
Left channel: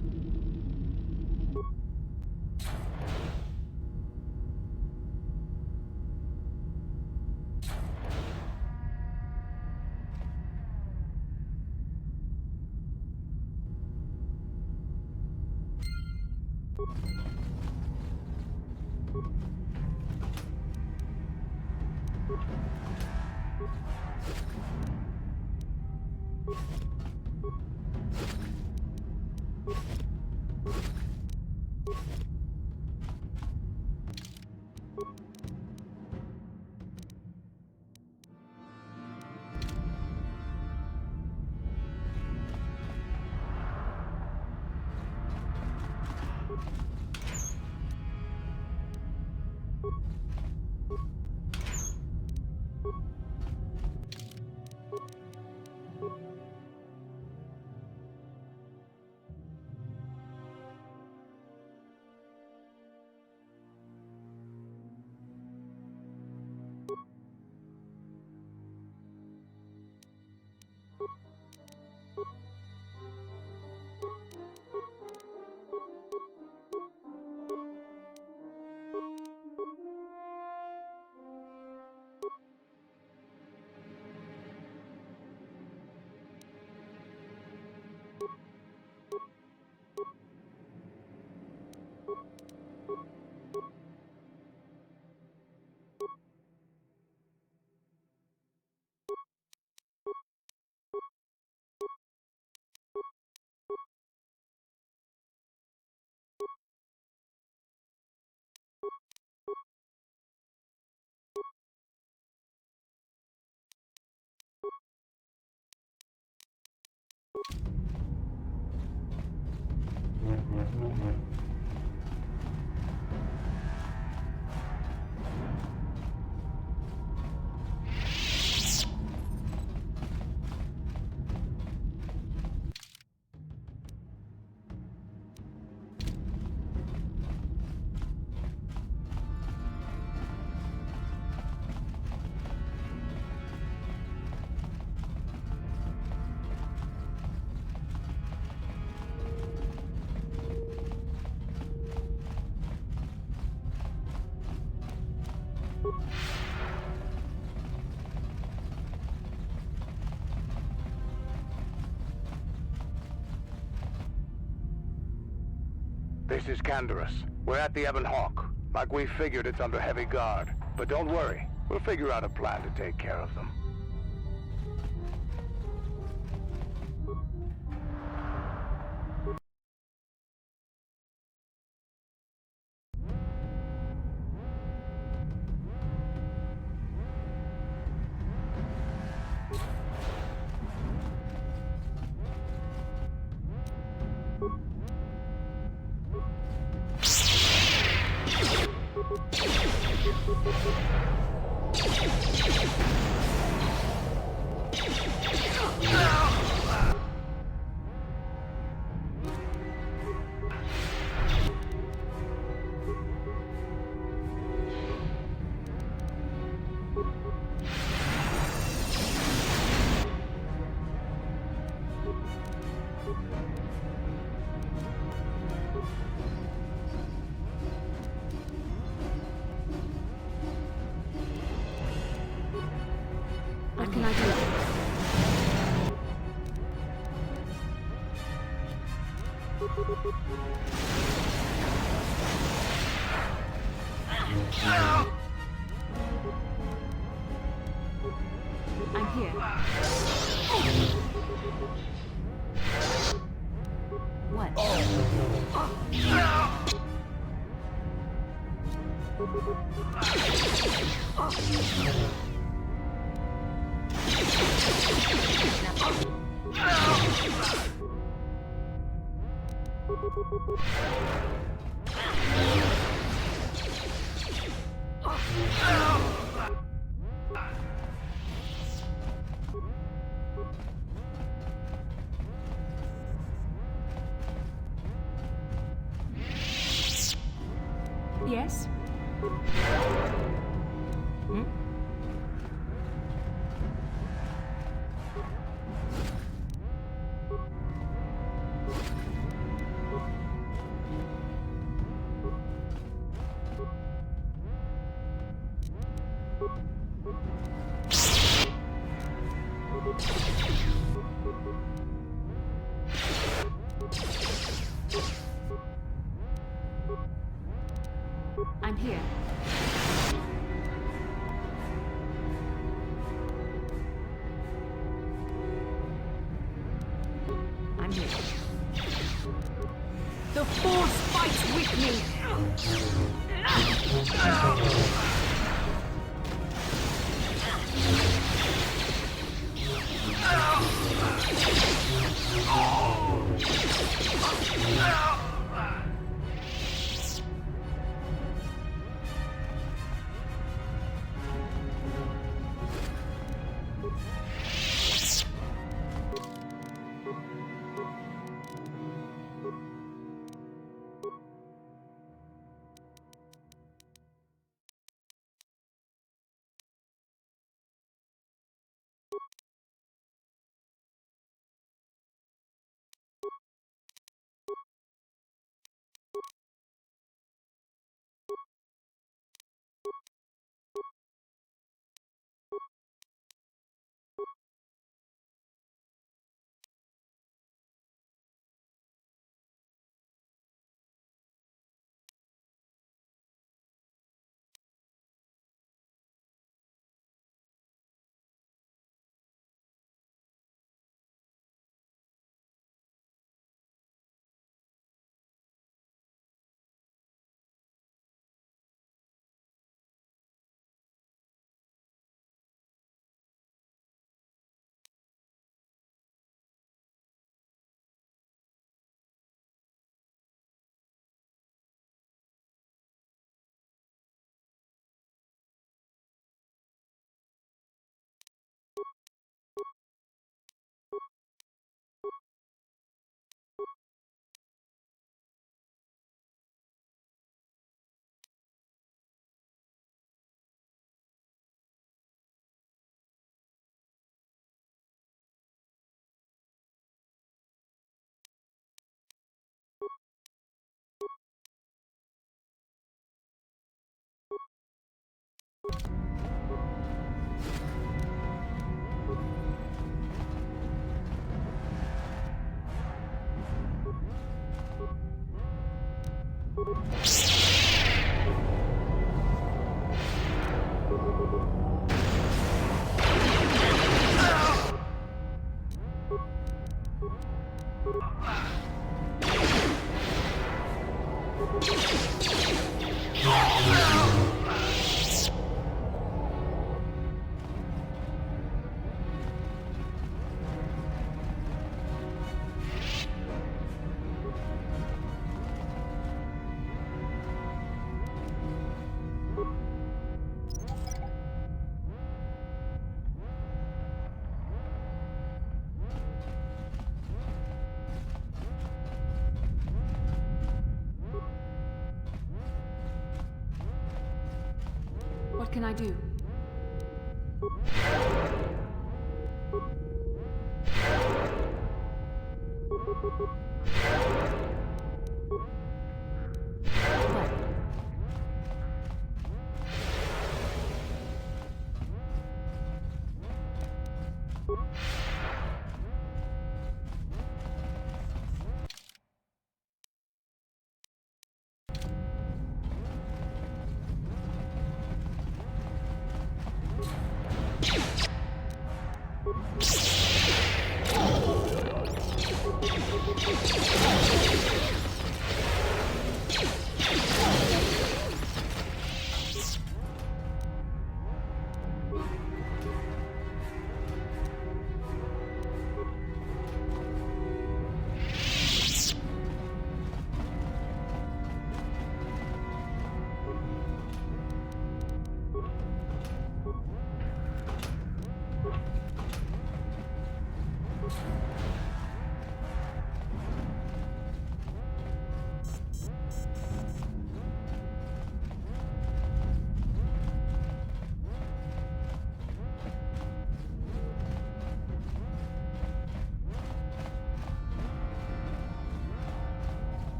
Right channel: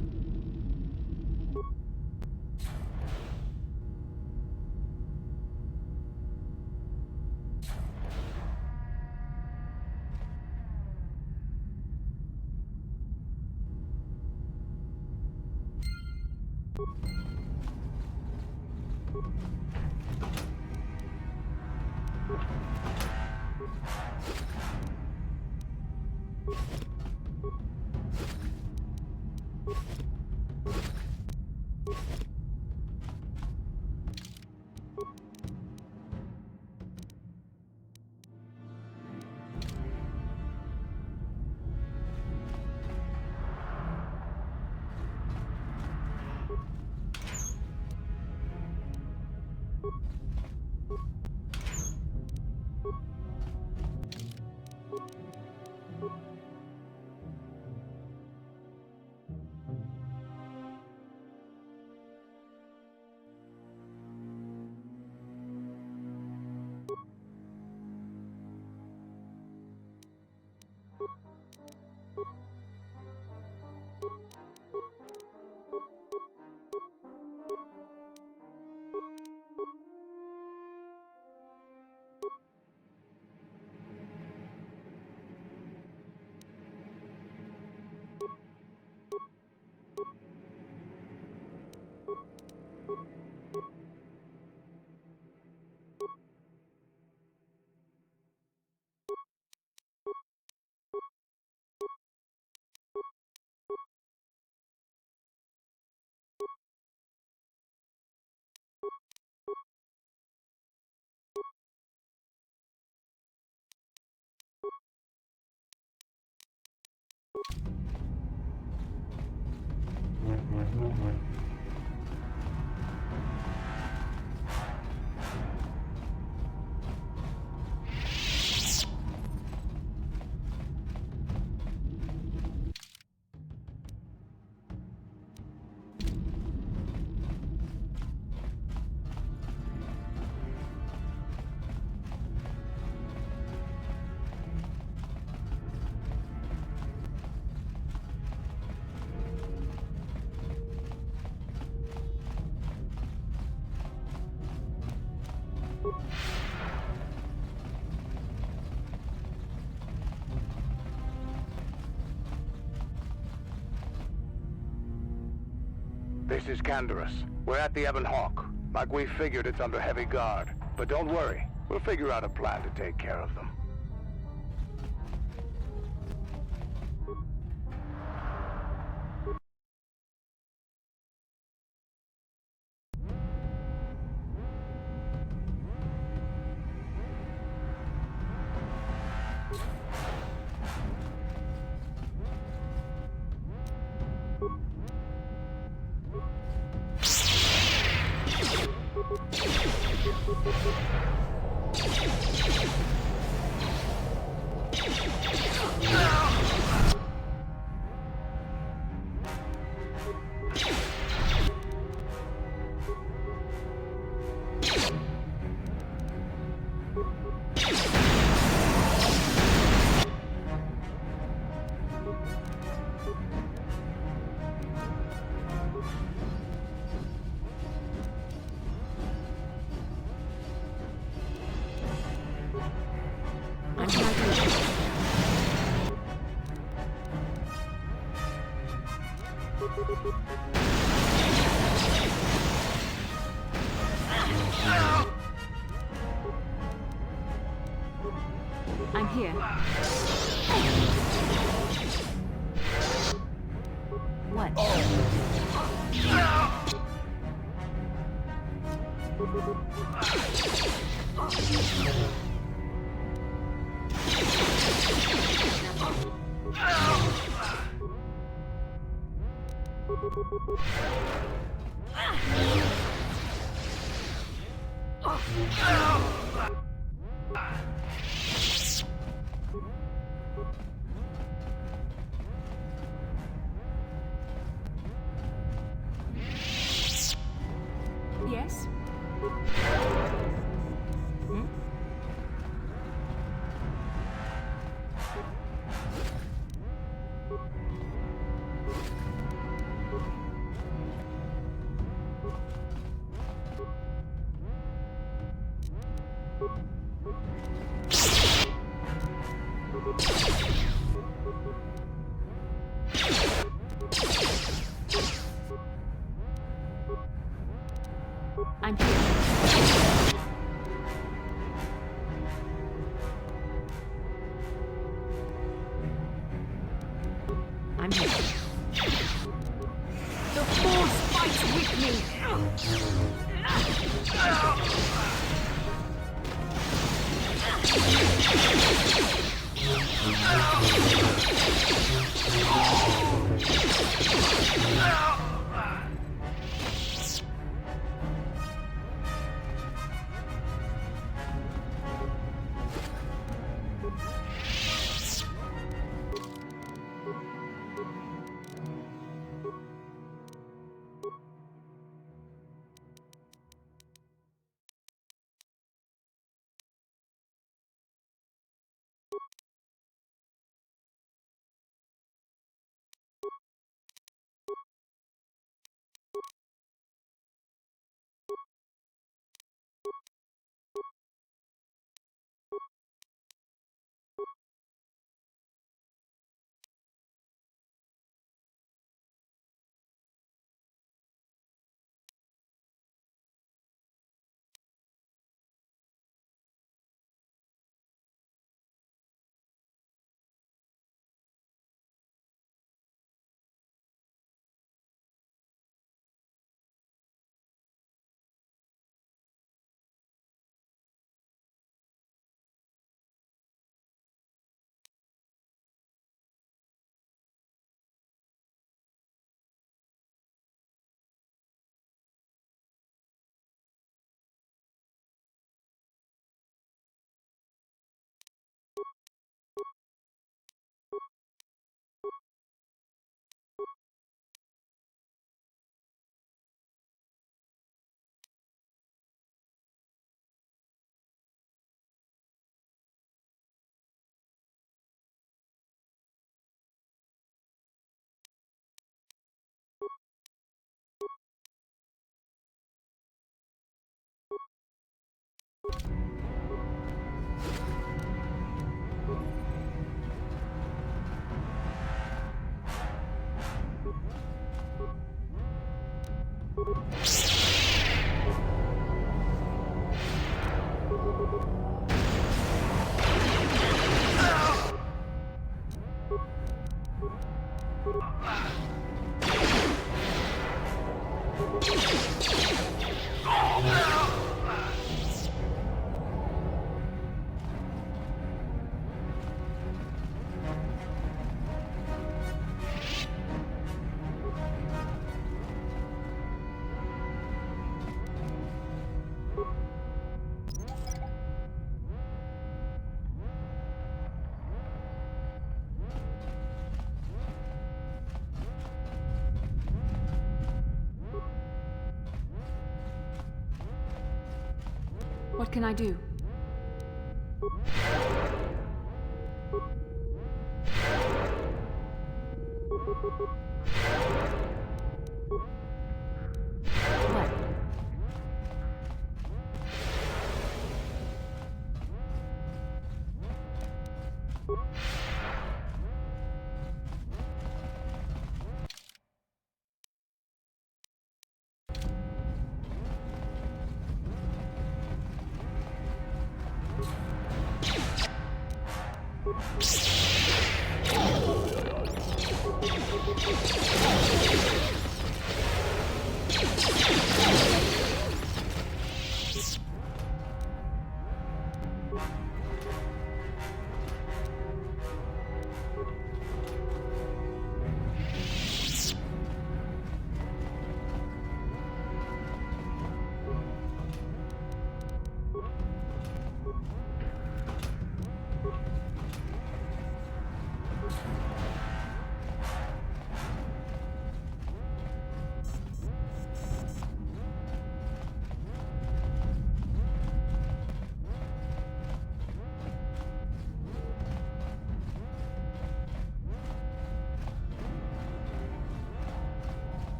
This is Canderous. We're at the Ebon Hawk. Like we figured, it's under heavy guard. But don't worry, we'll figure out a plan to take care of them. What can I do? I'm here. What? Yes? Hmm? I'm here. I'm here. The Force fights with me! What can I do?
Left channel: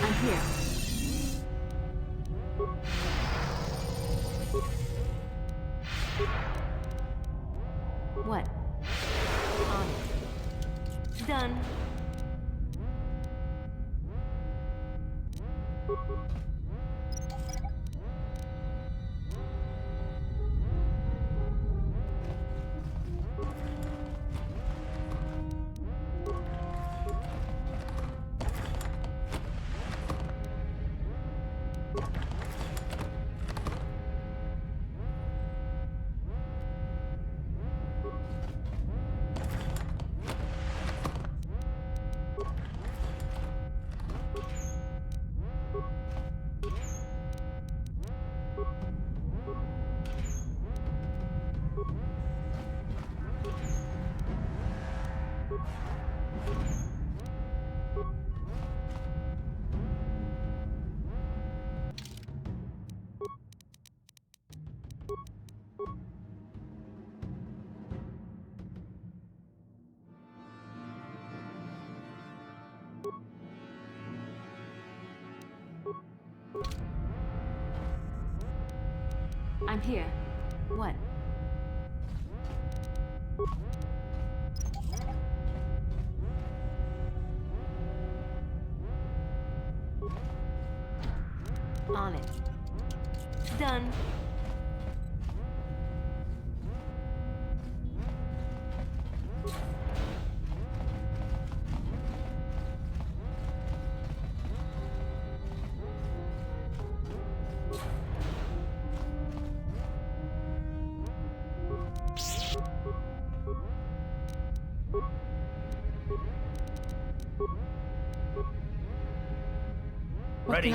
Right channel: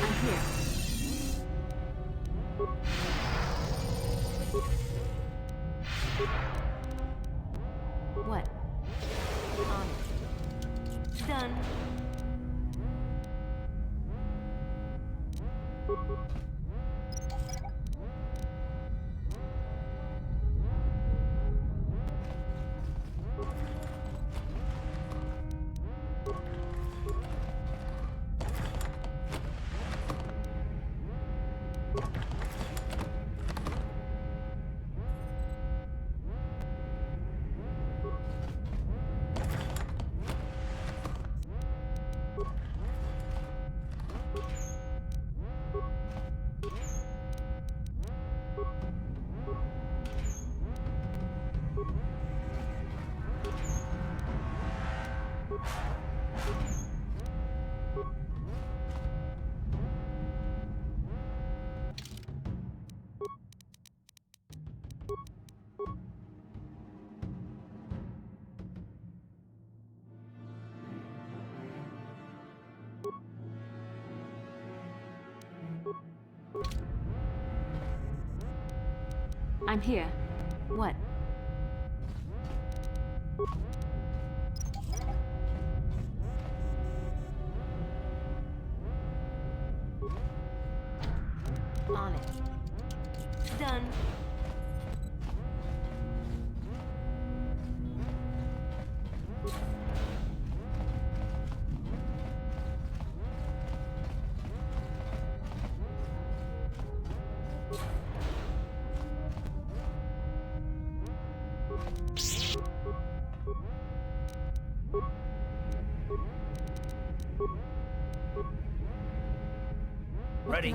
I'm here. What? On it. Done. I'm here. What? On it. Done. Ready.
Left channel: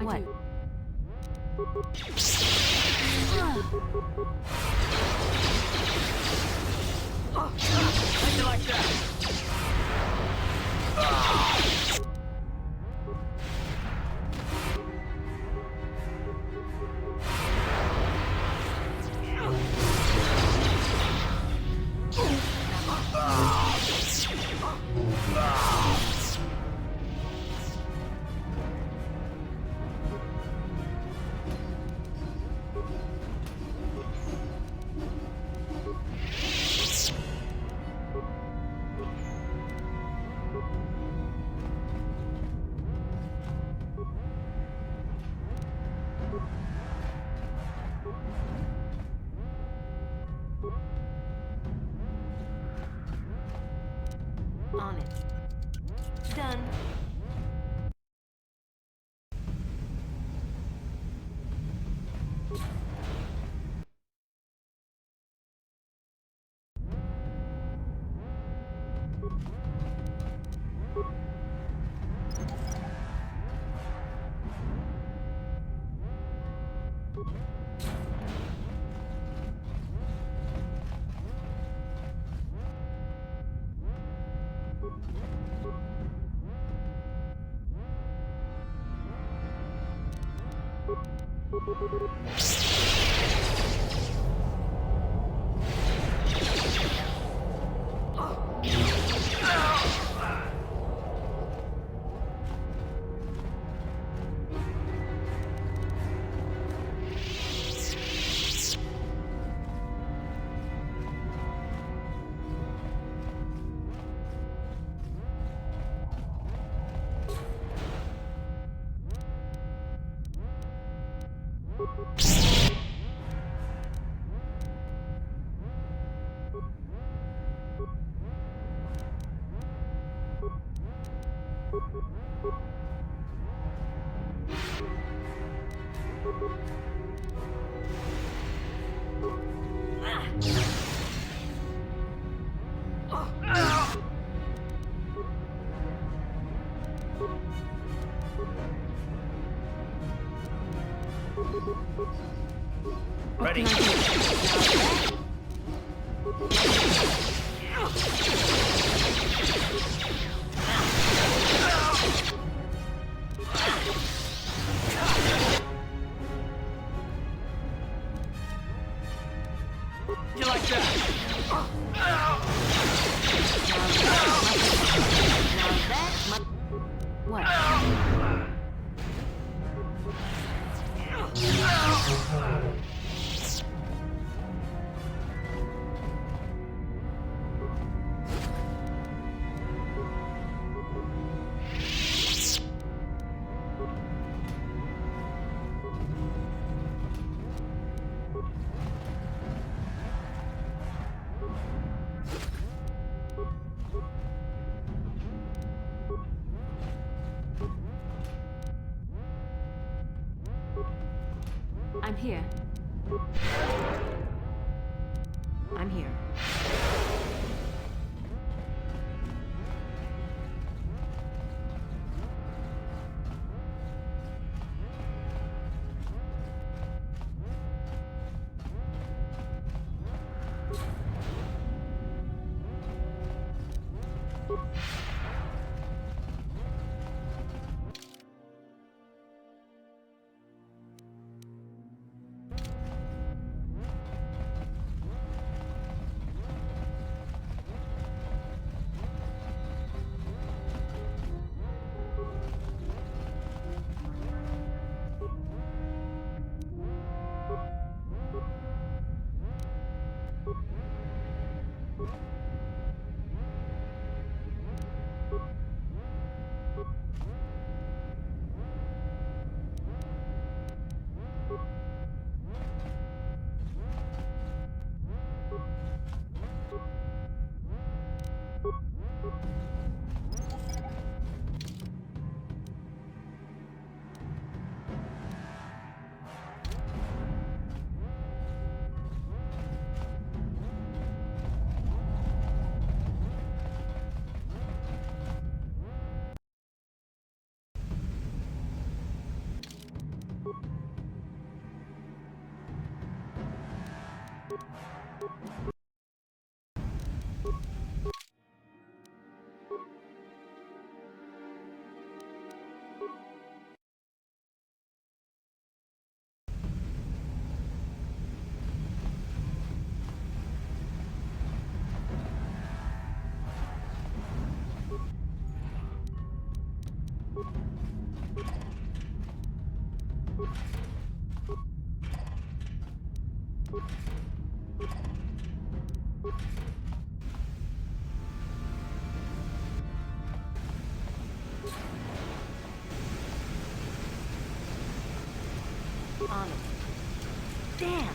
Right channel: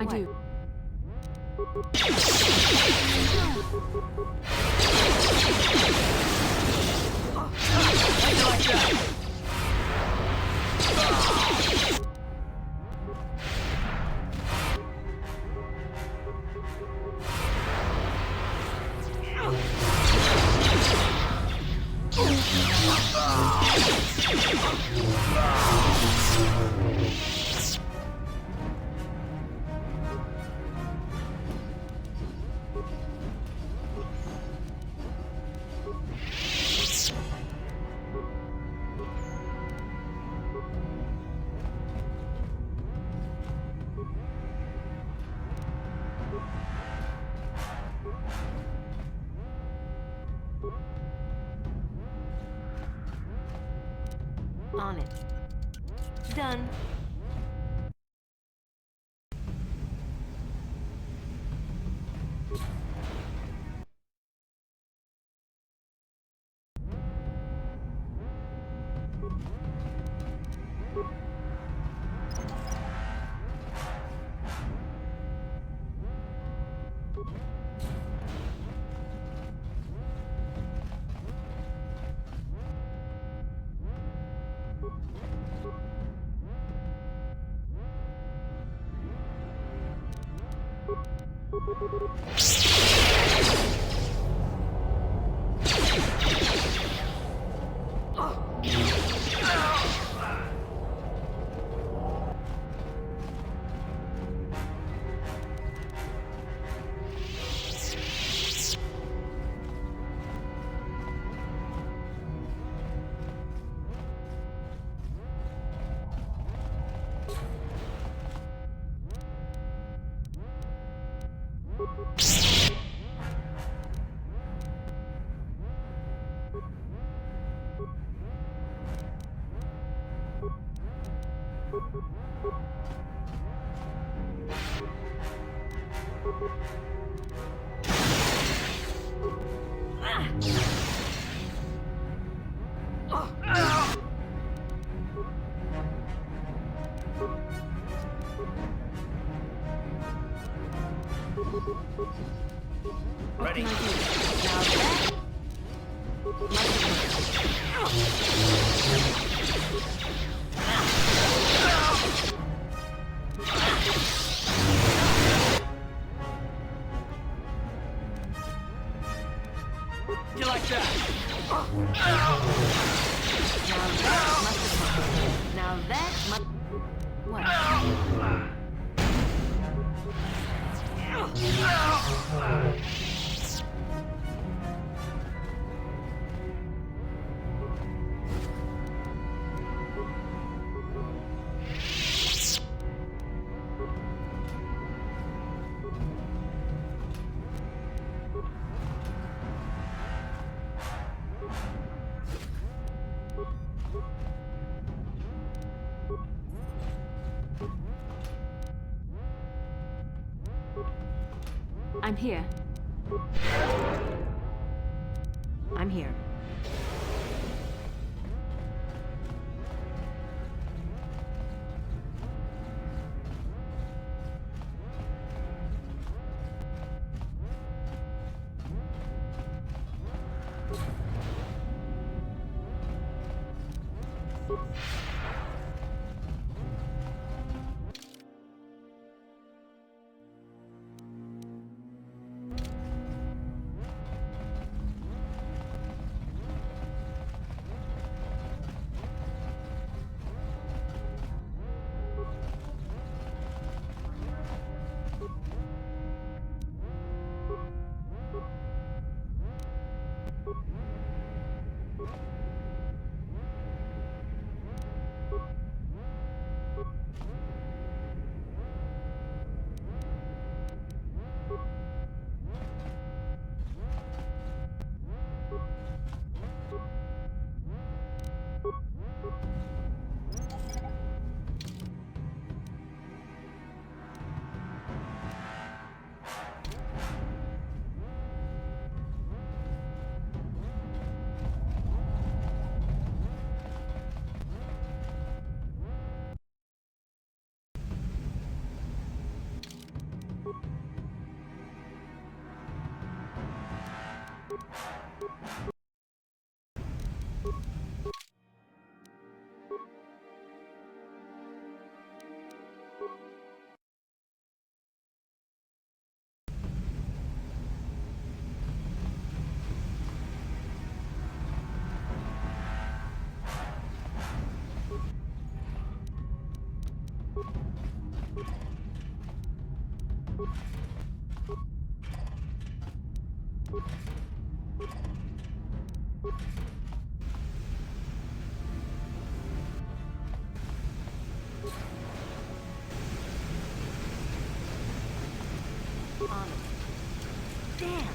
I do. Like it like that. On it. Done. Ready. You like that? Now that must... What? I'm here. I'm here. On it. Damn!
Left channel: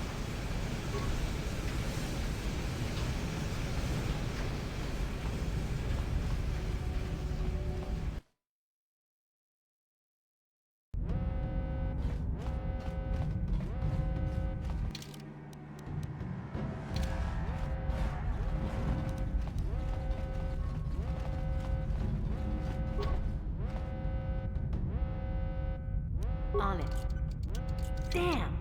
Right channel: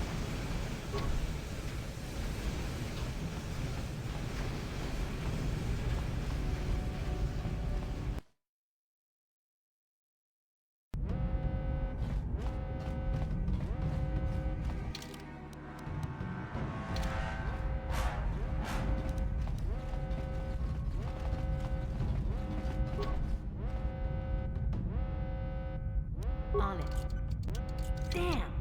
On it. Damn!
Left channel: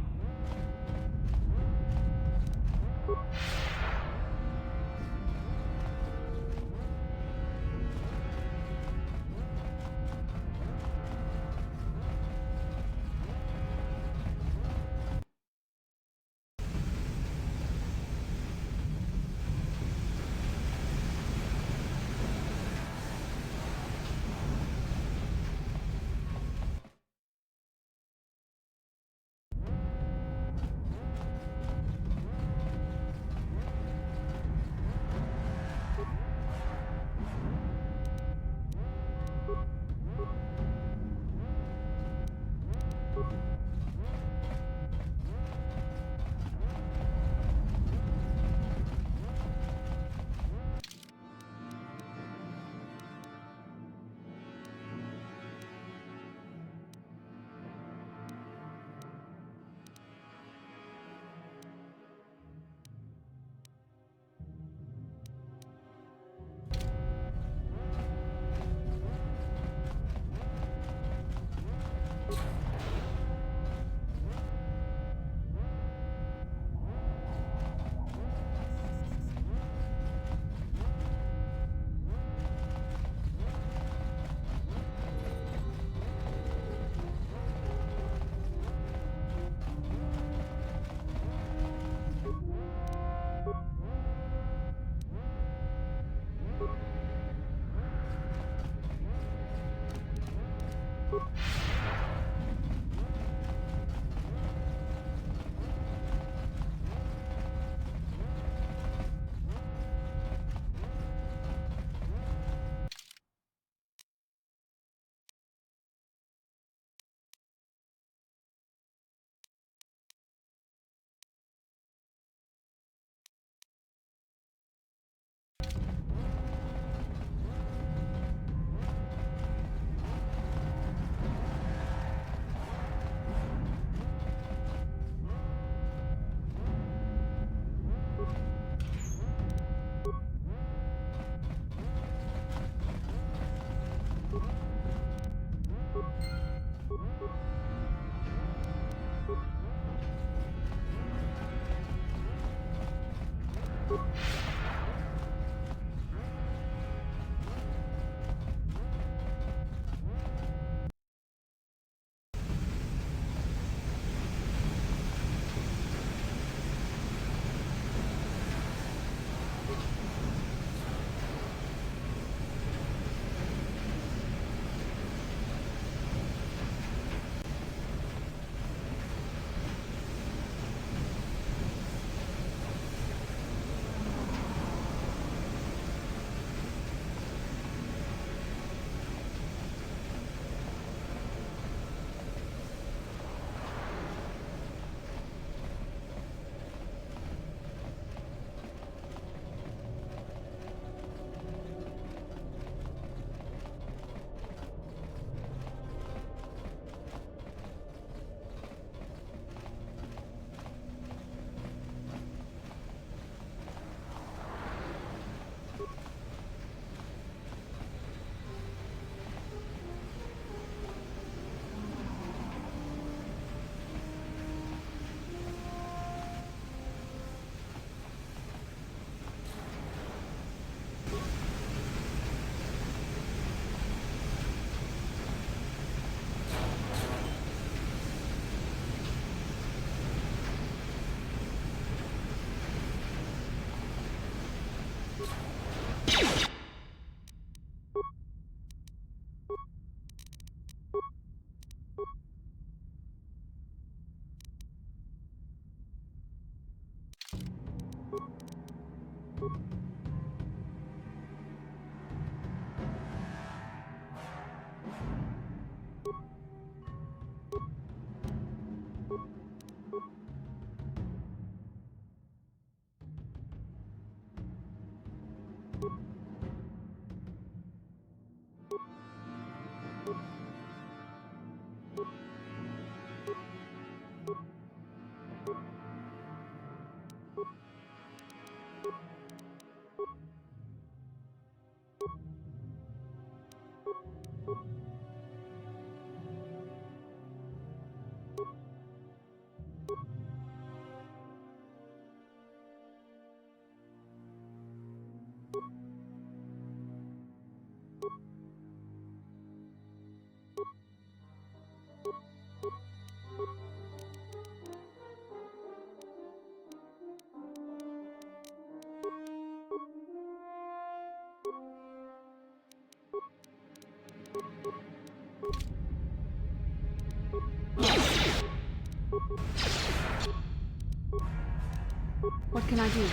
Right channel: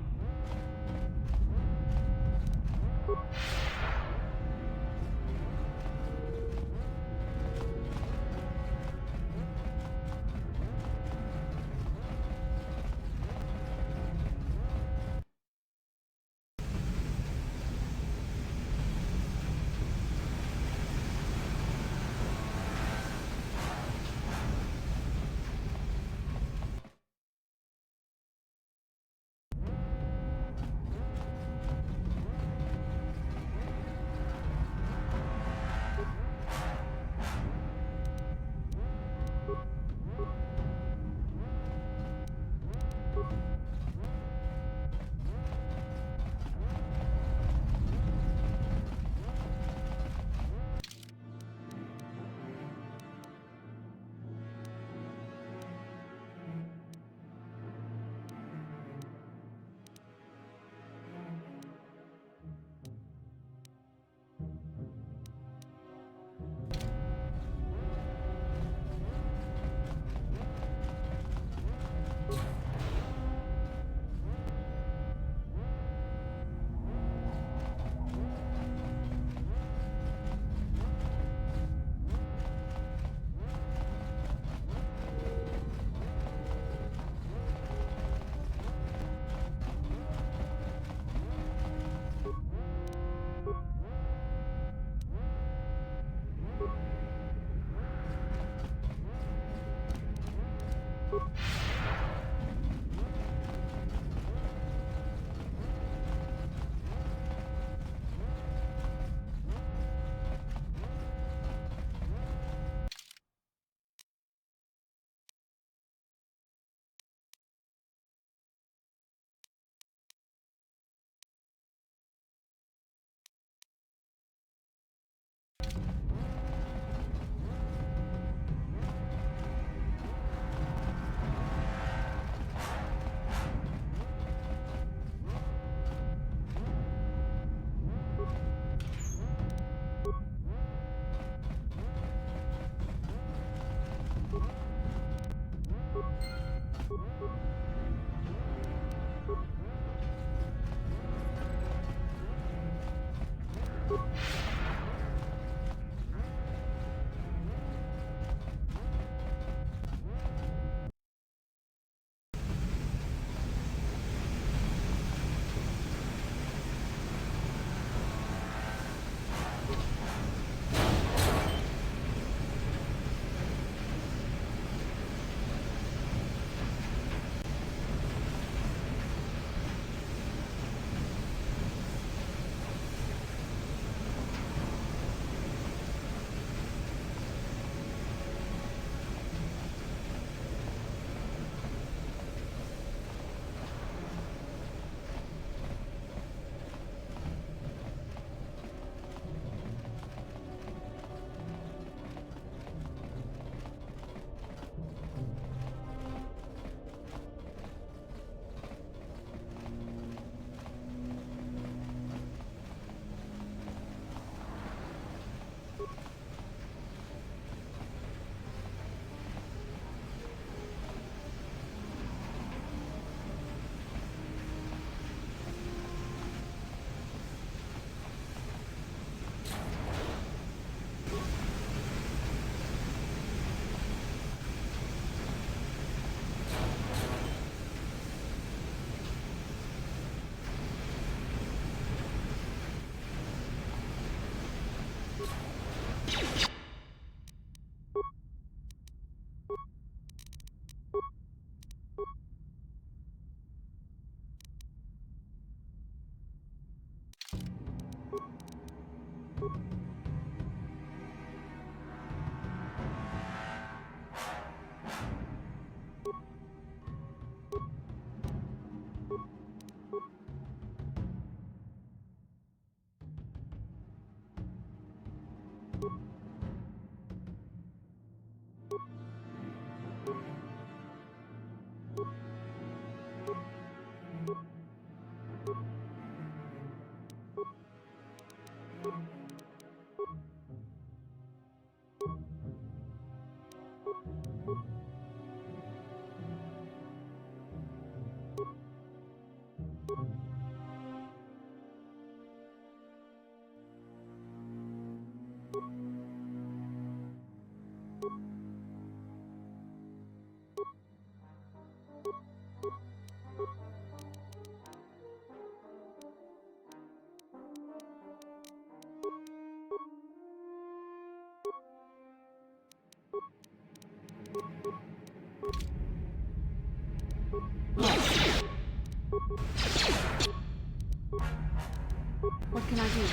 What can I do?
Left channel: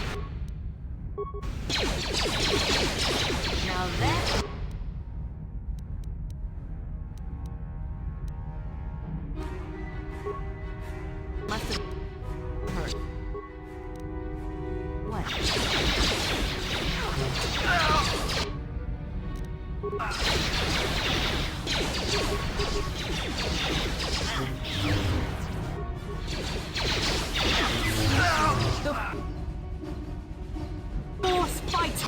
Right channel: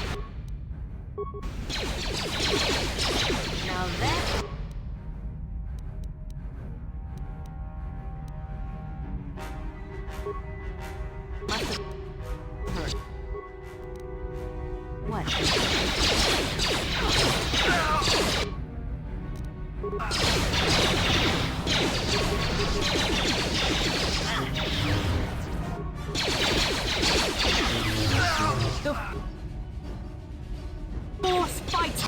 Now that... must have hurt. What? The force fight!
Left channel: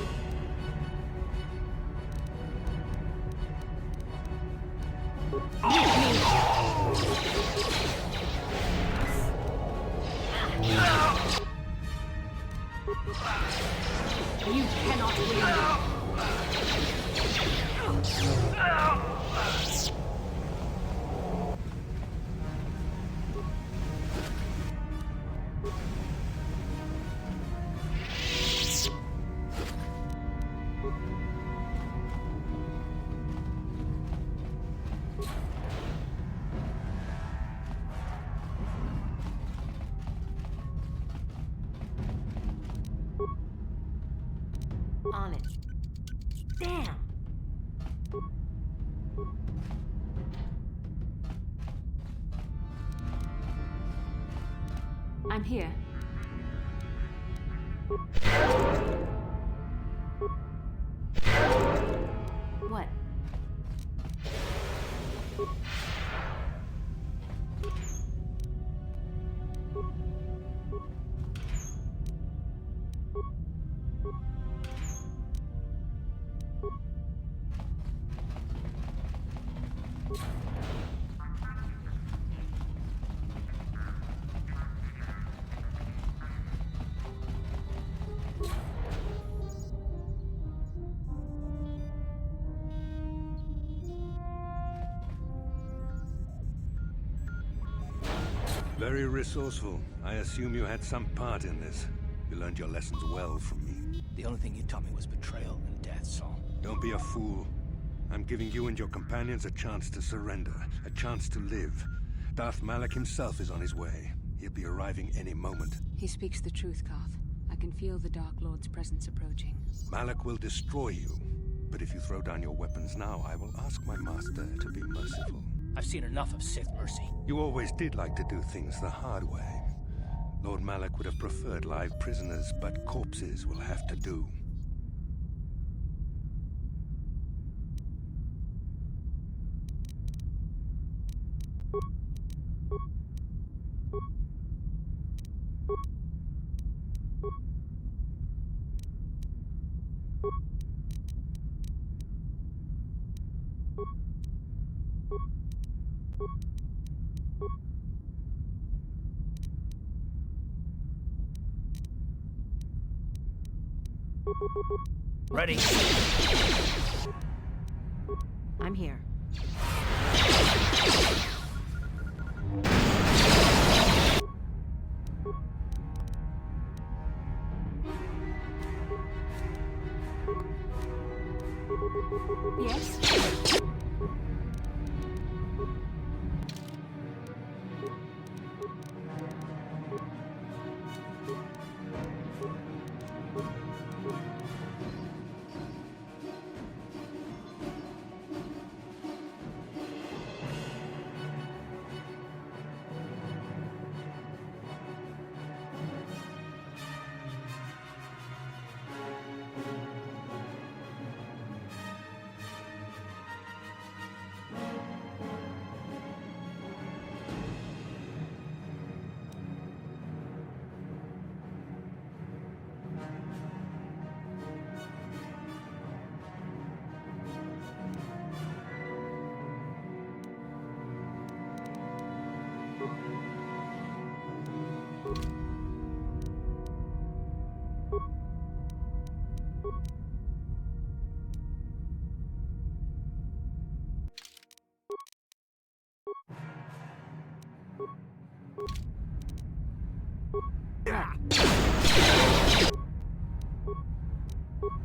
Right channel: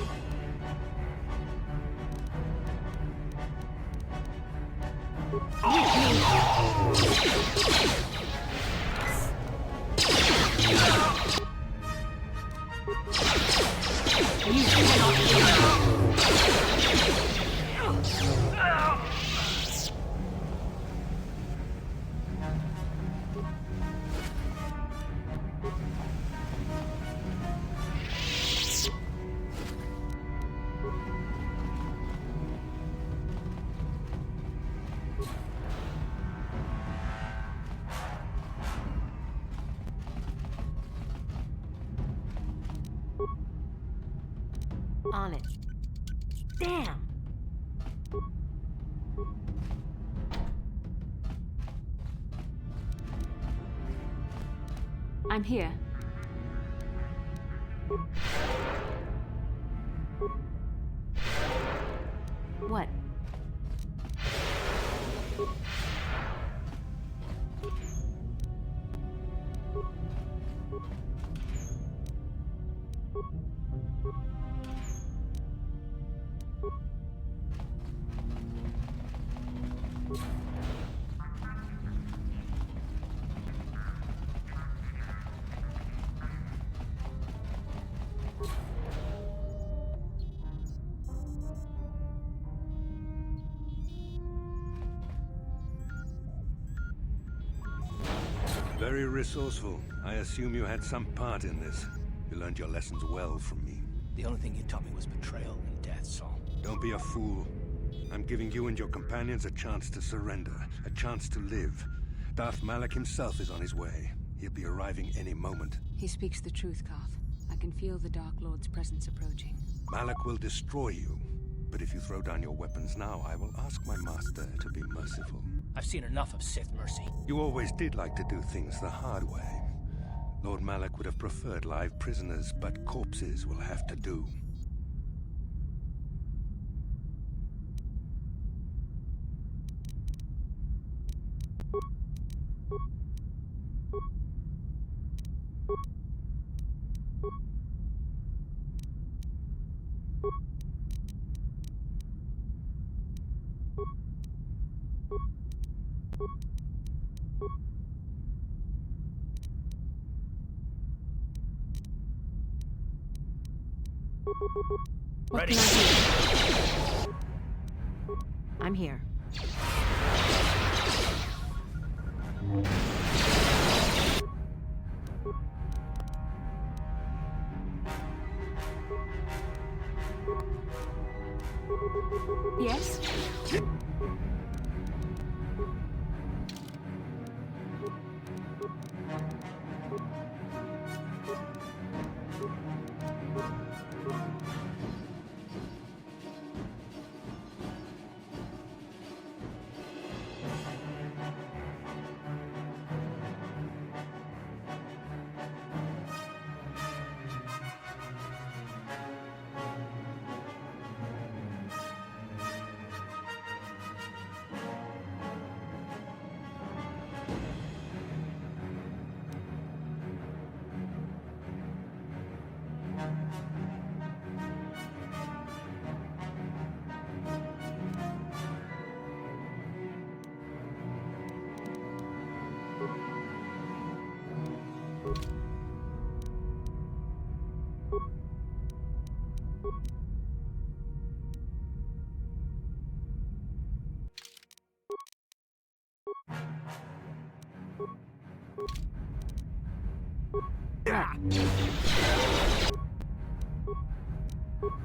You cannot win. On it. Damn! I'm here. What? Very resourceful. I assume you had some part in this. You learned your lessons well from me. The only thing you taught me was betrayal and death, Saul. Don't be a fool. I'm giving you and your companions a chance to surrender, a chance to live. Darth Malak himself is on his way. He'll be arriving any moment. He speaks the truth, Carth. I can feel the Dark Lord's presence approaching. Malak will destroy you. But if you throw down your weapons now, I will ask my master to be merciful. I've seen enough of Sith mercy. You always did like to do things the hard way. Lord Malak would have preferred live prisoners, but corpses will have to do. Ready. I'm here. Yes?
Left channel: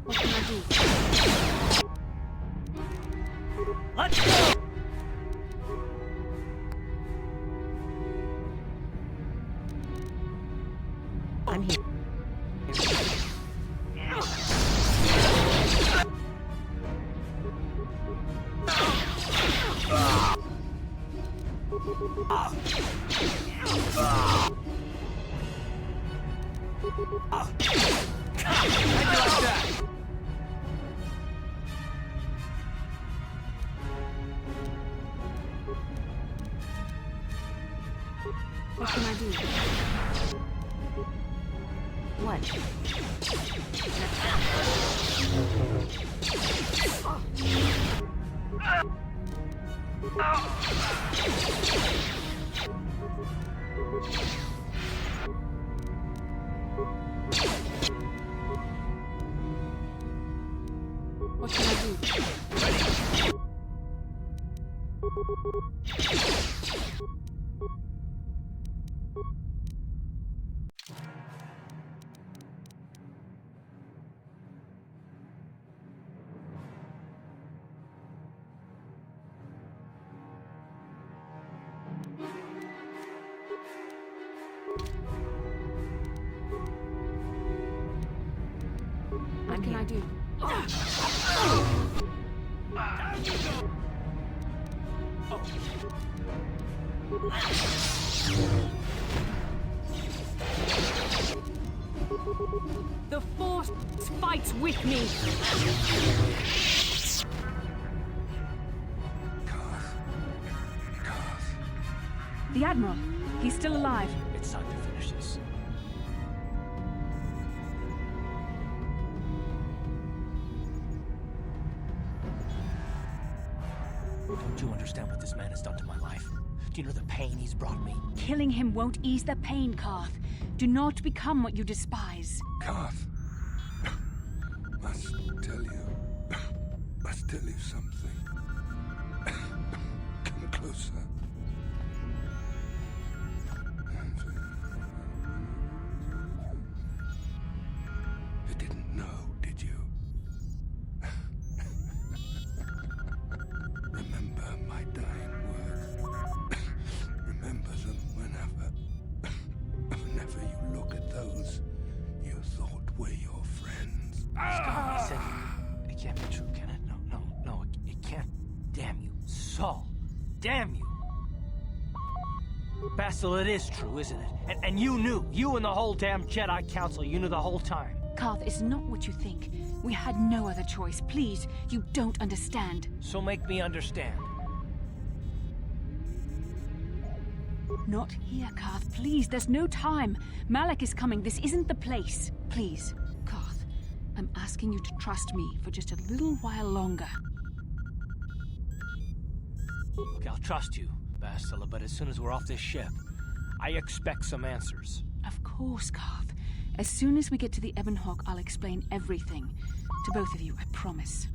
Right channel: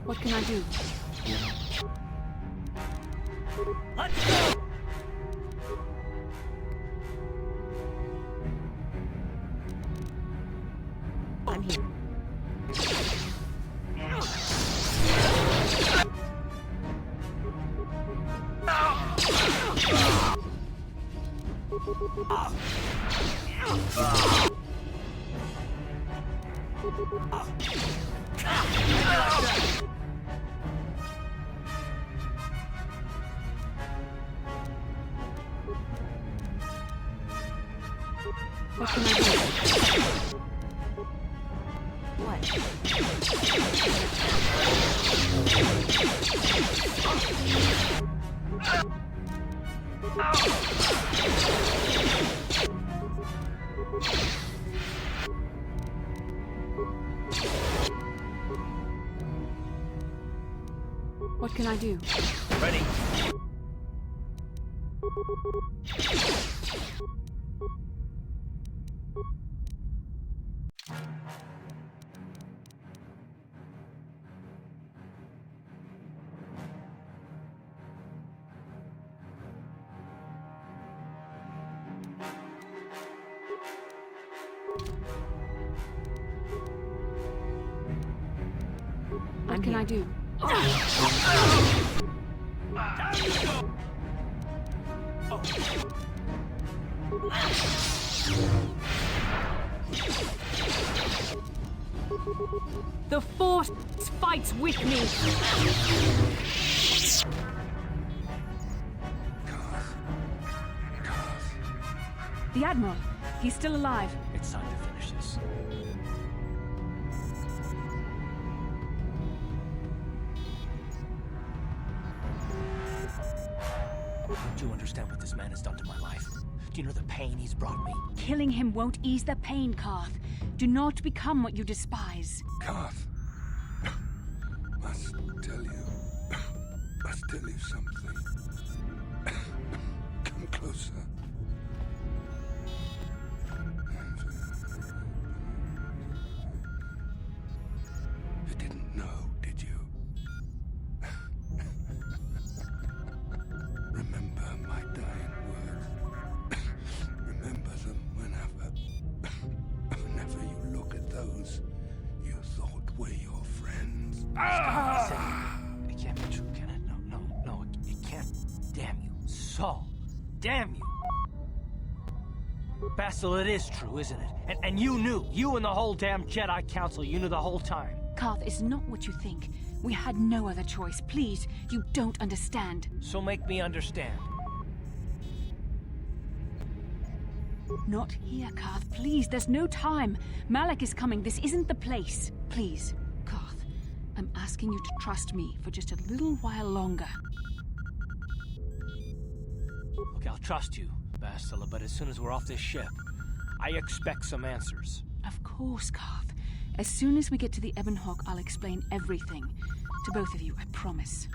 What can I do? Let's go! I'm here. What can I do? What? What can I do? Ready. What can I do? The Force fights with me. The Admiral. He's still alive. It's time to finish this. Don't you understand what this man has done to my life? Do you know the pain he's brought me? Killing him won't ease the pain, Karth. Do not become what you despise. Karth, must tell you something. Come closer. You didn't know, did you? Remember my dying words. Remember them whenever you look at those you thought were your friends. It can't be true, can it? No, it can't. Damn you, Saul. Damn you. Basil, it is true, isn't it? And you knew. You and the whole damn Jedi Council, you knew the whole time. Karth, it's not what you think. We had no other choice. Please, you don't understand. So make me understand. Not here, Karth. Please, there's no time. Malak is coming. This isn't the place. Please, Karth, I'm asking you to trust me for just a little while longer. Okay, I'll trust you, Bastila, but as soon as we're off this ship, I expect some answers. Of course, Karth. As soon as we get to the Ebon Hawk, I'll explain everything. To both of you, I promise.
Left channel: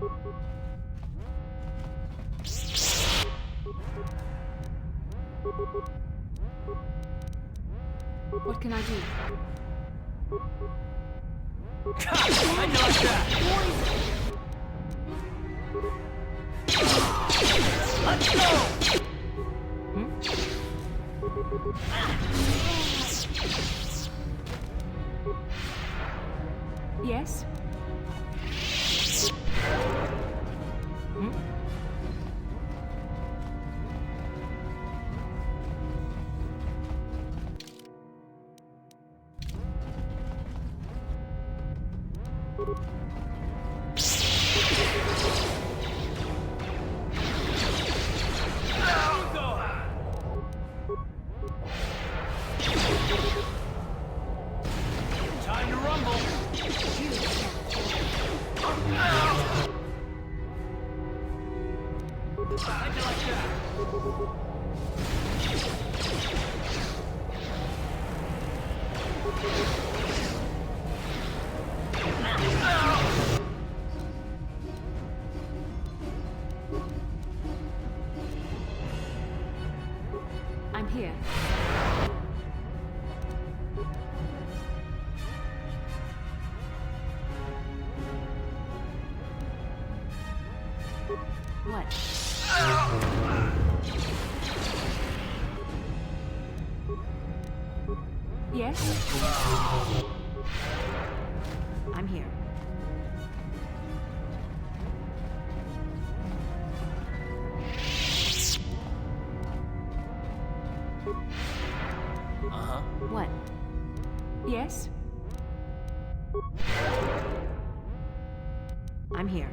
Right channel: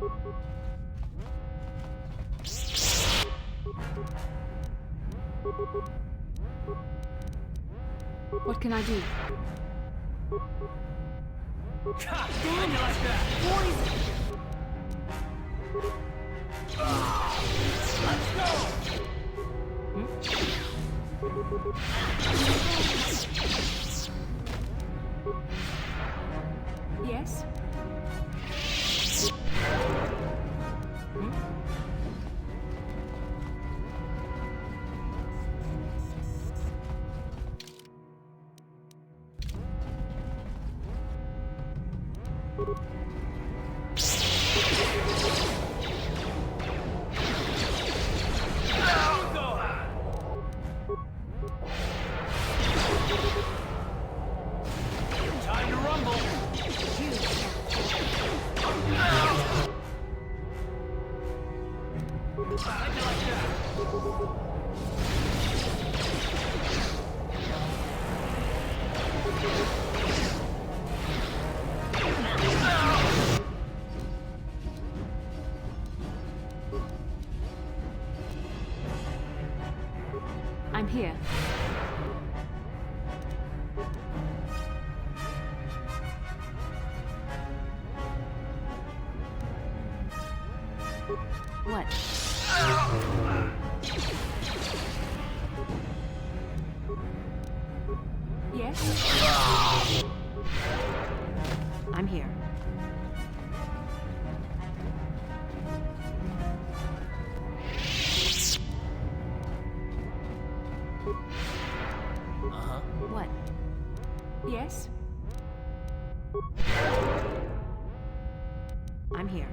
What can I do? I like that! Let's go! Yes? Time to rumble! How'd you like that? I'm here. What? Yes? I'm here. Uh-huh. What? Yes? I'm here.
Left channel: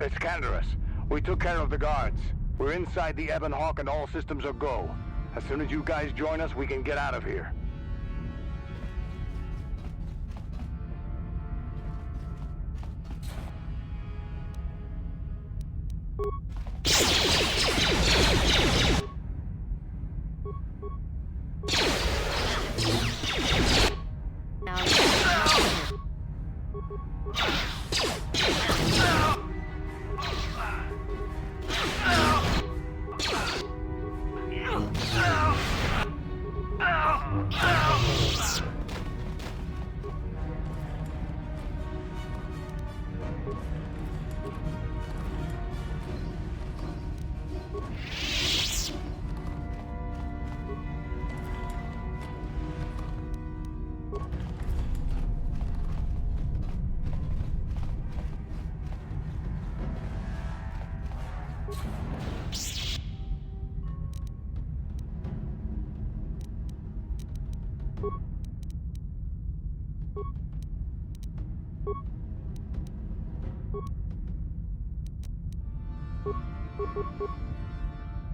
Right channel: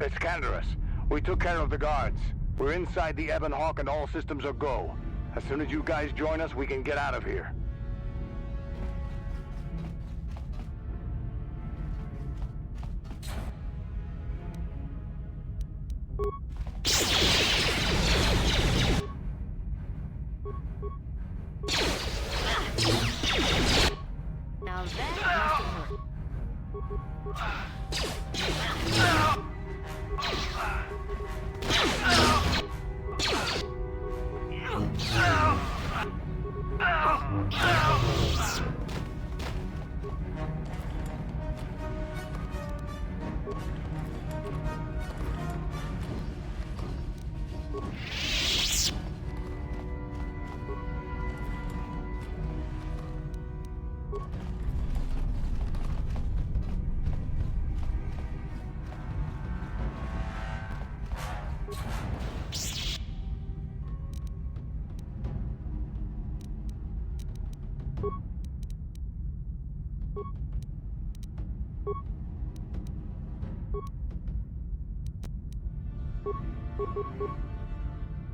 It's Canderous. We took care of the guards. We're inside the Ebon Hawk and all systems are go. As soon as you guys join us, we can get out of here.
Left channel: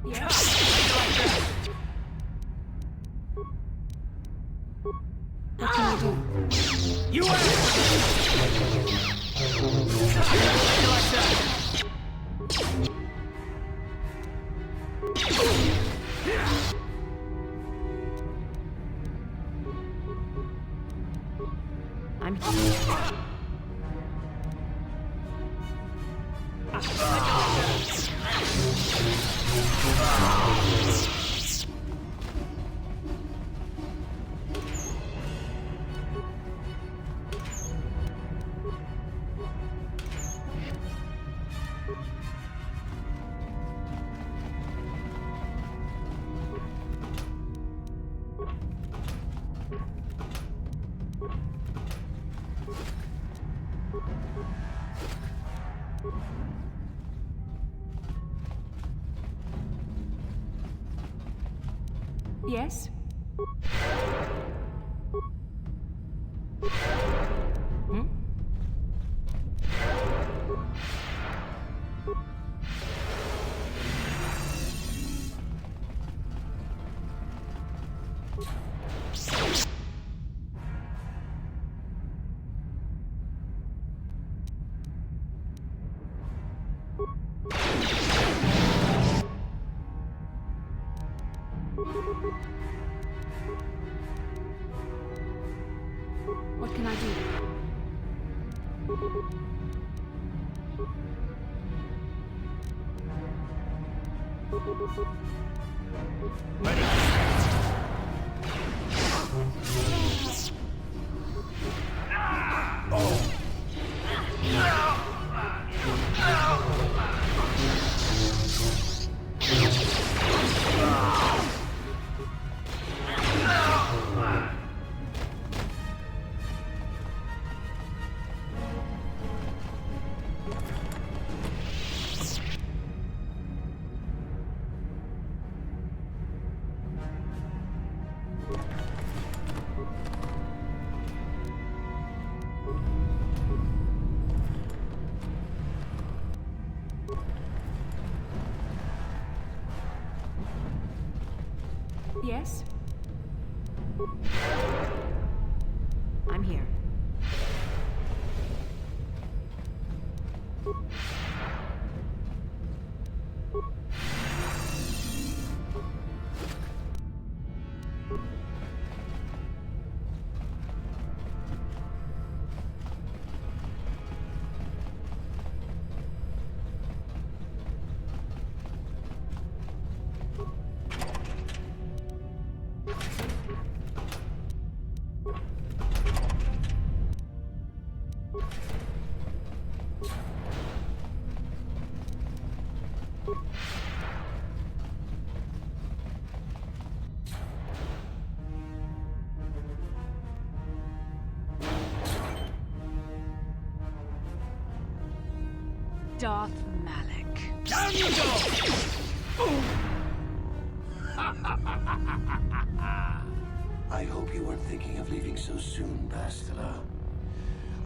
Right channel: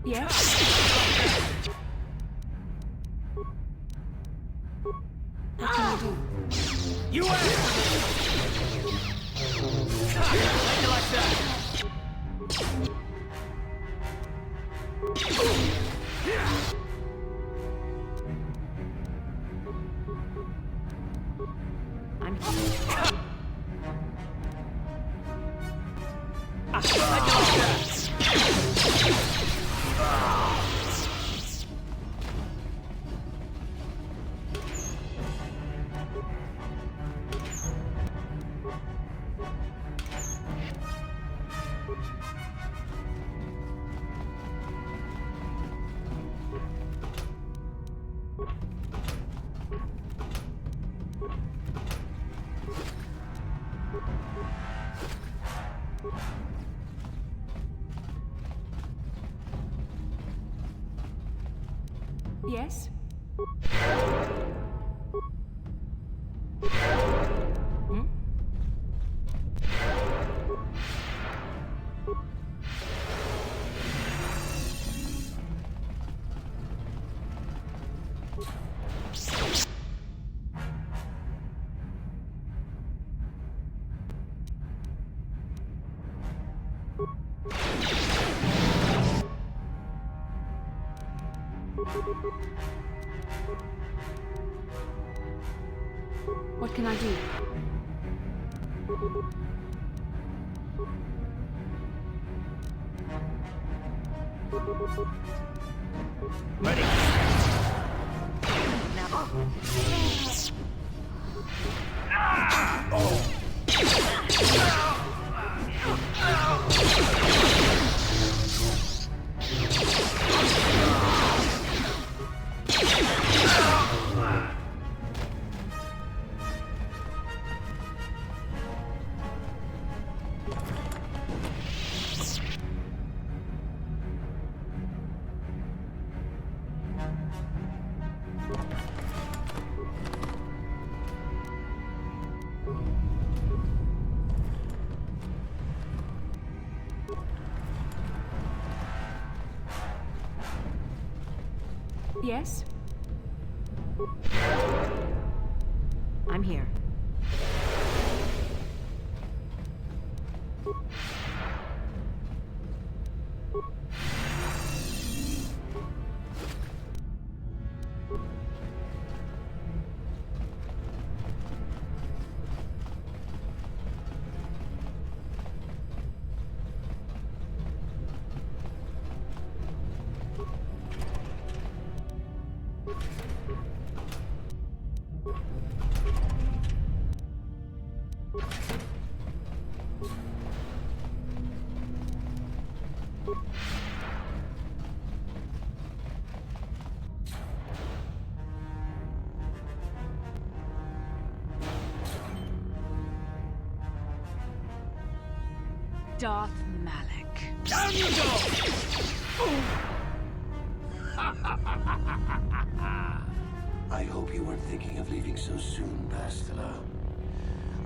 Yes? What can I do? You you like that? I'm Yes? Hmm? What can I do? Yes? I'm here. Darth Malak. Down you go! I hope you weren't thinking of leaving so soon, Bastila.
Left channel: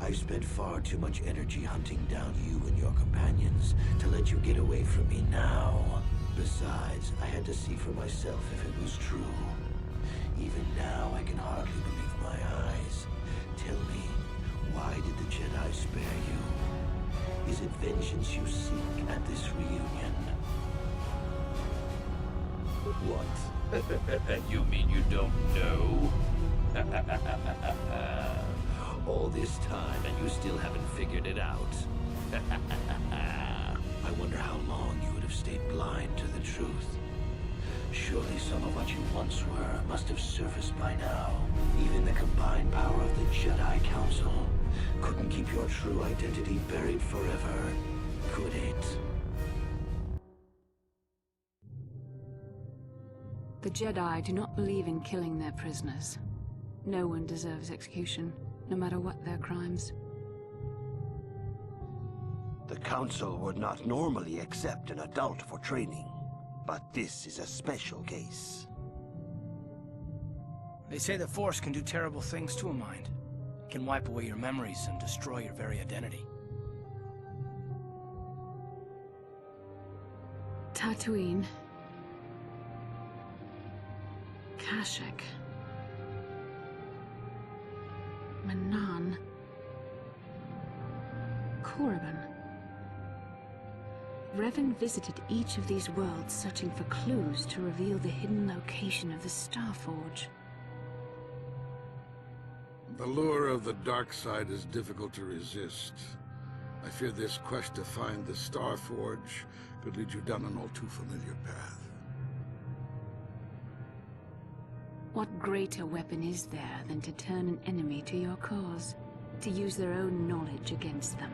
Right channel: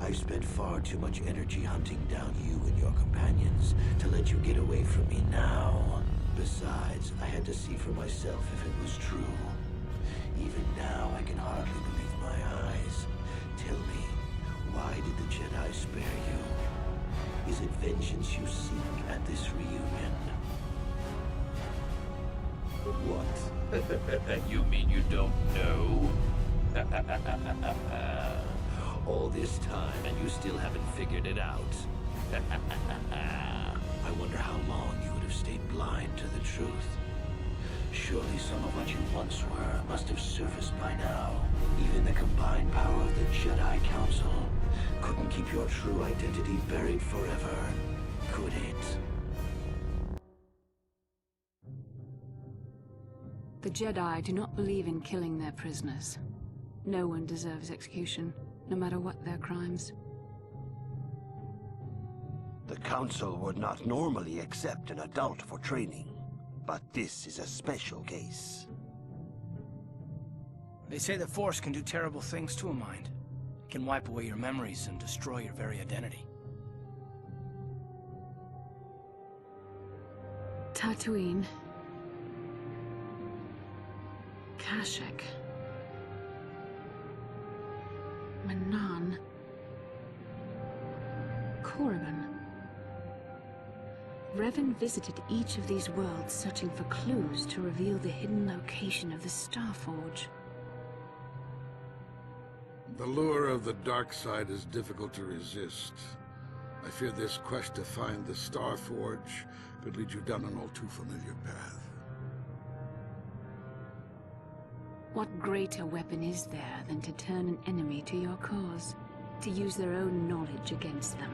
I've spent far too much energy hunting down you and your companions to let you get away from me now. Besides, I had to see for myself if it was true. Even now, I can hardly believe my eyes. Tell me, why did the Jedi spare you? Is it vengeance you seek at this reunion? What? You mean you don't know? All this time and you still haven't figured it out? I wonder how long you would have stayed blind to the truth. Surely some of what you once were must have surfaced by now. Even the combined power of the Jedi Council couldn't keep your true identity buried forever, could it? The Jedi do not believe in killing their prisoners. No one deserves execution, no matter what their crimes. The Council would not normally accept an adult for training, but this is a special case. They say the Force can do terrible things to a mind. It can wipe away your memories and destroy your very identity. Tatooine. Kashyyyk. Manan. Korriban. Revan visited each of these worlds searching for clues to reveal the hidden location of the Starforge. The lure of the dark side is difficult to resist. I fear this quest to find the Starforge could lead you down an all too familiar path. What greater weapon is there than to turn an enemy to your cause? To use their own knowledge against them?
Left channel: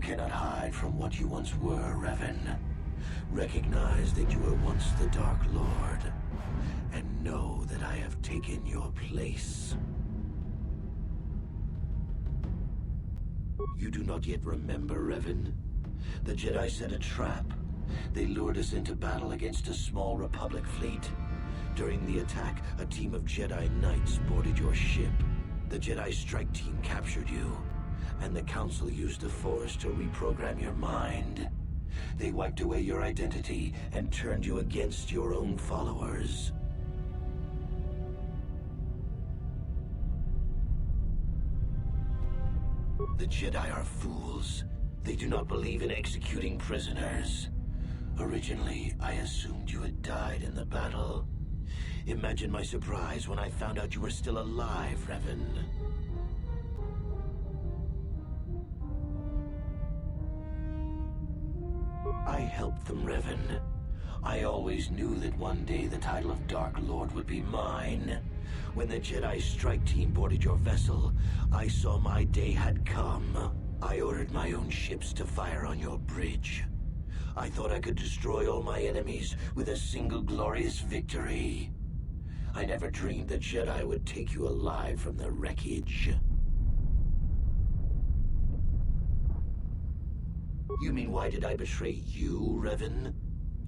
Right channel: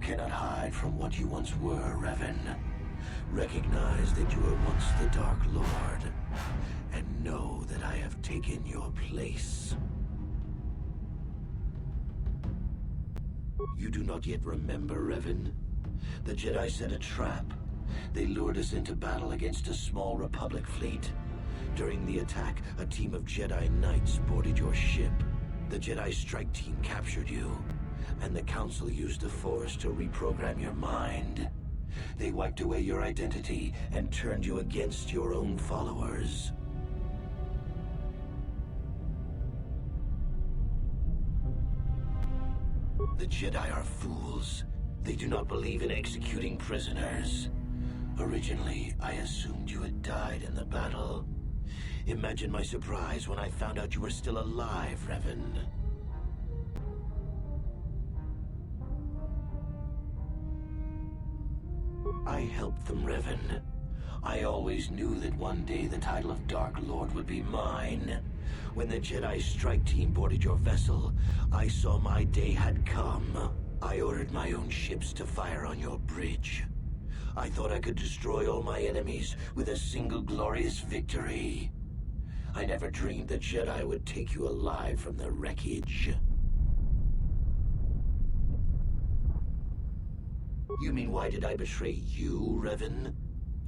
cannot hide from what you once were, Revan. Recognize that you were once the Dark Lord, and know that I have taken your place. You do not yet remember, Revan? The Jedi set a trap. They lured us into battle against a small Republic fleet. During the attack, a team of Jedi Knights boarded your ship. The Jedi strike team captured you, and the Council used the Force to reprogram your mind. They wiped away your identity and turned you against your own followers. The Jedi are fools. They do not believe in executing prisoners. Originally, I assumed you had died in the battle. Imagine my surprise when I found out you were still alive, Revan. I helped them, Revan. I always knew that one day the title of Dark Lord would be mine. When the Jedi strike team boarded your vessel, I saw my day had come. I ordered my own ships to fire on your bridge. I thought I could destroy all my enemies with a single glorious victory. I never dreamed the Jedi would take you alive from the wreckage. You mean, why did I betray you, Revan?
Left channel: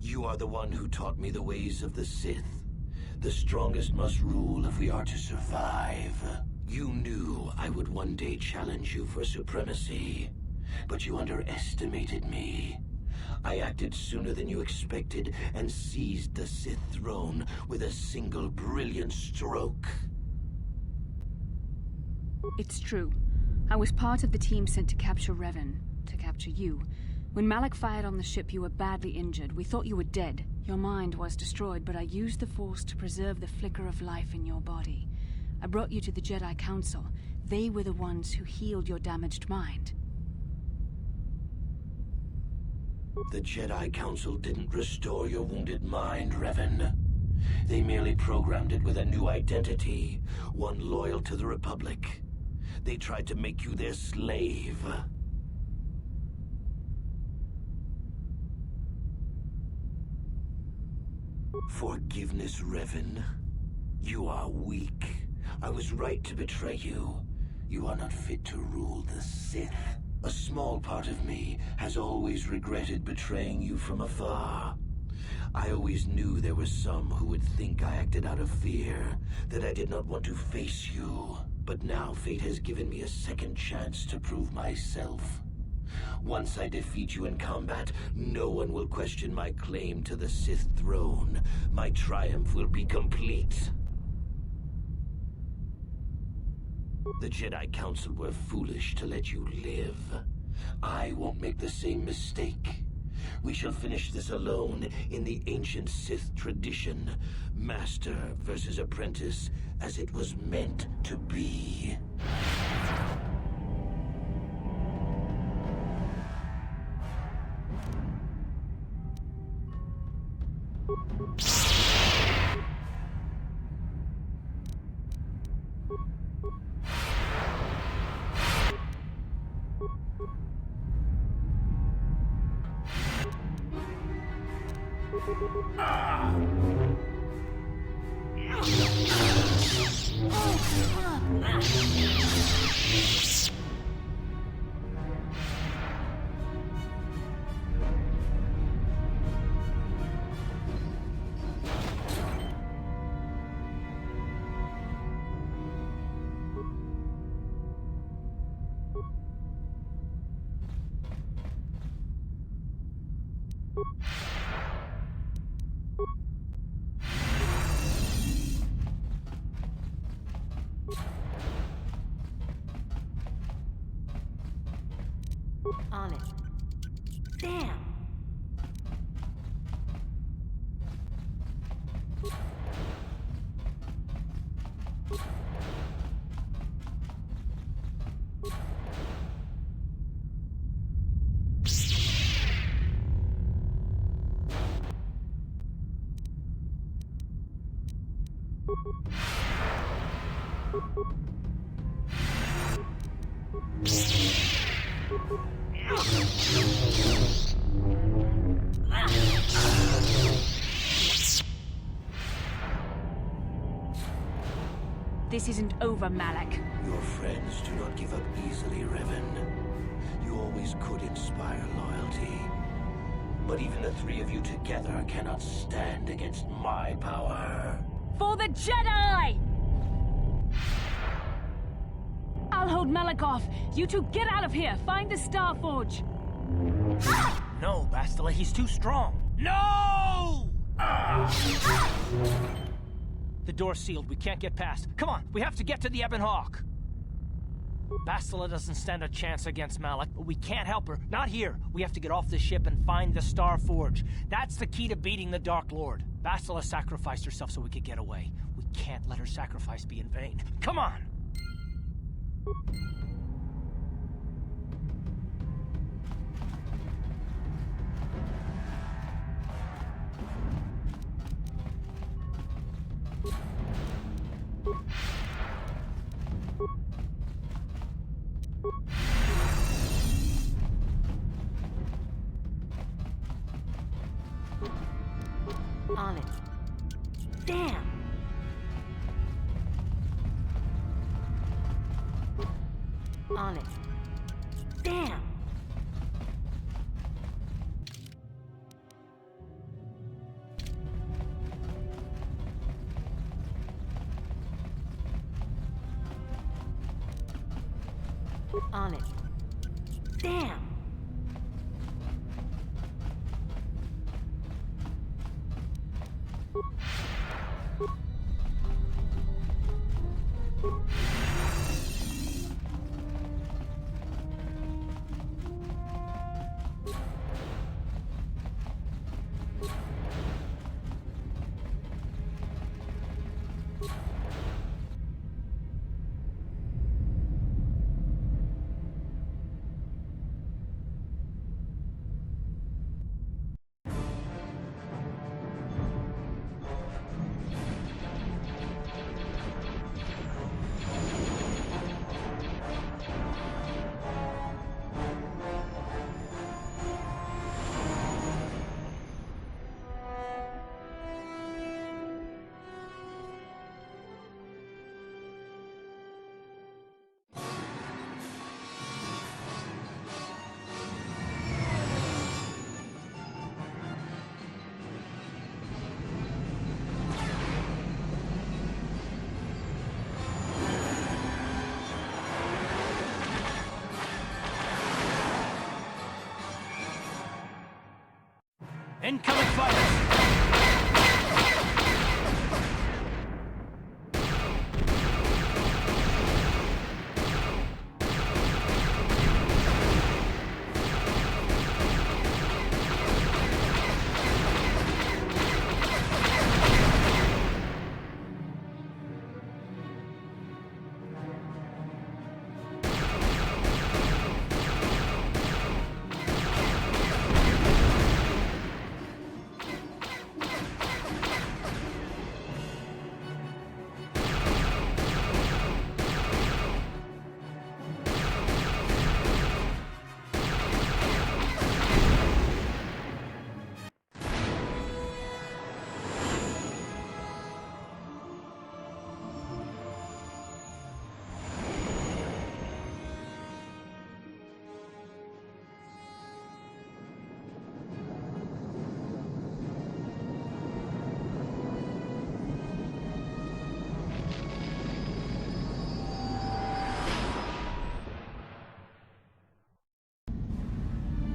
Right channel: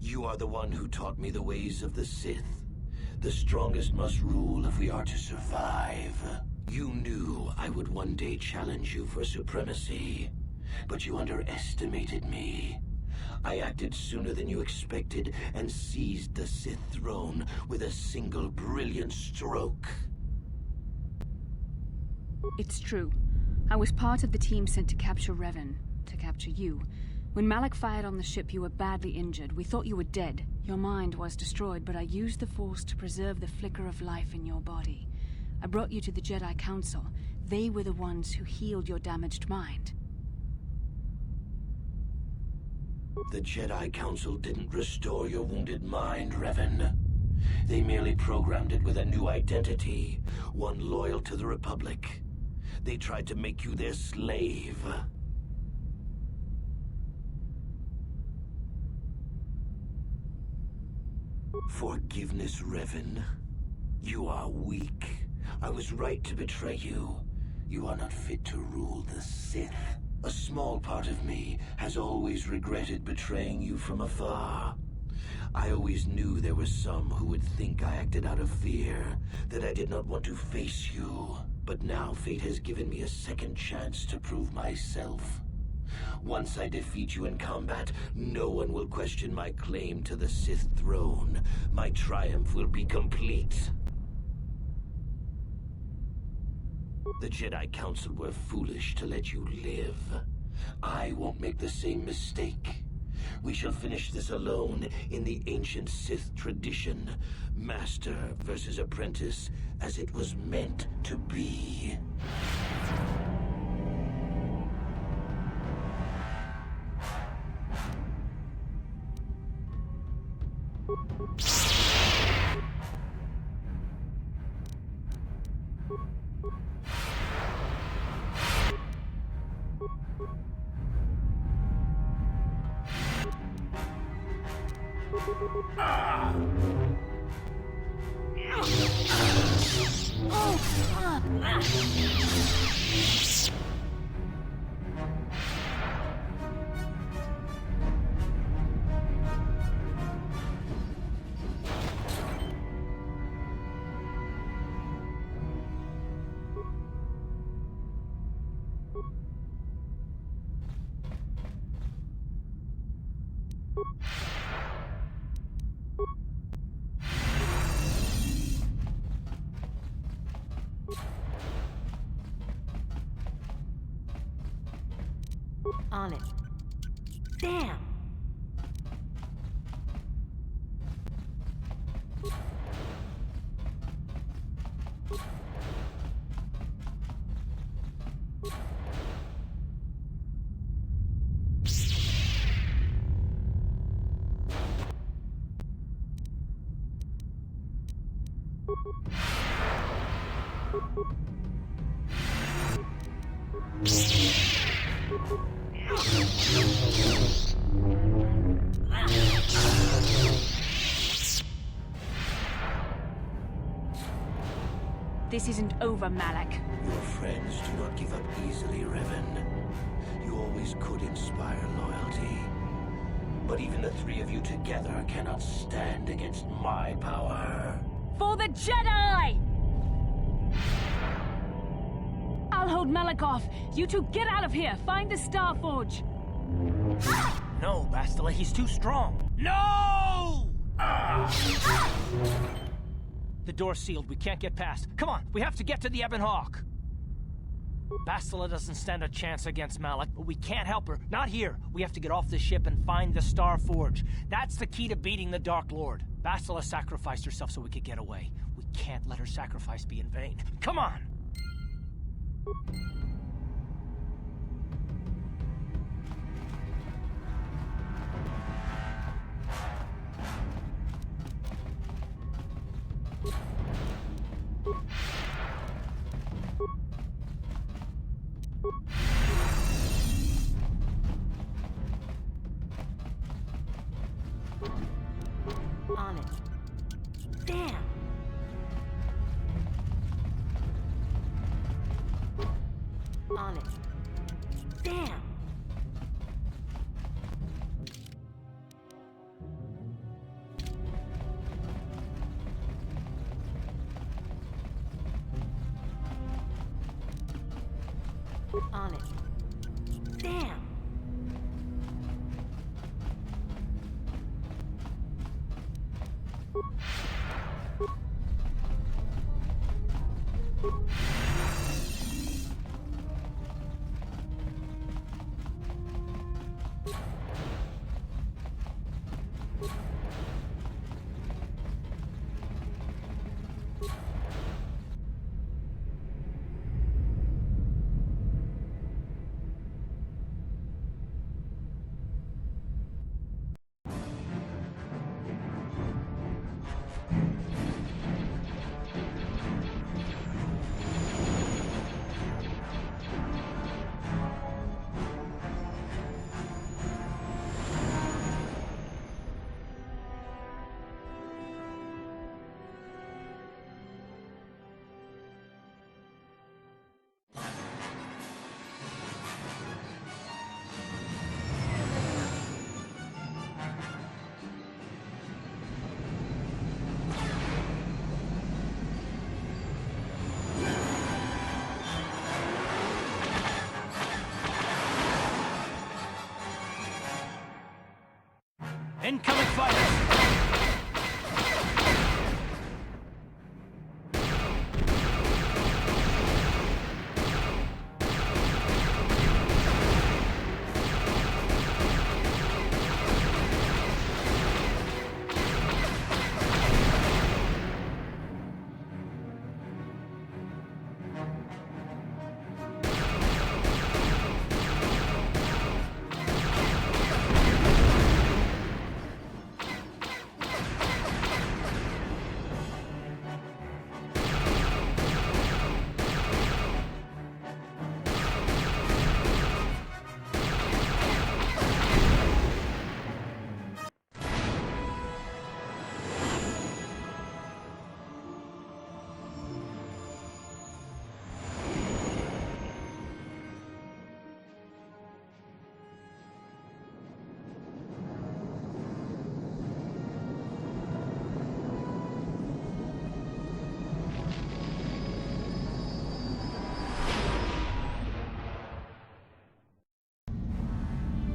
You are the one who taught me the ways of the Sith. The strongest must rule if we are to survive. You knew I would one day challenge you for supremacy, but you underestimated me. I acted sooner than you expected and seized the Sith throne with a single brilliant stroke. It's true. I was part of the team sent to capture Revan, to capture you. When Malak fired on the ship, you were badly injured. We thought you were dead. Your mind was destroyed, but I used the Force to preserve the flicker of life in your body. I brought you to the Jedi Council. They were the ones who healed your damaged mind. The Jedi Council didn't restore your wounded mind, Revan. They merely programmed it with a new identity, one loyal to the Republic. They tried to make you their slave. Forgiveness, Revan. You are weak. I was right to betray you. You are not fit to rule the Sith. A small part of me has always regretted betraying you from afar. I always knew there were some who would think I acted out of fear, that I did not want to face you. But now fate has given me a second chance to prove myself. Once I defeat you in combat, no one will question my claim to the Sith throne. My triumph will be complete. The Jedi Council were foolish to let you live. I won't make the same mistake. We shall finish this alone in the ancient Sith tradition. Master versus apprentice, as it was meant to be. On it. Damn! This isn't over, Malak. Your friends do not give up easily, Revan. You always could inspire loyalty. But even the three of you together cannot stand against my power. For the Jedi! I'll hold Malak off. You two get out of here. Find the Star Forge. No, Bastila, he's too strong. No! The door's sealed. We can't get past. Come on, we have to get to the Ebon Hawk. Bastila doesn't stand a chance against Malak, but we can't help her. Not here. We have to get off the ship and find the Star Forge. That's the key to beating the Dark Lord. Bastila sacrificed herself so we could get away. We can't let her sacrifice be in vain. Come on! On it. Damn! On it. Damn! On it. Damn! Incoming fighters!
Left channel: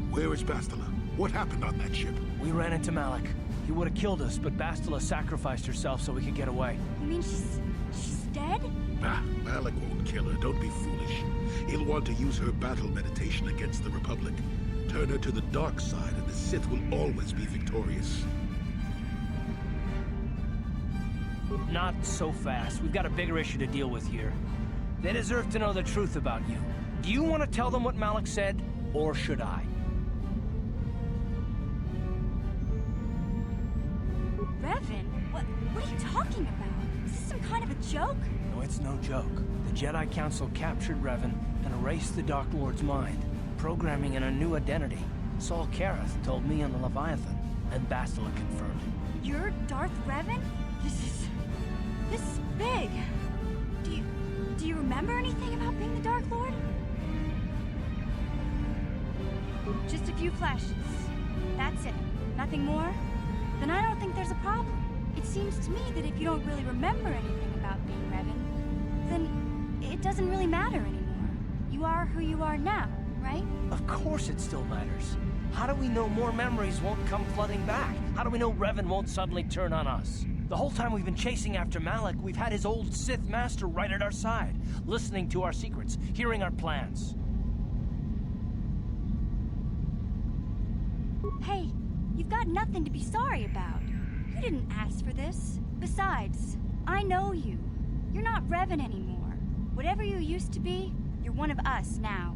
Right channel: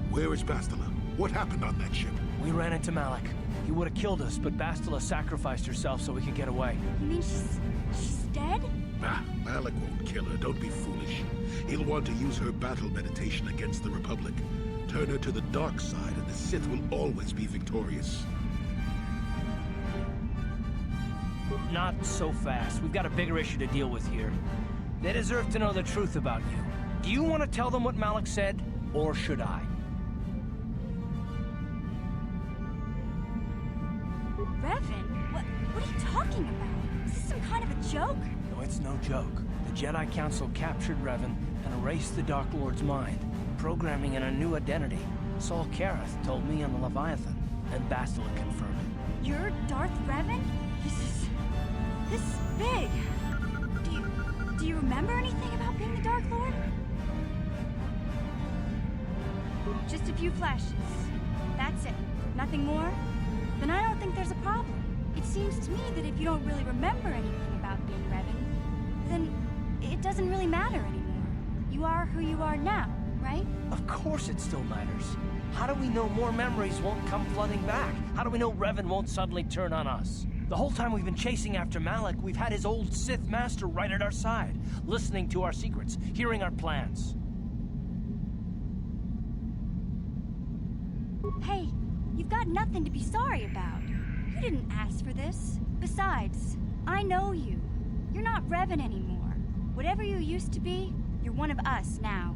Where is Bastila? What happened on that ship? We ran into Malak. He would have killed us, but Bastila sacrificed herself so we could get away. You mean she's dead? Ah, Malak won't kill her. Don't be foolish. He'll want to use her battle meditation against the Republic. Turn her to the dark side, and the Sith will always be victorious. Not so fast. We've got a bigger issue to deal with here. They deserve to know the truth about you. Do you want to tell them what Malak said, or should I? Revan? What are you talking about? Is this some kind of a joke? No, it's no joke. The Jedi Council captured Revan and erased the Dark Lord's mind. programming in a new identity. Saul Kareth told me on the Leviathan, and Bastila confirmed it. You're Darth Revan? This is big. Do you remember anything about being the Dark Lord? Just a few flashes. That's it. Nothing more? Then I don't think there's a problem. It seems to me that if you don't really remember anything about being Revan, then it doesn't really matter anymore. You are who you are now, right? Of course it still matters. How do we know more memories won't come flooding back? How do we know Revan won't suddenly turn on us? The whole time we've been chasing after Malak, we've had his old Sith master right at our side, listening to our secrets, hearing our plans. Hey, you've got nothing to be sorry about. You didn't ask for this. Besides, I know you. You're not Revan anymore. Whatever you used to be, you're one of us now.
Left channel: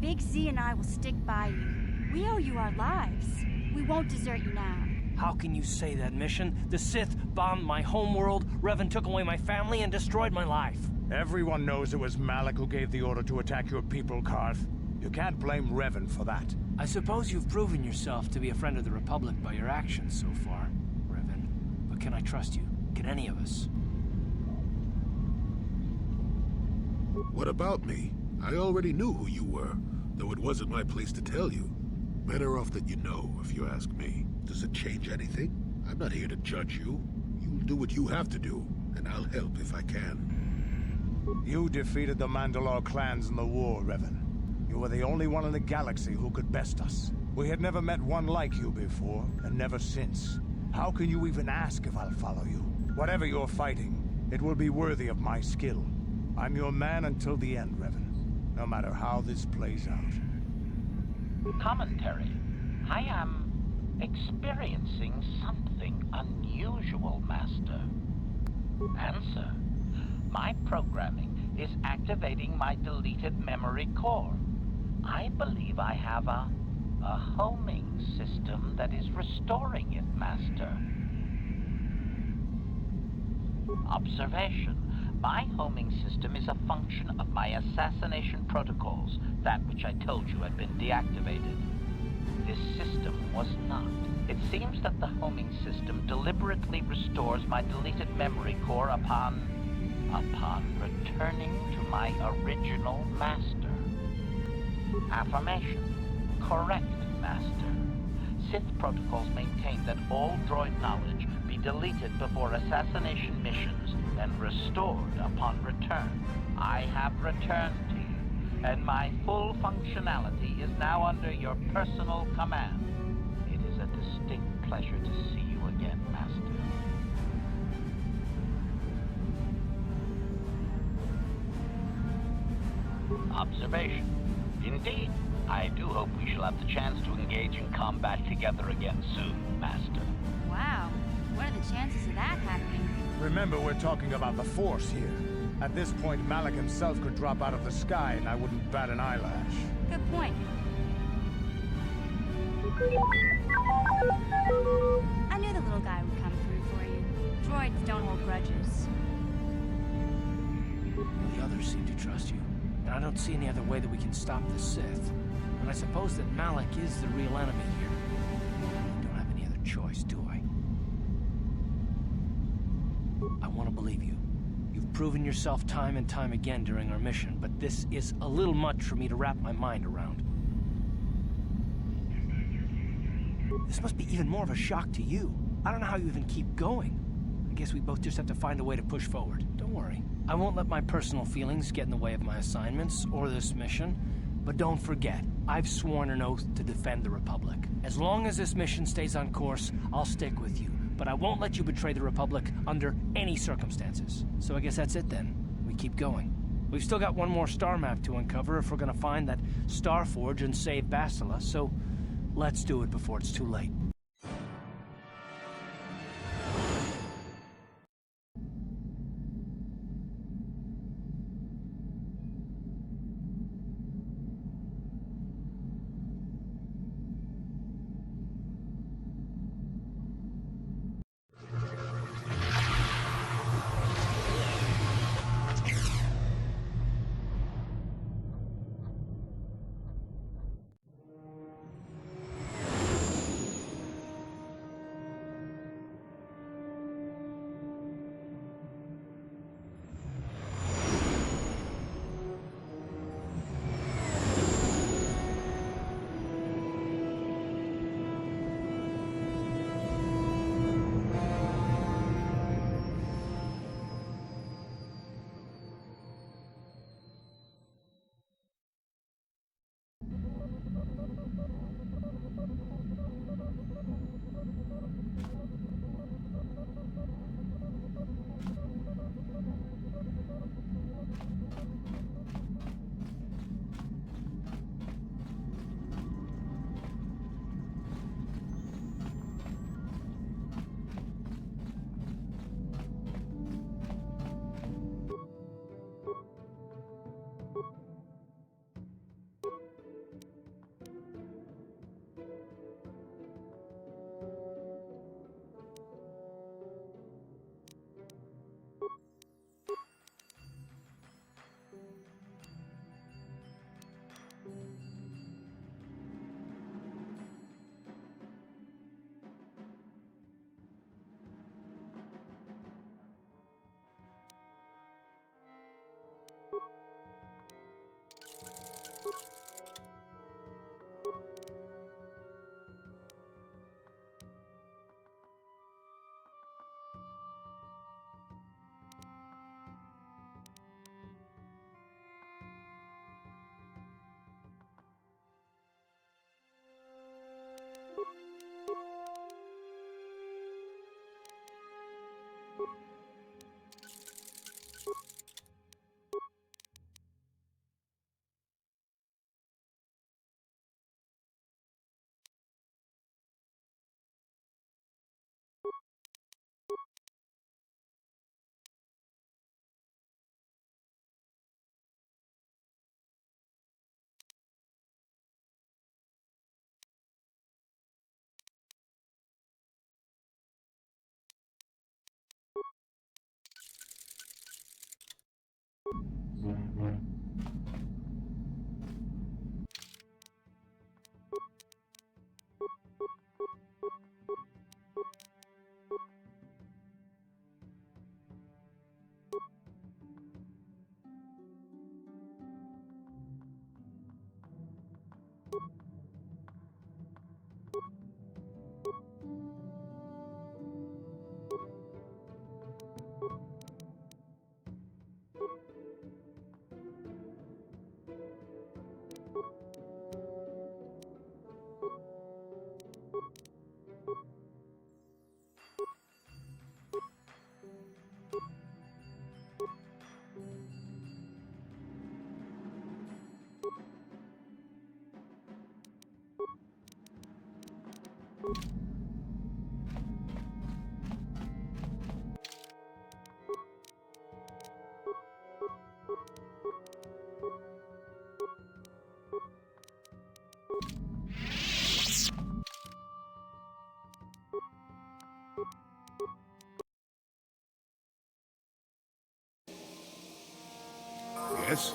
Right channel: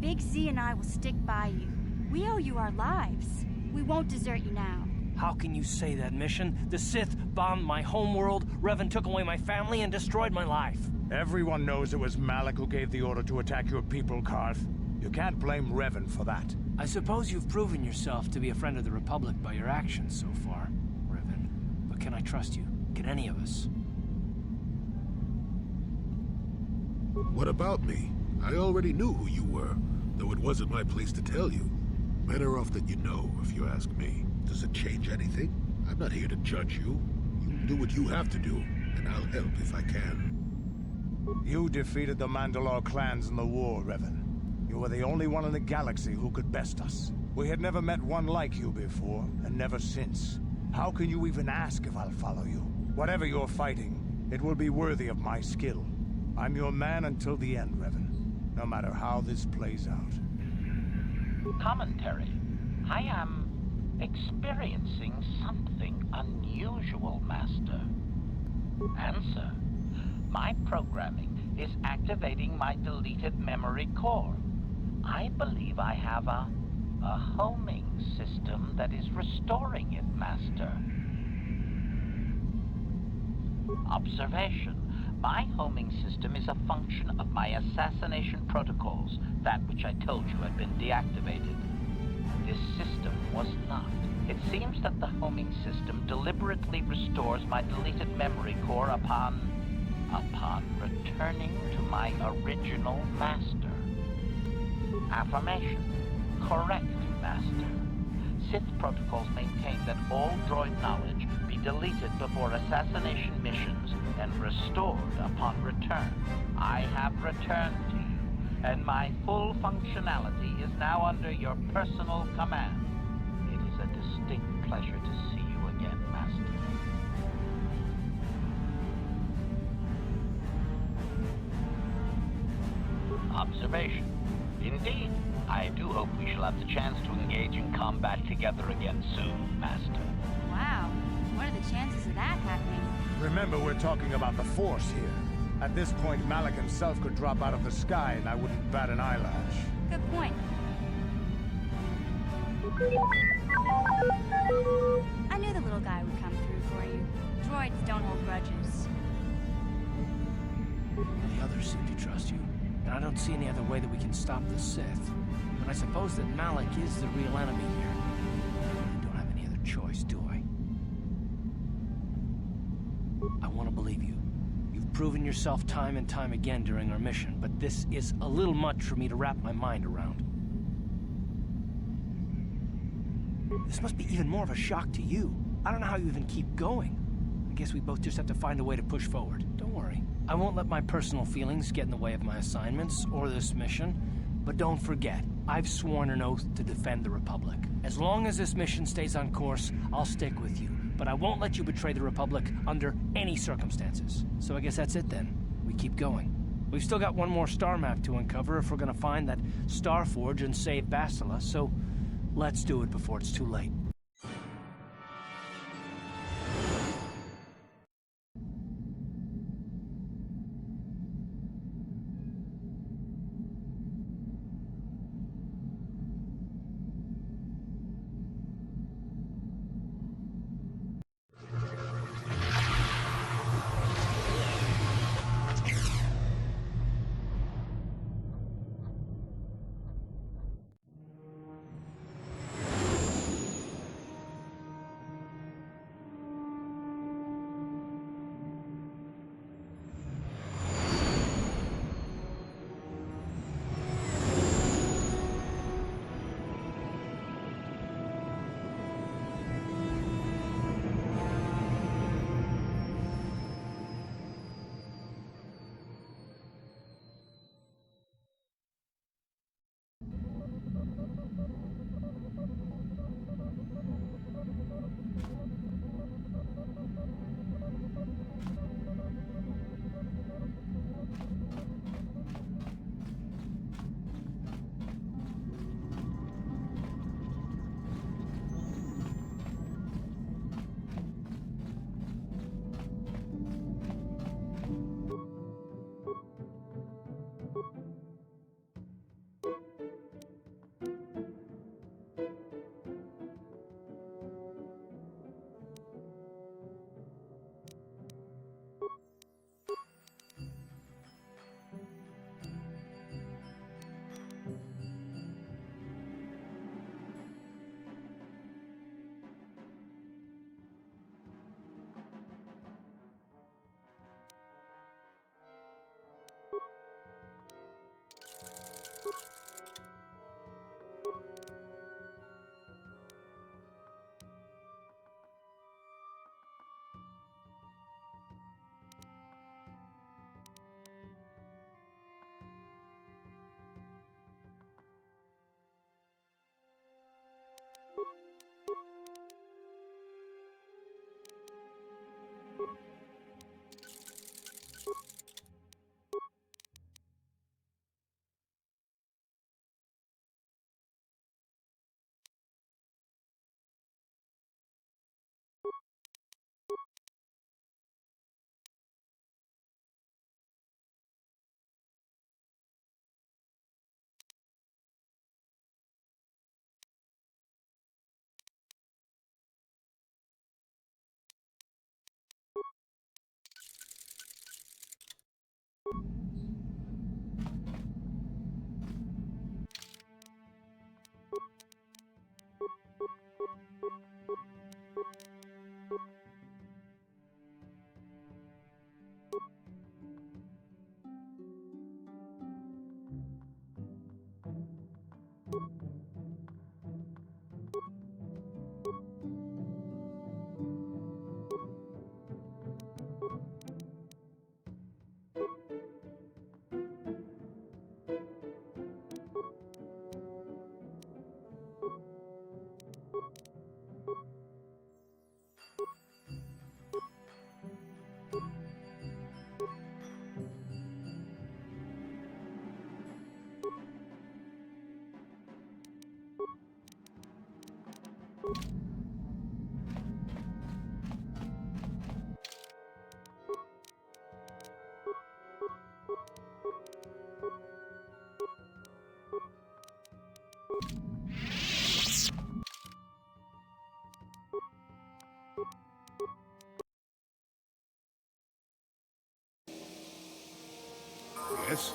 Big Z and I will stick by you. We owe you our lives. We won't desert you now. How can you say that, Mission? The Sith bombed my homeworld, Revan took away my family, and destroyed my life. Everyone knows it was Malak who gave the order to attack your people, Karth. You can't blame Revan for that. I suppose you've proven yourself to be a friend of the Republic by your actions so far, Revan. But can I trust you? Can any of us? What about me? I already knew who you were, though it wasn't my place to tell you. Better off that you know, if you ask me. Does it change anything? I'm not here to judge you. You'll do what you have to do, and I'll help if I can. You defeated the Mandalore clans in the war, Revan. You were the only one in the galaxy who could best us. We had never met one like you before, and never since. How can you even ask if I'll follow you? Whatever you're fighting, it will be worthy of my skill. I'm your man until the end, Revan. No matter how this plays out. Commentary. I am experiencing something unusual, Master. Answer. My programming is activating my deleted memory core. I believe I have a homing system that is restoring it, Master. Observation. My homing system is a function of my assassination protocols, that which I told you had been deactivated. This system was not. It seems that the homing system deliberately restores my deleted memory core upon returning to my original master. Affirmation. Correct, Master. Sith protocols maintain that all droid knowledge be deleted before assassination missions and restored upon return. I have returned to you, and my full functionality is now under your personal command. It is a distinct pleasure to see you again, Master. Observation. Indeed, I do hope we shall have the chance to engage in combat together again soon, Master. Wow. What are the chances of that happening? Remember, we're talking about the Force here. At this point, Malak himself could drop out of the sky and I wouldn't bat an eyelash. Good point. I knew the little guy would come through for you. Droids don't hold grudges. Well, the others seem to trust you. And I don't see any other way that we can stop the Sith. And I suppose that Malak is the real enemy here. I really don't have any other choice, do I? I want to believe you. You've proven yourself time and time again during our mission, but this is a little much for me to wrap my mind around. This must be even more of a shock to you. I don't know how you even keep going. I guess we both just have to find a way to push forward. Don't worry. I won't let my personal feelings get in the way of my assignments or this mission. But don't forget, I've sworn an oath to defend the Republic. As long as this mission stays on course, I'll stick with you. But I won't let you betray the Republic under any circumstances. So I guess that's it then. We keep going. We've still got one more star map to uncover if we're gonna find that Star Forge and save Bastila, so let's do it before it's too late. Yes?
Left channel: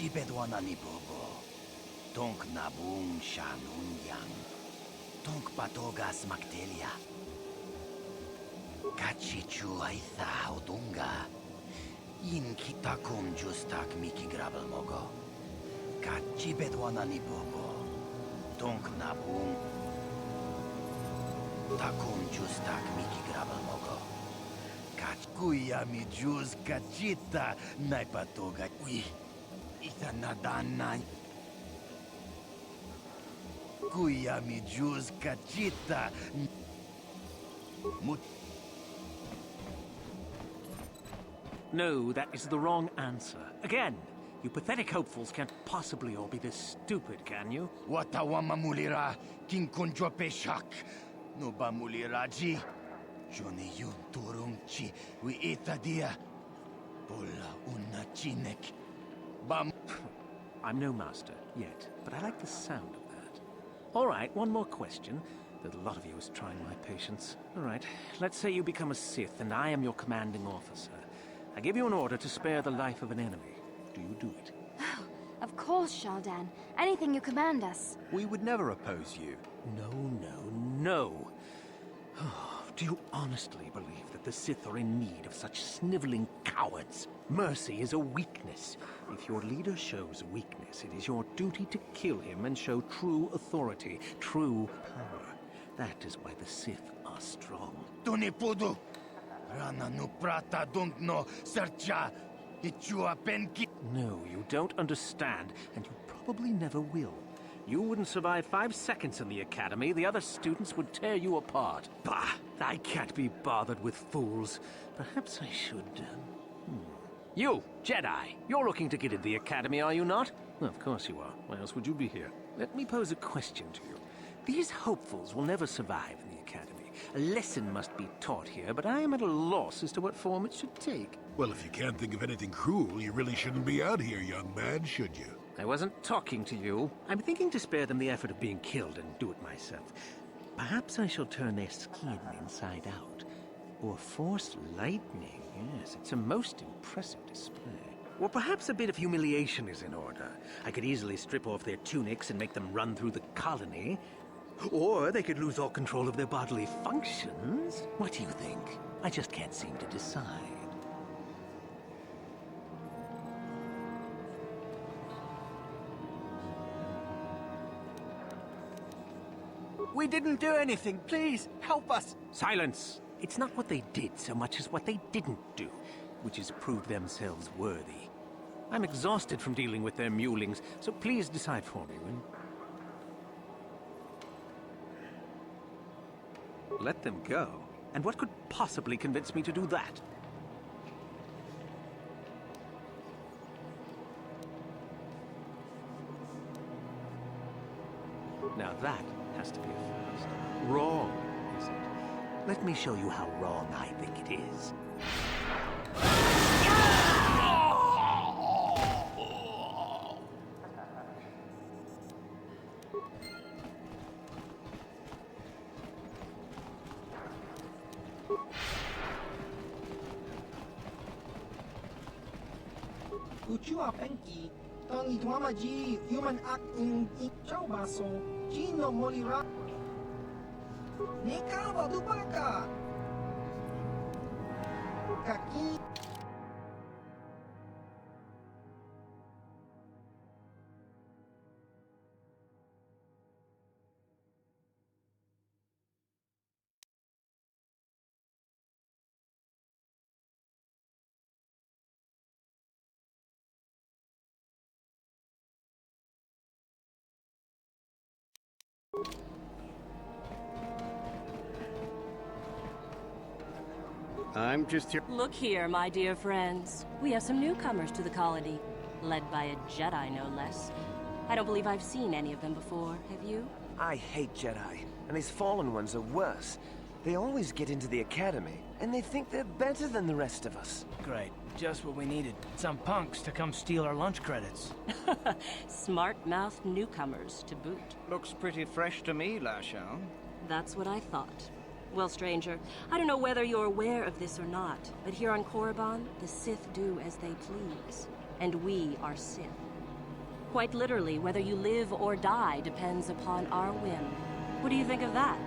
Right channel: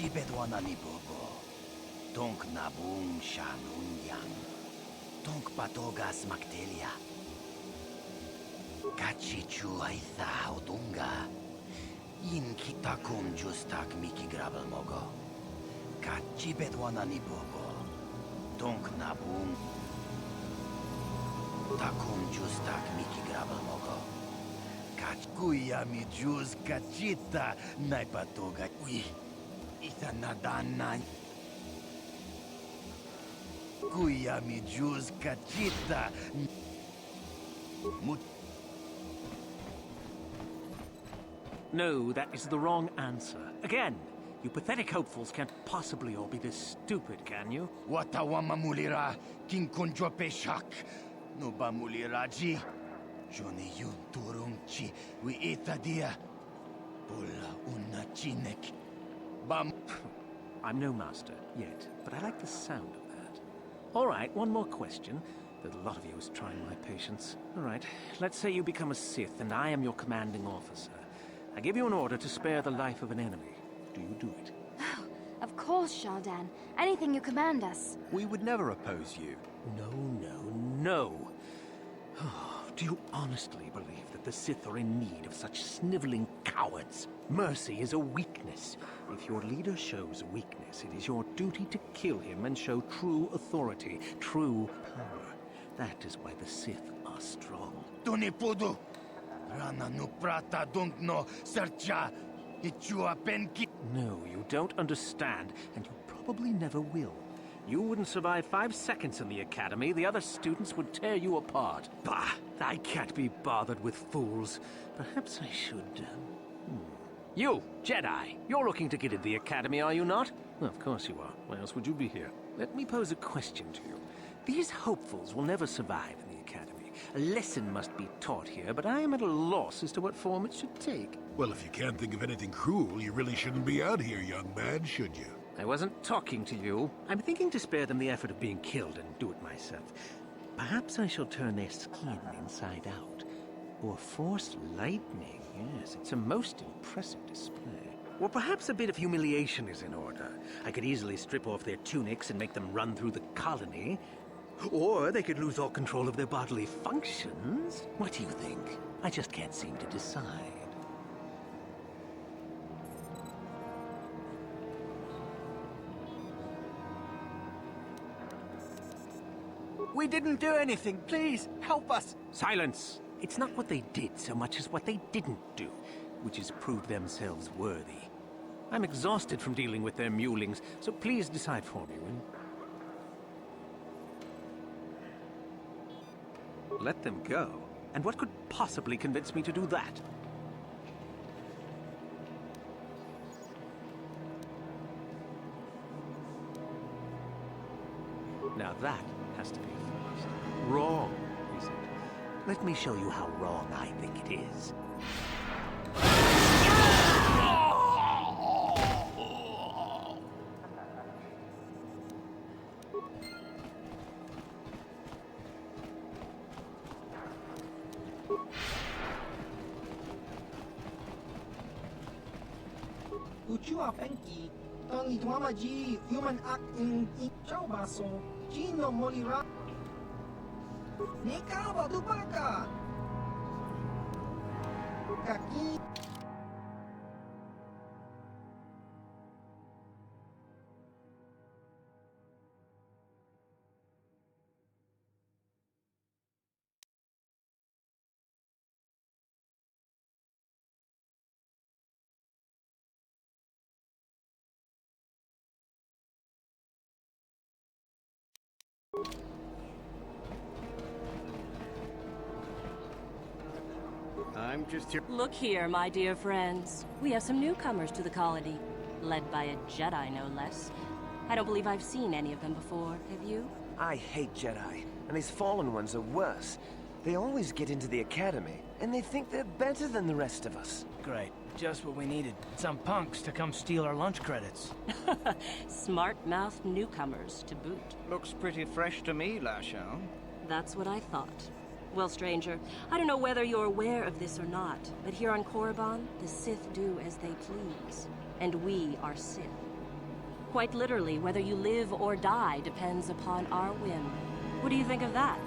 Chibedwana ni bobo. Tonk nabung shanun yang. Tonk patogas maktelia. Kachichu aitha odunga. In kitakum justak miki grabel mogo. Kachibedwana ni bobo. Tonk nabung. Takum justak miki grabel mogo. Kuya mi juz kachita naipatoga. Ui. Ita nadana. Kuya mi juz kachita. No, that is the wrong answer. Again, you pathetic hopefuls can't possibly all be this stupid, can you? Watawama mulira kinkunjo peshak. No ba muliraji. Johnny yun turung chi wi itadia. Pola una chinek. Bam. I'm no master, yet, but I like the sound of that. All right, one more question. That a lot of you is trying my patience. All right, let's say you become a Sith, and I am your commanding officer. I give you an order to spare the life of an enemy. Do you do it? Of course, Shaldan. Anything you command us. We would never oppose you. No. Do you honestly believe that the Sith are in need of such sniveling cowards? Mercy is a weakness. If your leader shows weakness, it is your duty to kill him and show true authority, true power. That is why the Sith are strong. Tunipudu! Rana no prata don't no sercha. Ichua penki. No, you don't understand, and you probably never will. You wouldn't survive 5 seconds in the academy. The other students would tear you apart. Bah! I can't be bothered with fools. Perhaps I should... You, Jedi! You're looking to get into the academy, are you not? Well, of course you are. Why else would you be here? Let me pose a question to you. These hopefuls will never survive in the academy. A lesson must be taught here, but I am at a loss as to what form it should take. Well, if you can't think of anything cruel, you really shouldn't be out here, young man, should you? I wasn't talking to you. I'm thinking to spare them the effort of being killed and do it myself. Perhaps I shall turn their skin inside out. Or force lightning. Yes, it's a most impressive display. Or perhaps a bit of humiliation is in order. I could easily strip off their tunics and make them run through the colony. Or they could lose all control of their bodily functions. What do you think? I just can't seem to decide. We didn't do anything. Please, help us. Silence! It's not what they did so much as what they didn't do, which is prove themselves worthy. I'm exhausted from dealing with their mulings, so please decide for me, will you? Let them go? And what could possibly convince me to do that? Now that has to be a first. Wrong, is it? Let me show you how wrong I think it is. Uchua penki. Tony tuama ji human act in chau baso. Gino molira. Nekava dubaka. Kaki. I'm just here. Look here, my dear friends. We have some newcomers to the colony, led by a Jedi, no less. I don't believe I've seen any of them before, have you? I hate Jedi, and these fallen ones are worse. They always get into the academy, and they think they're better than the rest of us. Great. Just what we needed. Some punks to come steal our lunch credits. Smart-mouthed newcomers, to boot. Looks pretty fresh to me, Lashao. That's what I thought. Well, stranger, I don't know whether you're aware of this or not, but here on Korriban, the Sith do as they please. And we are Sith. Quite literally, whether you live or die depends upon our whim. What do you think of that?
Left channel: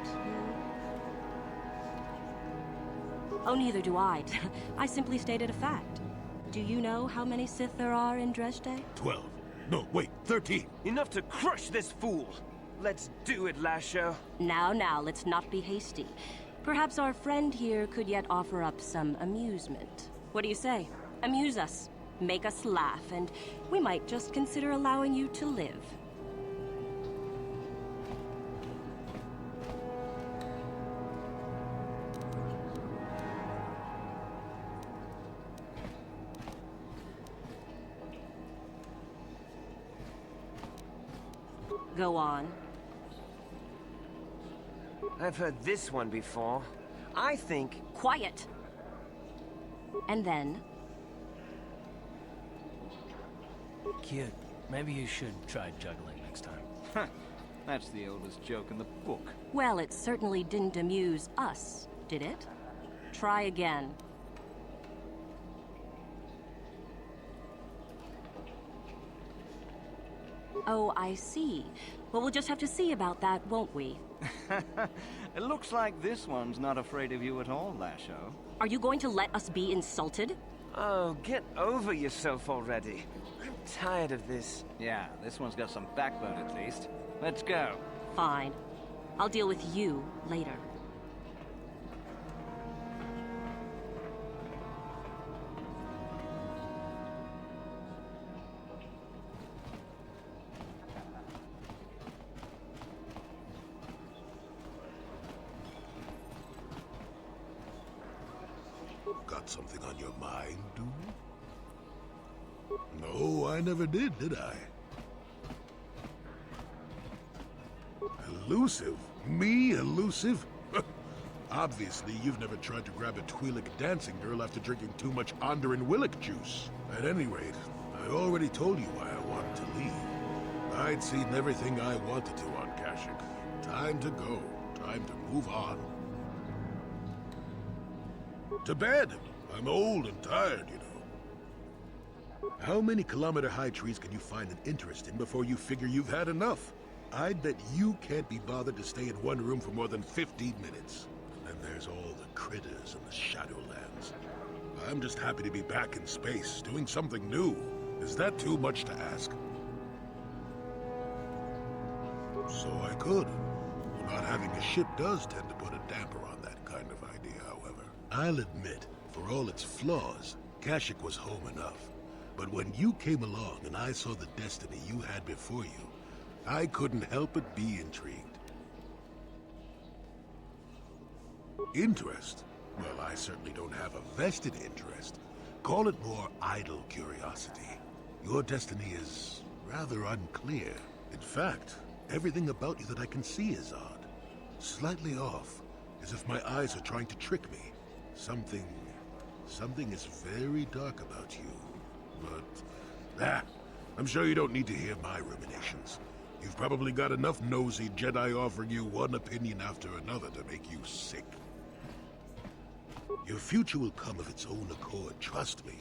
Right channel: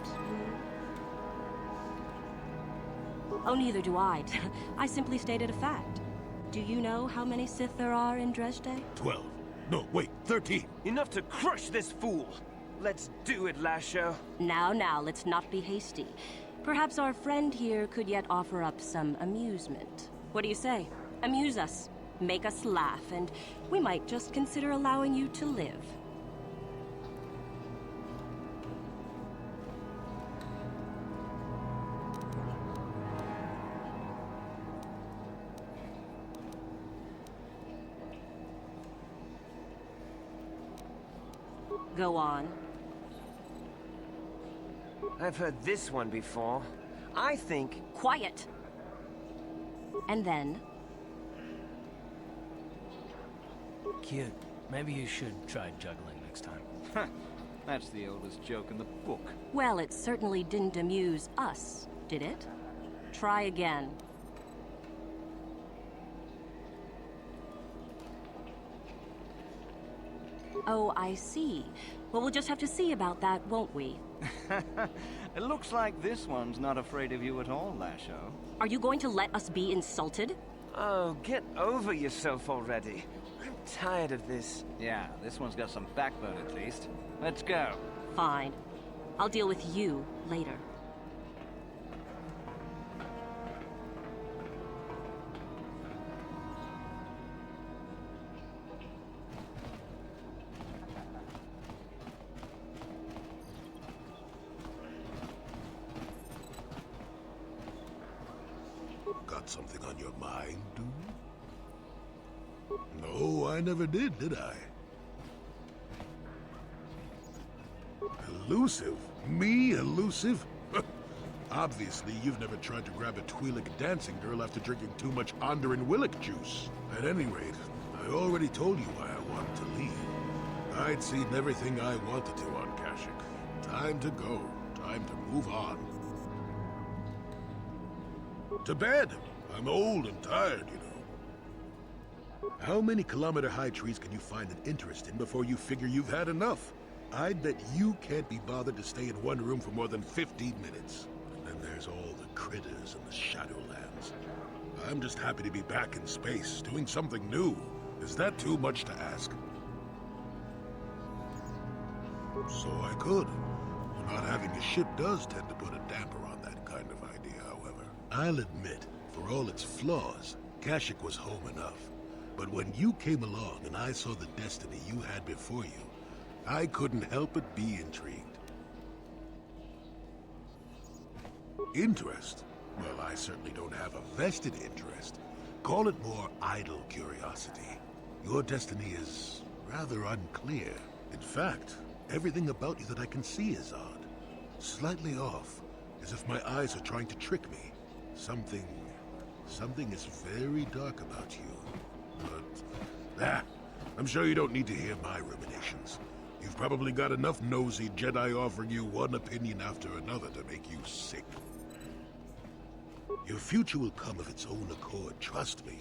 Oh, neither do I. I simply stated a fact. Do you know how many Sith there are in Dresde? 12. No, wait, 13. Enough to crush this fool! Let's do it, Lasho. Now, let's not be hasty. Perhaps our friend here could yet offer up some amusement. What do you say? Amuse us. Make us laugh, and we might just consider allowing you to live. Go on. I've heard this one before. I think... Quiet! And then... Cute. Maybe you should try juggling next time. That's the oldest joke in the book. Well, it certainly didn't amuse us, did it? Try again. Oh, I see. Well, we'll just have to see about that, won't we? It looks like this one's not afraid of you at all, Lasho. Are you going to let us be insulted? Oh, get over yourself already. I'm tired of this. Yeah, this one's got some backbone at least. Let's go. Fine. I'll deal with you later. Got something on your mind, dude? No, I never did I? Elusive? Me, elusive? Obviously, you've never tried to grab a Twi'lek dancing girl after drinking too much Onderan Willick juice. At any rate, I already told you why I wanted to leave. I'd seen everything I wanted to on Kashyyyk. Time to go. Time to move on. To bed! I'm old and tired, you know. How many kilometer-high trees can you find an interest in before you figure you've had enough? I'd bet you can't be bothered to stay in one room for more than 15 minutes. And then there's all the critters and the Shadowlands. I'm just happy to be back in space, doing something new. Is that too much to ask? So I could. Not having a ship does tend to put a damper on that kind of idea, however. I'll admit, for all its flaws, Kashyyyk was home enough. But when you came along and I saw the destiny you had before you, I couldn't help but be intrigued. Interest? Well, I certainly don't have a vested interest. Call it more idle curiosity. Your destiny is rather unclear. In fact, everything about you that I can see is odd. Slightly off, as if my eyes are trying to trick me. Something is very dark about you. But, I'm sure you don't need to hear my ruminations. You've probably got enough nosy Jedi offering you one opinion after another to make you sick. Your future will come of its own accord, trust me.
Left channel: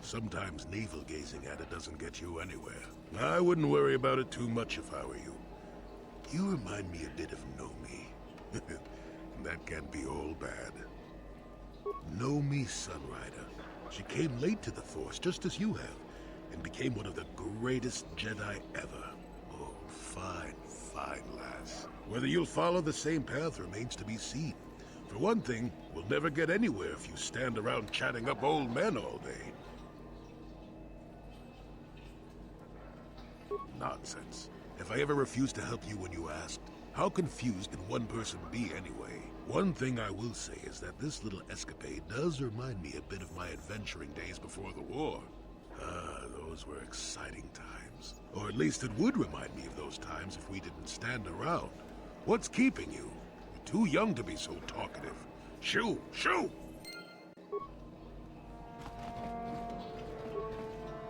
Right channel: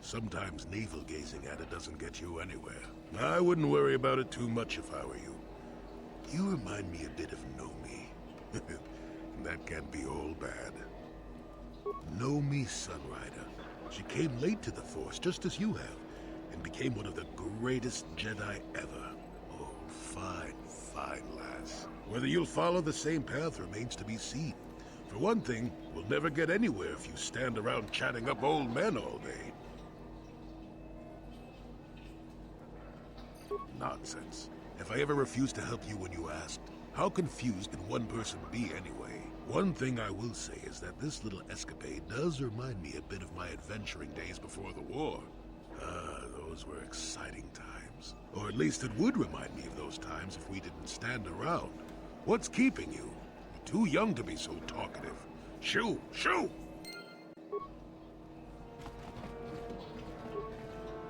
Sometimes navel-gazing at it doesn't get you anywhere. I wouldn't worry about it too much if I were you. You remind me a bit of Nomi. That can't be all bad. Nomi Sunrider. She came late to the Force, just as you have, and became one of the greatest Jedi ever. Oh, fine, fine lass. Whether you'll follow the same path remains to be seen. For one thing, we'll never get anywhere if you stand around chatting up old men all day. Nonsense. If I ever refused to help you when you asked, how confused can one person be anyway? One thing I will say is that this little escapade does remind me a bit of my adventuring days before the war. Those were exciting times. Or at least it would remind me of those times if we didn't stand around. What's keeping you? You're too young to be so talkative. Shoo! Shoo!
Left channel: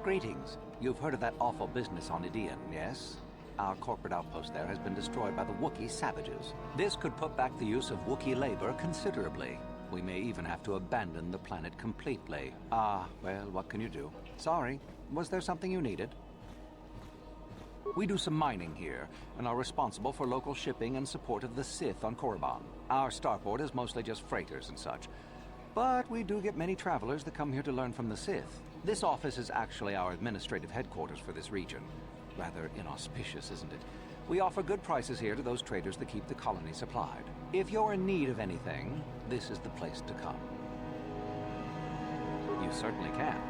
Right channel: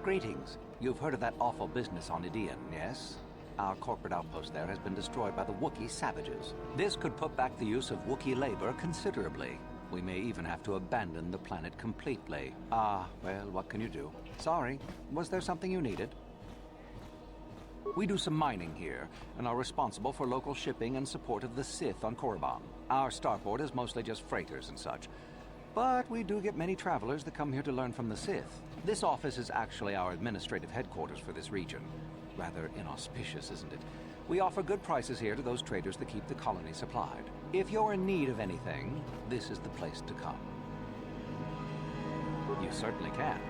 Greetings. You've heard of that awful business on Idian, yes? Our corporate outpost there has been destroyed by the Wookiee savages. This could put back the use of Wookiee labor considerably. We may even have to abandon the planet completely. Well, what can you do? Sorry. Was there something you needed? We do some mining here, and are responsible for local shipping and support of the Sith on Korriban. Our starport is mostly just freighters and such. But we do get many travelers that come here to learn from the Sith. This office is actually our administrative headquarters for this region. Rather inauspicious, isn't it? We offer good prices here to those traders that keep the colony supplied. If you're in need of anything, this is the place to come. You certainly can.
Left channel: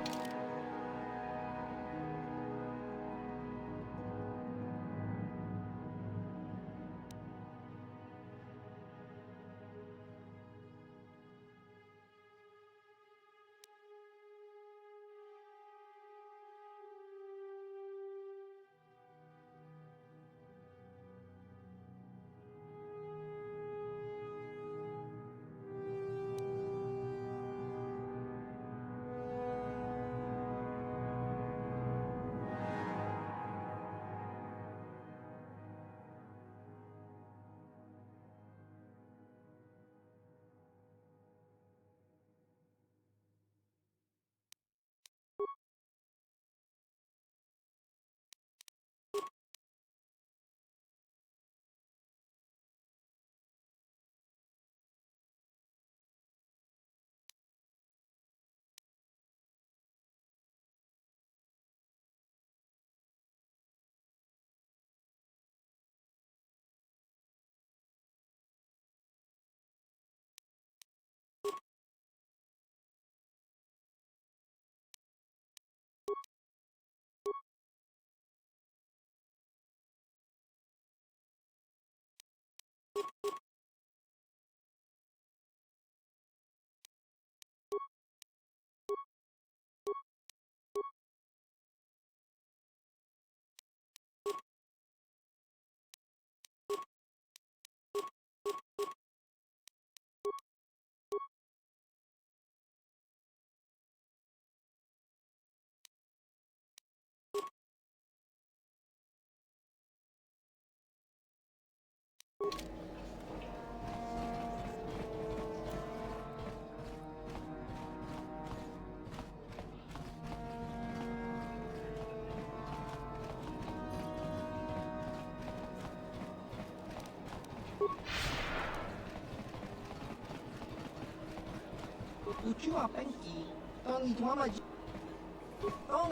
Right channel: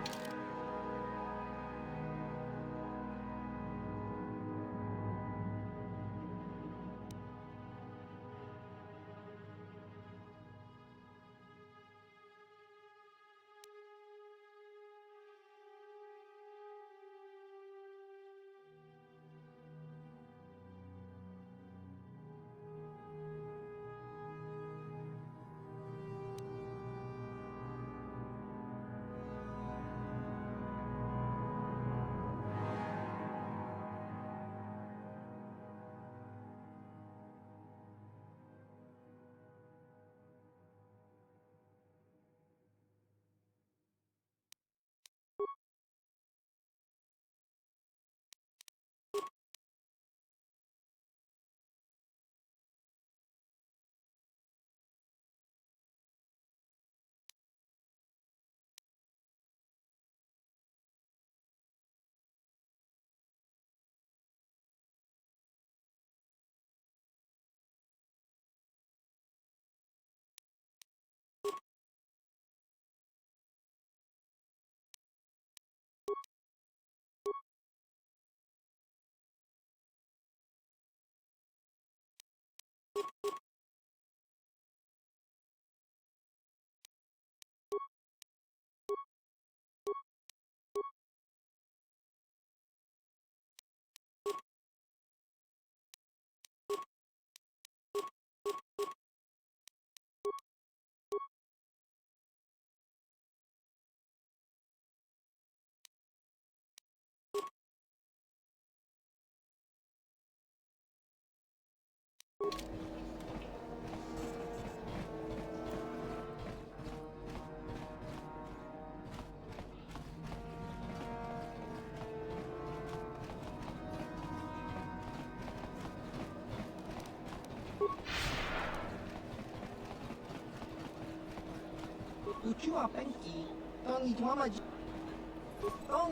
chua penki. Tong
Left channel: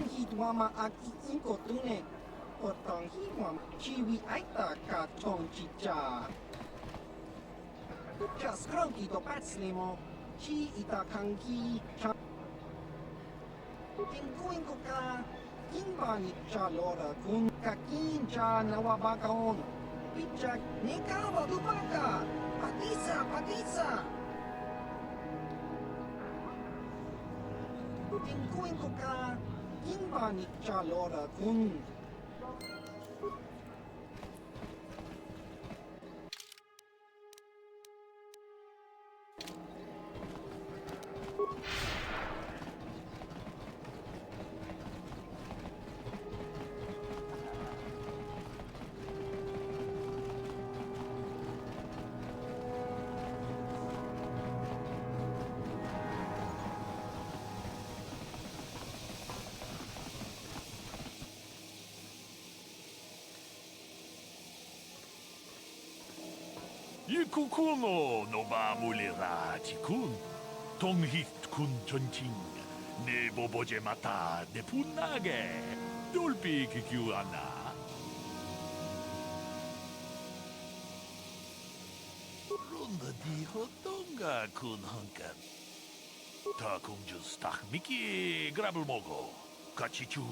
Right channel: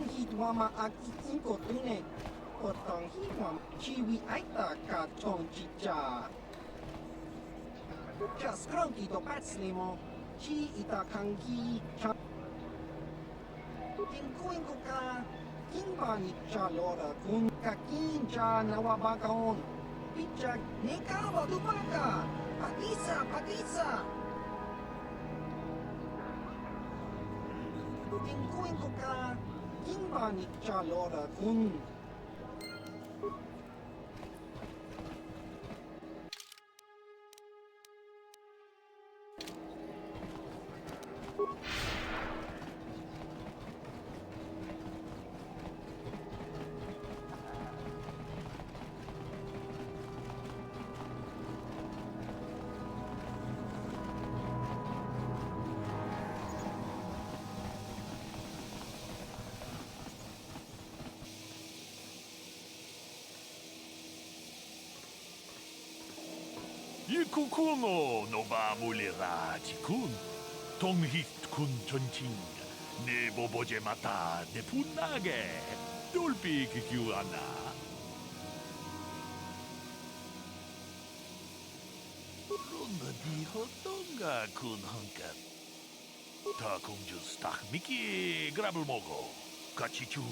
hituama ak inko tune. Potong hituama chiwi aita ka chong chicha. Just cronky to patslimo. Chi ita kanki. Inko ka. Kimbani cha lora kun kakin cha nawabakon. Pichak nikawa dubaka. Patisa. Inko ka. Kimbani cha lora kun. Ikukuno no ba mulera tikun. Tonghit kun chonching. Ne boboje mata de punage. Dolpi kikiuana. Ronda di hotonga kun hankan. Ta kunjus tak miki grabel mogo. Kachichu.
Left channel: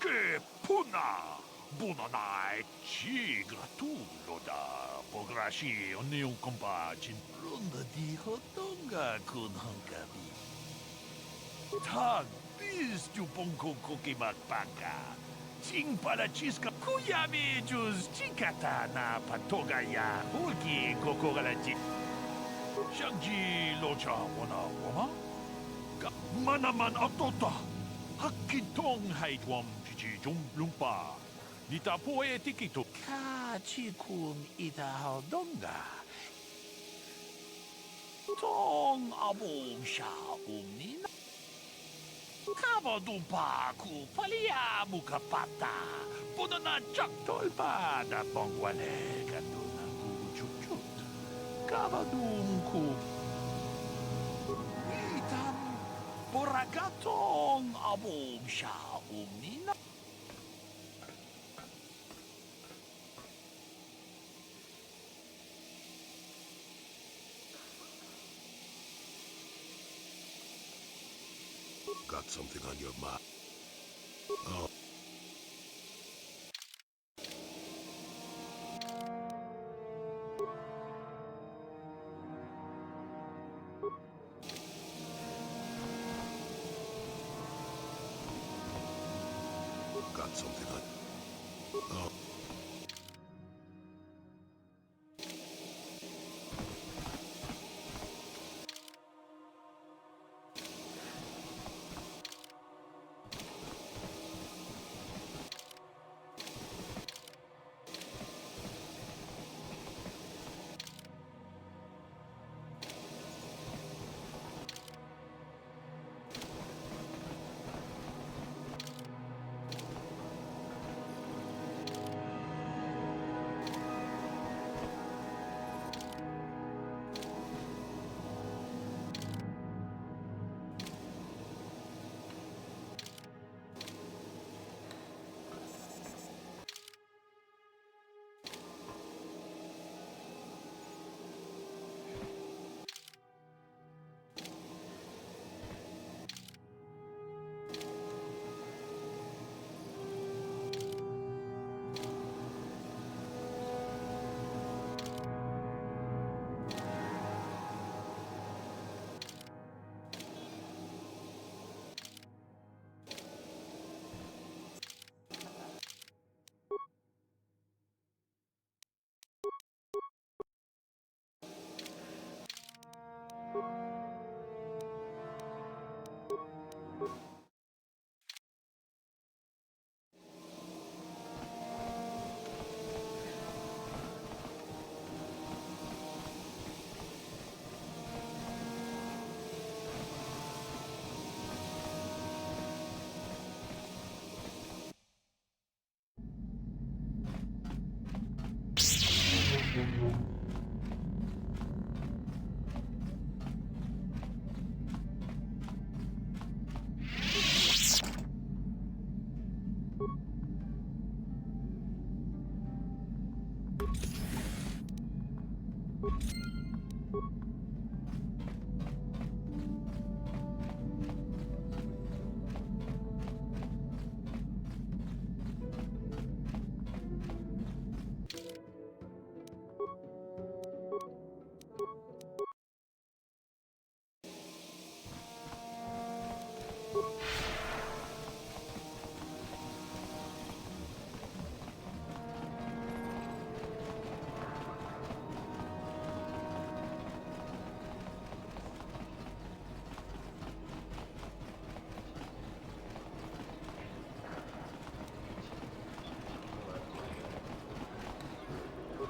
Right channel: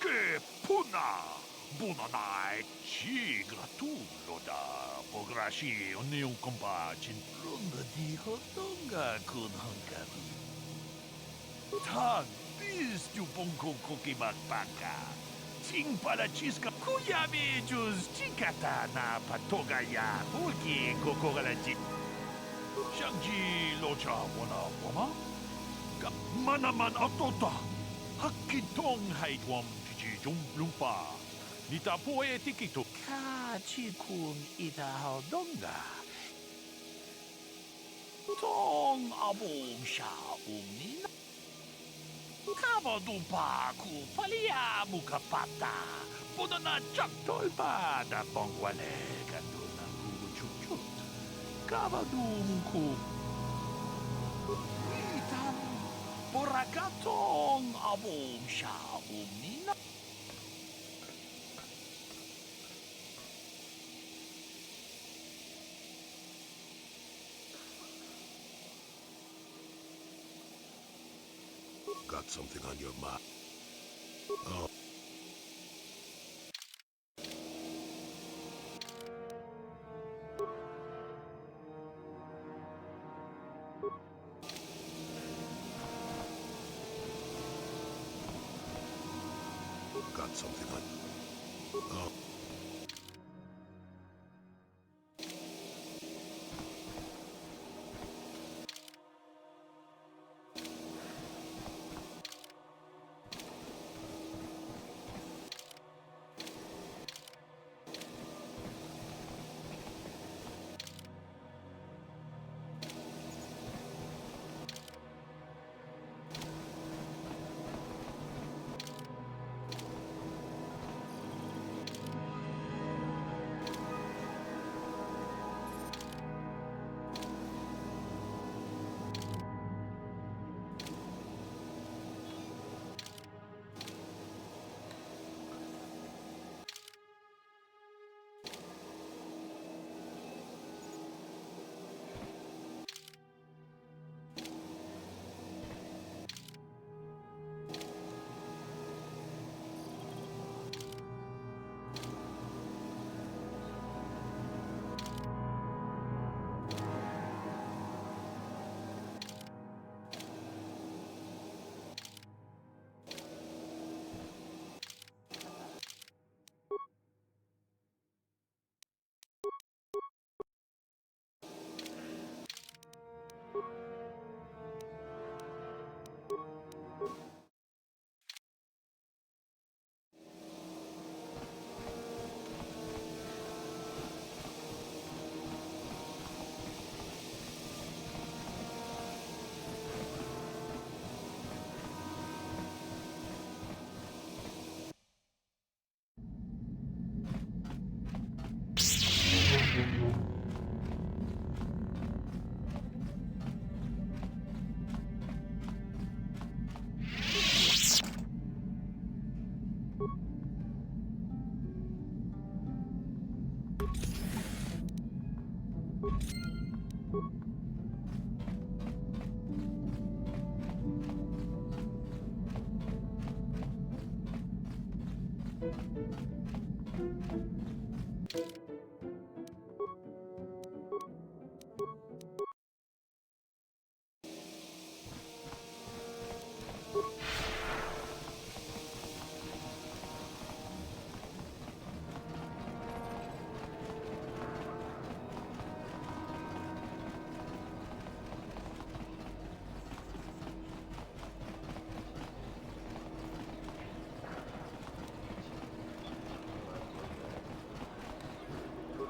Ke puna. Buonanai ci gratullo da pograshi ogni un compagin ronda di hotonga kun hankari. Tag bis tu bonko koki makpaka. Ting palachiska kuyami jus chikata na patogaya hulki kokogalaji. Shangji locha wana wama? Manaman atota. Hakitong haitwam chichi lumpa. Nita poe tikito. Kachikun ita hodonga. Tong abong sha umnina. Kabadumpa ku palia mukapata. Punana chak tolpa da bongwale katuna ku chuchut. Kabadum ku. Itam porakatong abong sha umnina. Got something on your mind? Oh. Got something on... Oh.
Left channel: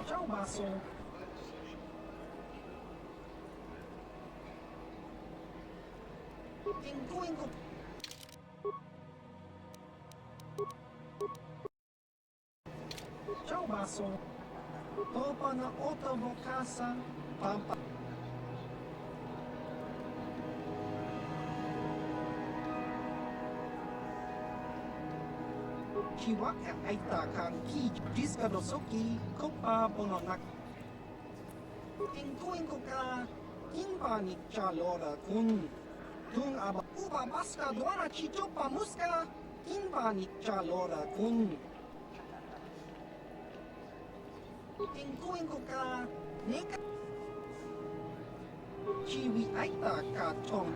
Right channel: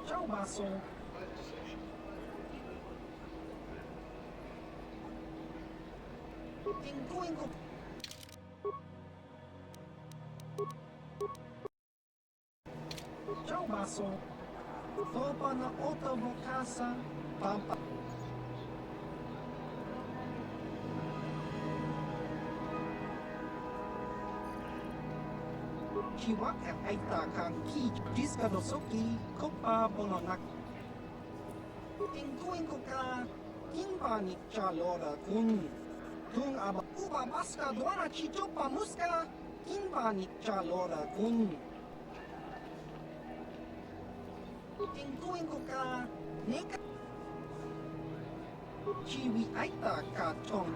Ciao basso. Inco. Ciao basso. Dopo na oto casa. Pampa. Chiwa aita kang ki jiska dosoki kopa bononak. Inko ka kimba ni chalora kun. Tung aba uba baska duana chichopa muska kimba ni chalora kun. Inko ka neka chiwi aita ka chong.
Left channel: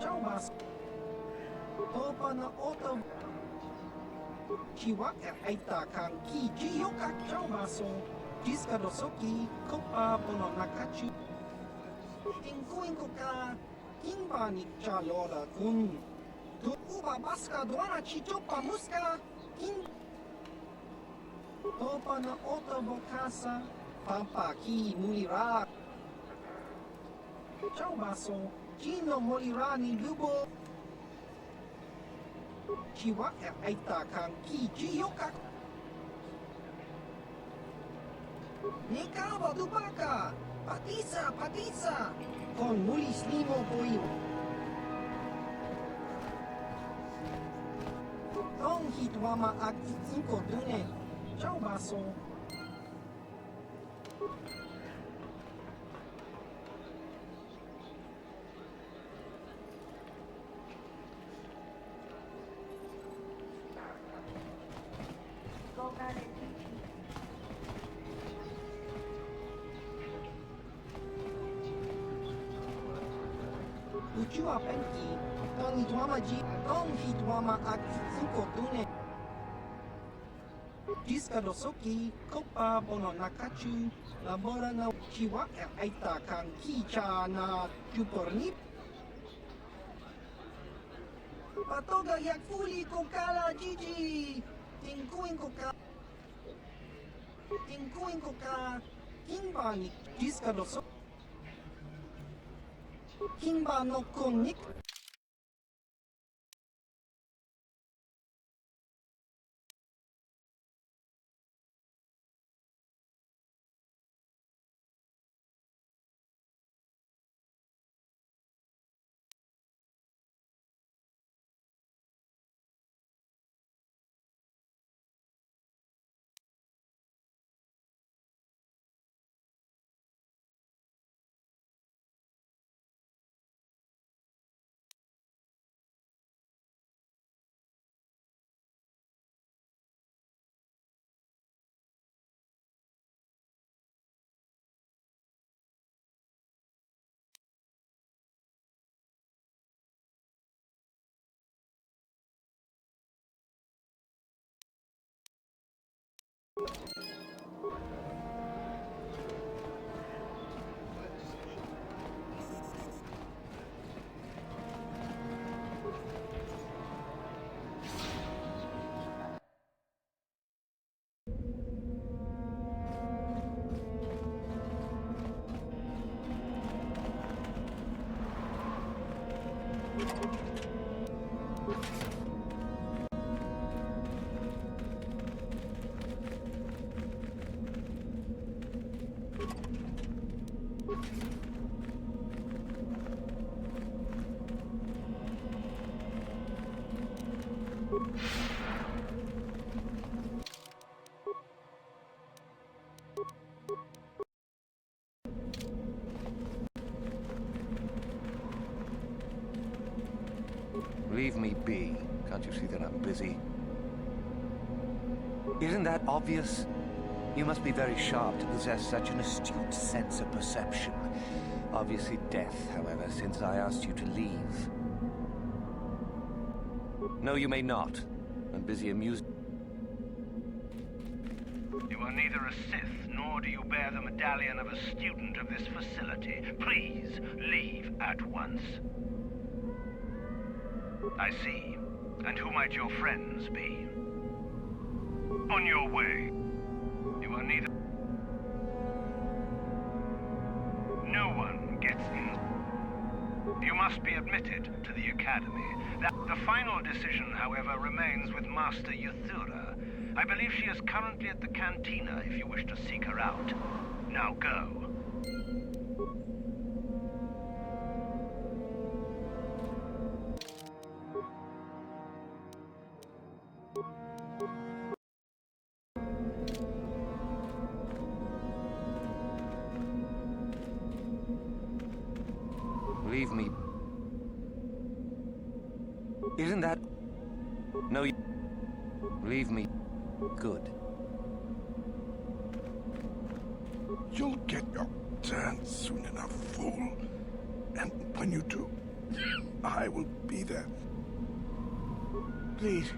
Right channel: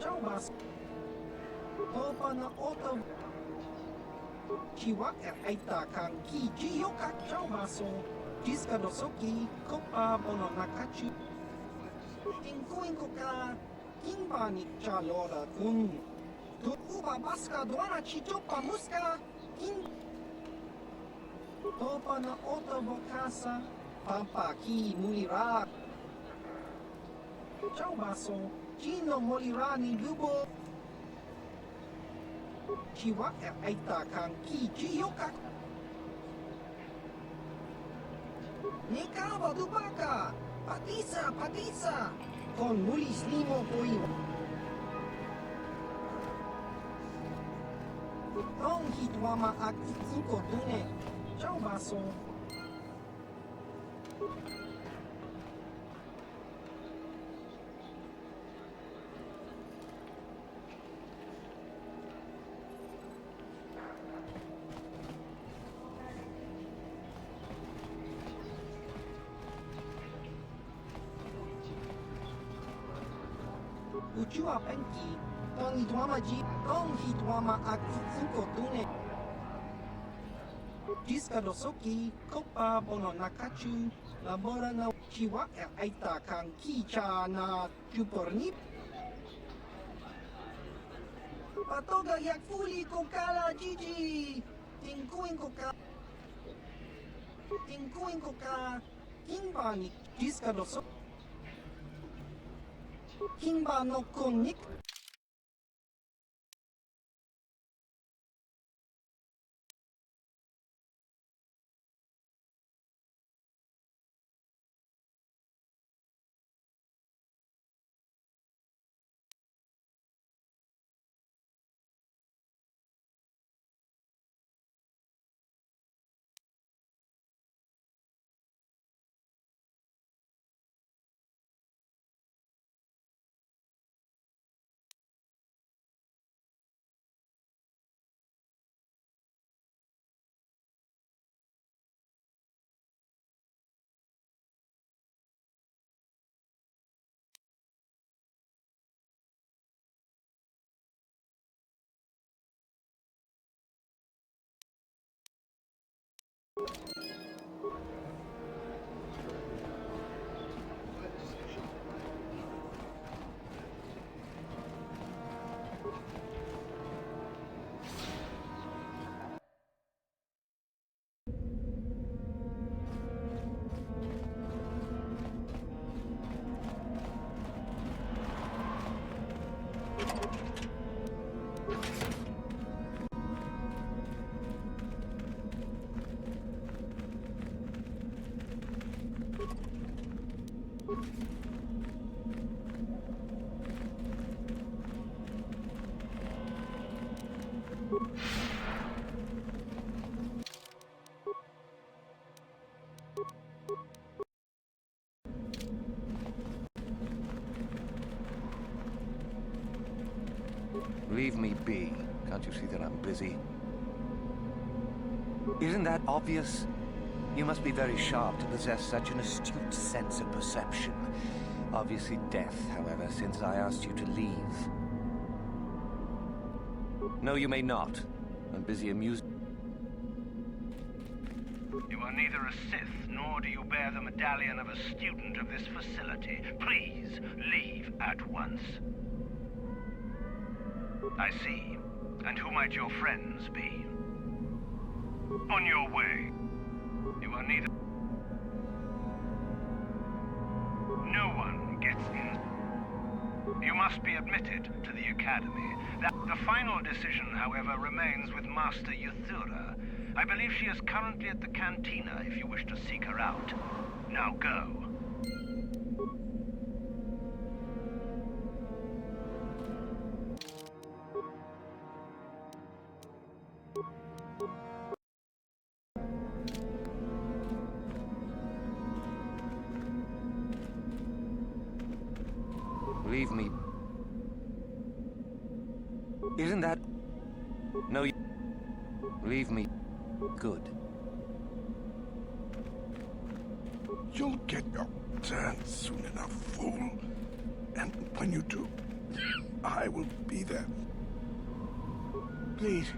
Ciao bas. Topa na oto. Chiwa aita kang ki jiyoka ciao baso. Jiska dosoki kopa bono nakachu. Inko ka kimba ni chalora kun. Tu uba baska duana chichopa muska kim. Topa na oto bokasa. Pampa ki mulira. Ciao baso. Chino molira ni lubo. Chiwa aita kang ki jiyoka. Nekaba dubaka. Patisa. Con mulis limo poi. Tong hitwama ag inko dune. Ciao baso. Uchua penki. Tong hitwama ag inko dune. Jiska dosoki kopa bono nakachu. Labora na chiwa aita kang kicha na chupornip. Patoga yak fuli kokala Gigi. Tinkuin koka. Kimba ni jiska doso. Kimba no konik. Leave me be. Can't you see that I'm busy? Isn't that obvious? You must be very sharp to possess such an astute sense of perception. Obviously death, however, since I asked you to leave. No, you may not. I'm busy amusing. You are neither a Sith, nor do you bear the medallion of a student of this facility. Please, leave at once. I see. And who might your friends be? On your way. You are neither... No one gets in. You must be admitted to the Academy. The final decision, however, remains with Master Yuthura. I believe she is currently at the cantina if you wish to seek her out. Now go. Leave me. Isn't that... No, you... Leave me. Good. You'll get your turn soon enough, fool. And when you do, I will be there. Please.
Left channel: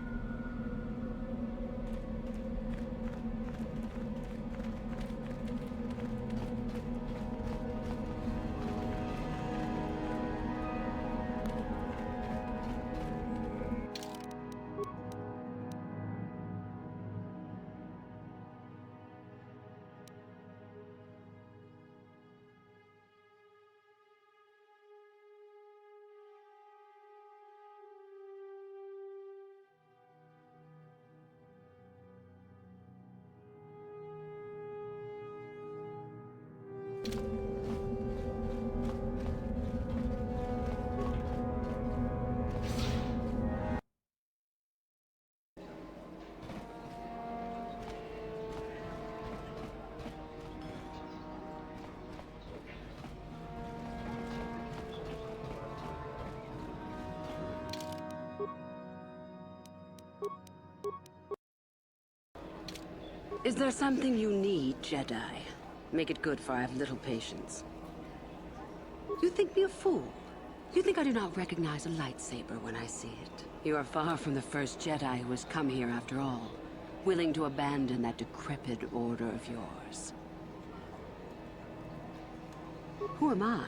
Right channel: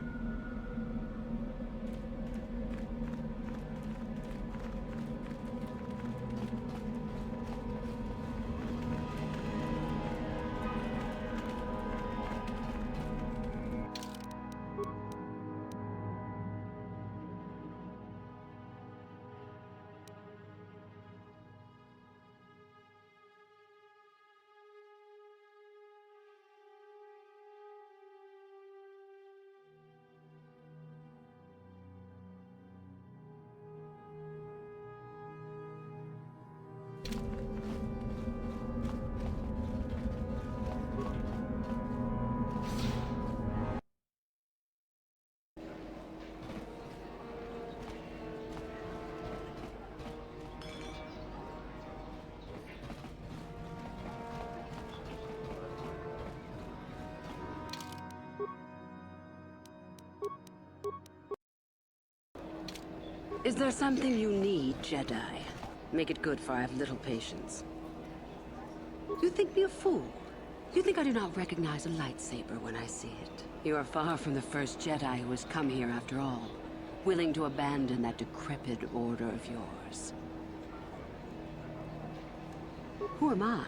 Is there something you need, Jedi? Make it good, for I have little patience. You think me a fool? You think I do not recognize a lightsaber when I see it? You are far from the first Jedi who has come here after all, willing to abandon that decrepit order of yours. Who am I?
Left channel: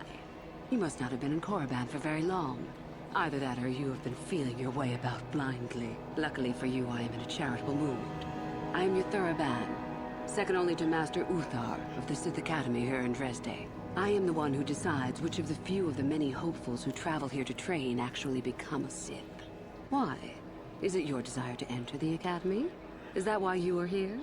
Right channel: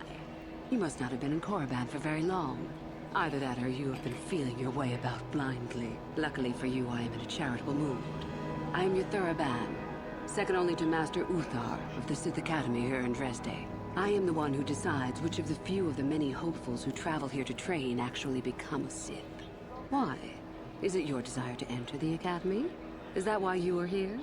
You must not have been in Korriban for very long. Either that or you have been feeling your way about blindly. Luckily for you, I am in a charitable mood. I am Yuthura Ban, second only to Master Uthar of the Sith Academy here in Dresde. I am the one who decides which of the few of the many hopefuls who travel here to train actually become a Sith. Why? Is it your desire to enter the Academy? Is that why you are here?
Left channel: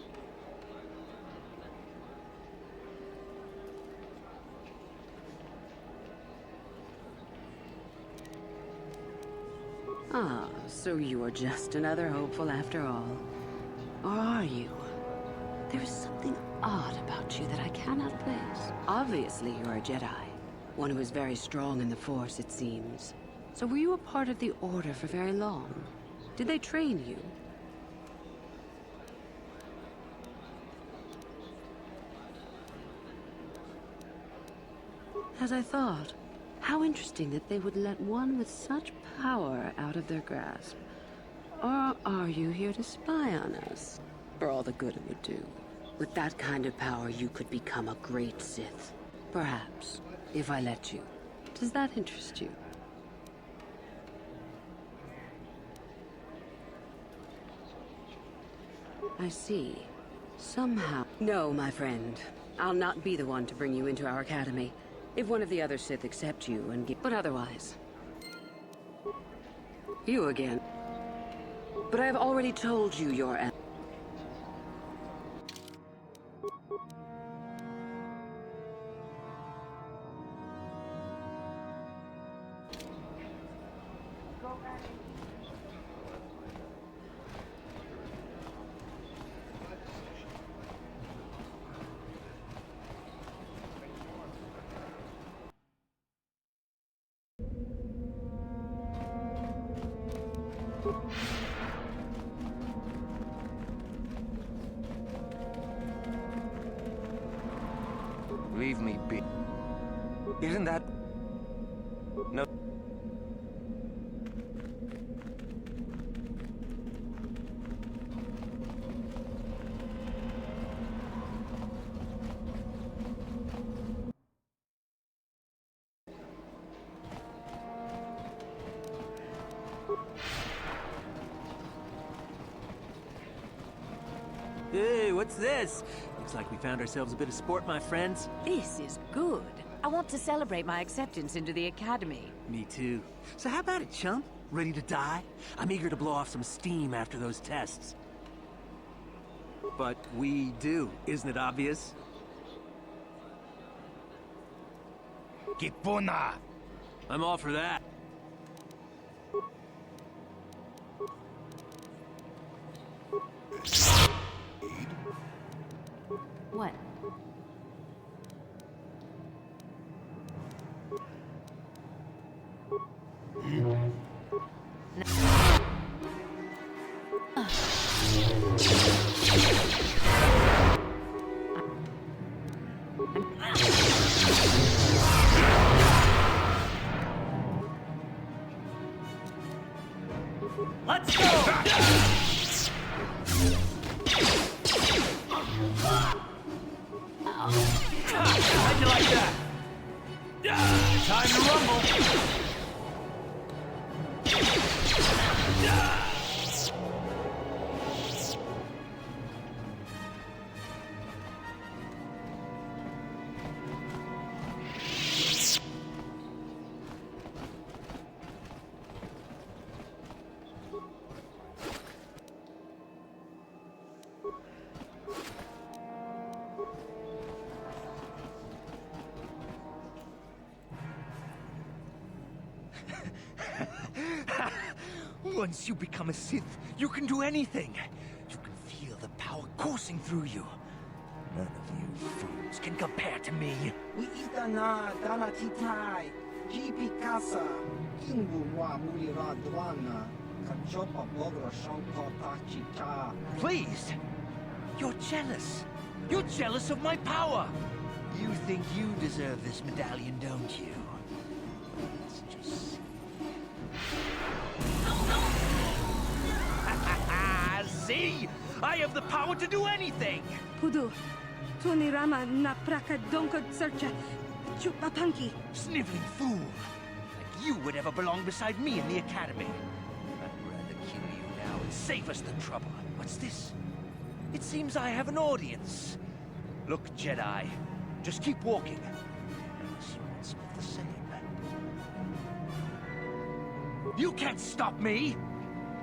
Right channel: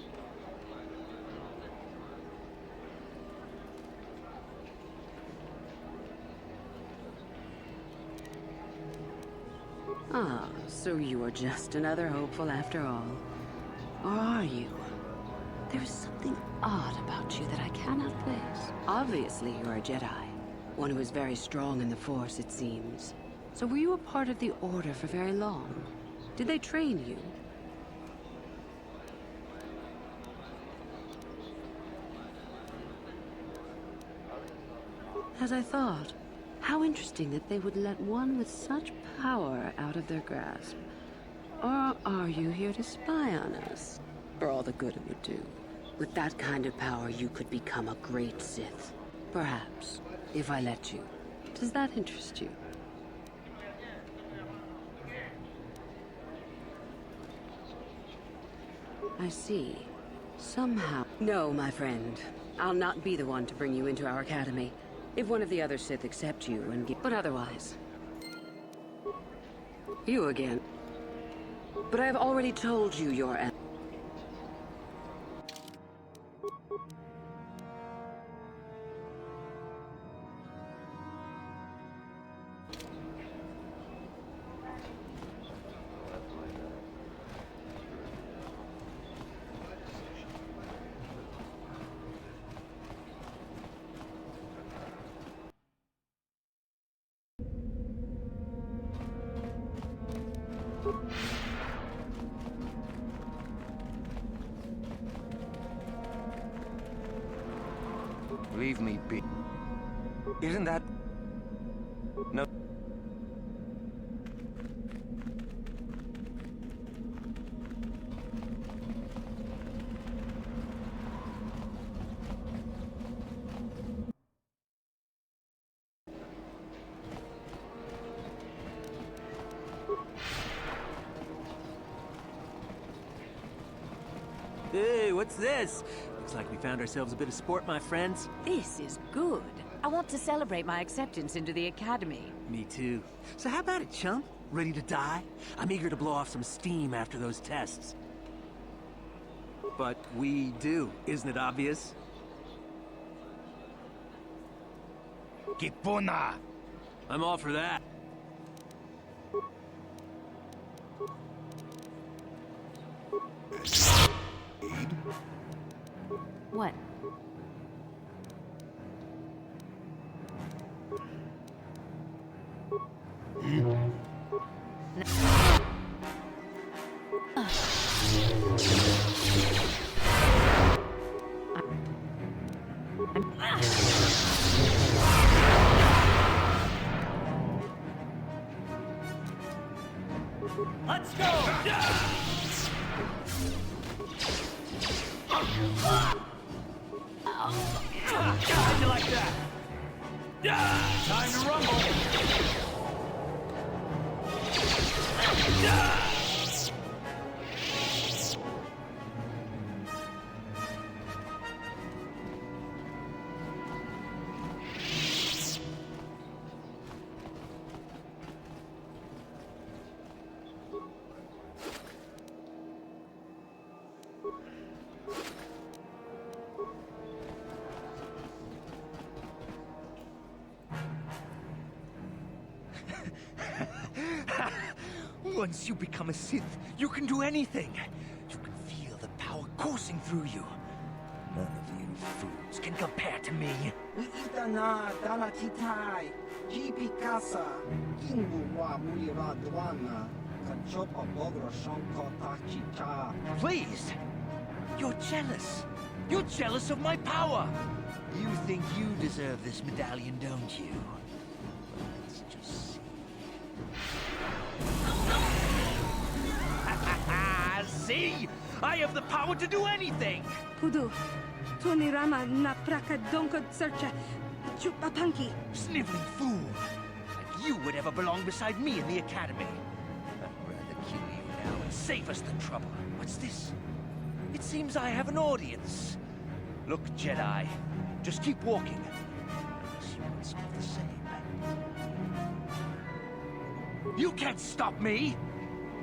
Ah, so you are just another hopeful after all. Or are you? There is something odd about you that I cannot place. Obviously, you're a Jedi. One who is very strong in the Force, it seems. So were you a part of the Order for very long? Did they train you? As I thought. How interesting that they would let one with such power out of their grasp. Or are you here to spy on us? For all the good it would do. With that kind of power, you could become a great Sith. Perhaps, if I let you. Does that interest you? I see. Somehow... No, my friend. I'll not be the one to bring you into our academy. If one of the other Sith accept you and give... But otherwise... You again. But I have already told you your... Leave me be. Isn't that... No. Hey, what's this? Looks like we found ourselves a bit of sport, my friends. This is good. I want to celebrate my acceptance into the Academy. Me too. So how about it, chump? Ready to die? I'm eager to blow off some steam after those tests. But we do, isn't it obvious? Kipuna! I'm all for that. What? Let's go! How'd you like that? Time to rumble! Once you become a Sith, you can do anything. You can feel the power coursing through you. None of you fools can compare to me. We itana dana titai. Jipi casa. Kingu wa mulira dwana. Kachopa bogra shanko tachita. Please! You're jealous. You're jealous of my power. You think you deserve this medallion, don't you? Well, let's just see. See? I have the power to do anything! Pudu, Tunirama na praka donko searcha chupapanki. Sniveling fool! Like you would ever belong beside me in the Academy. I'd rather kill you now and save us the trouble. What's this? It seems I have an audience. Look, Jedi, just keep walking. Unless you want some of the same. You can't stop me!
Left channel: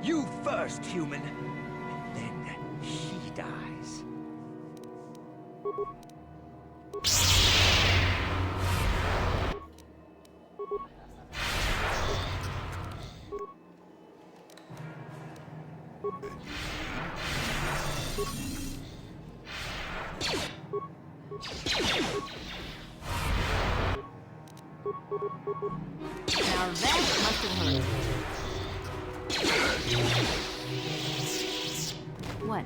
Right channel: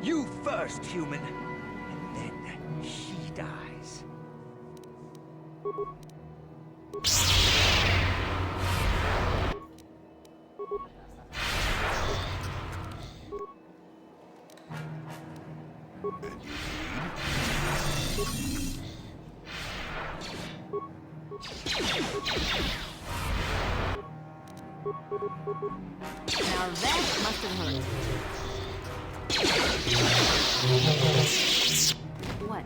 You first, human. And then she dies. Now that must have hurt. What?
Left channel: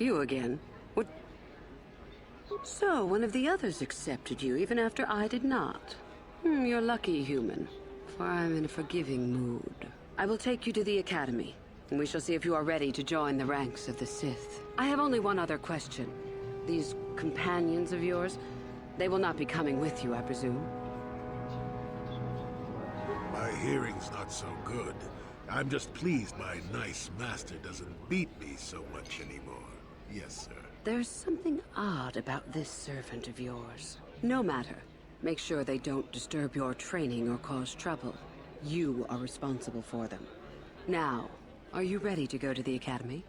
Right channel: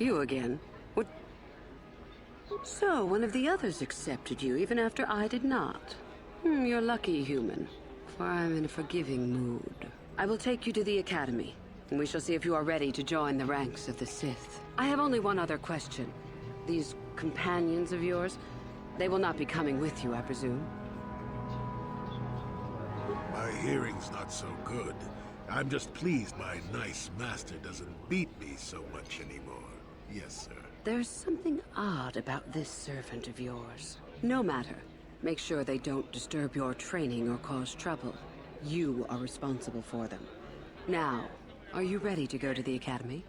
You again? What? So, one of the others accepted you, even after I did not. You're lucky, human, for I'm in a forgiving mood. I will take you to the Academy, and we shall see if you are ready to join the ranks of the Sith. I have only one other question. These companions of yours, they will not be coming with you, I presume? My hearing's not so good. I'm just pleased my nice master doesn't beat me so much anymore. Yes, sir. There's something odd about this servant of yours. No matter. Make sure they don't disturb your training or cause trouble. You are responsible for them. Now, are you ready to go to the Academy?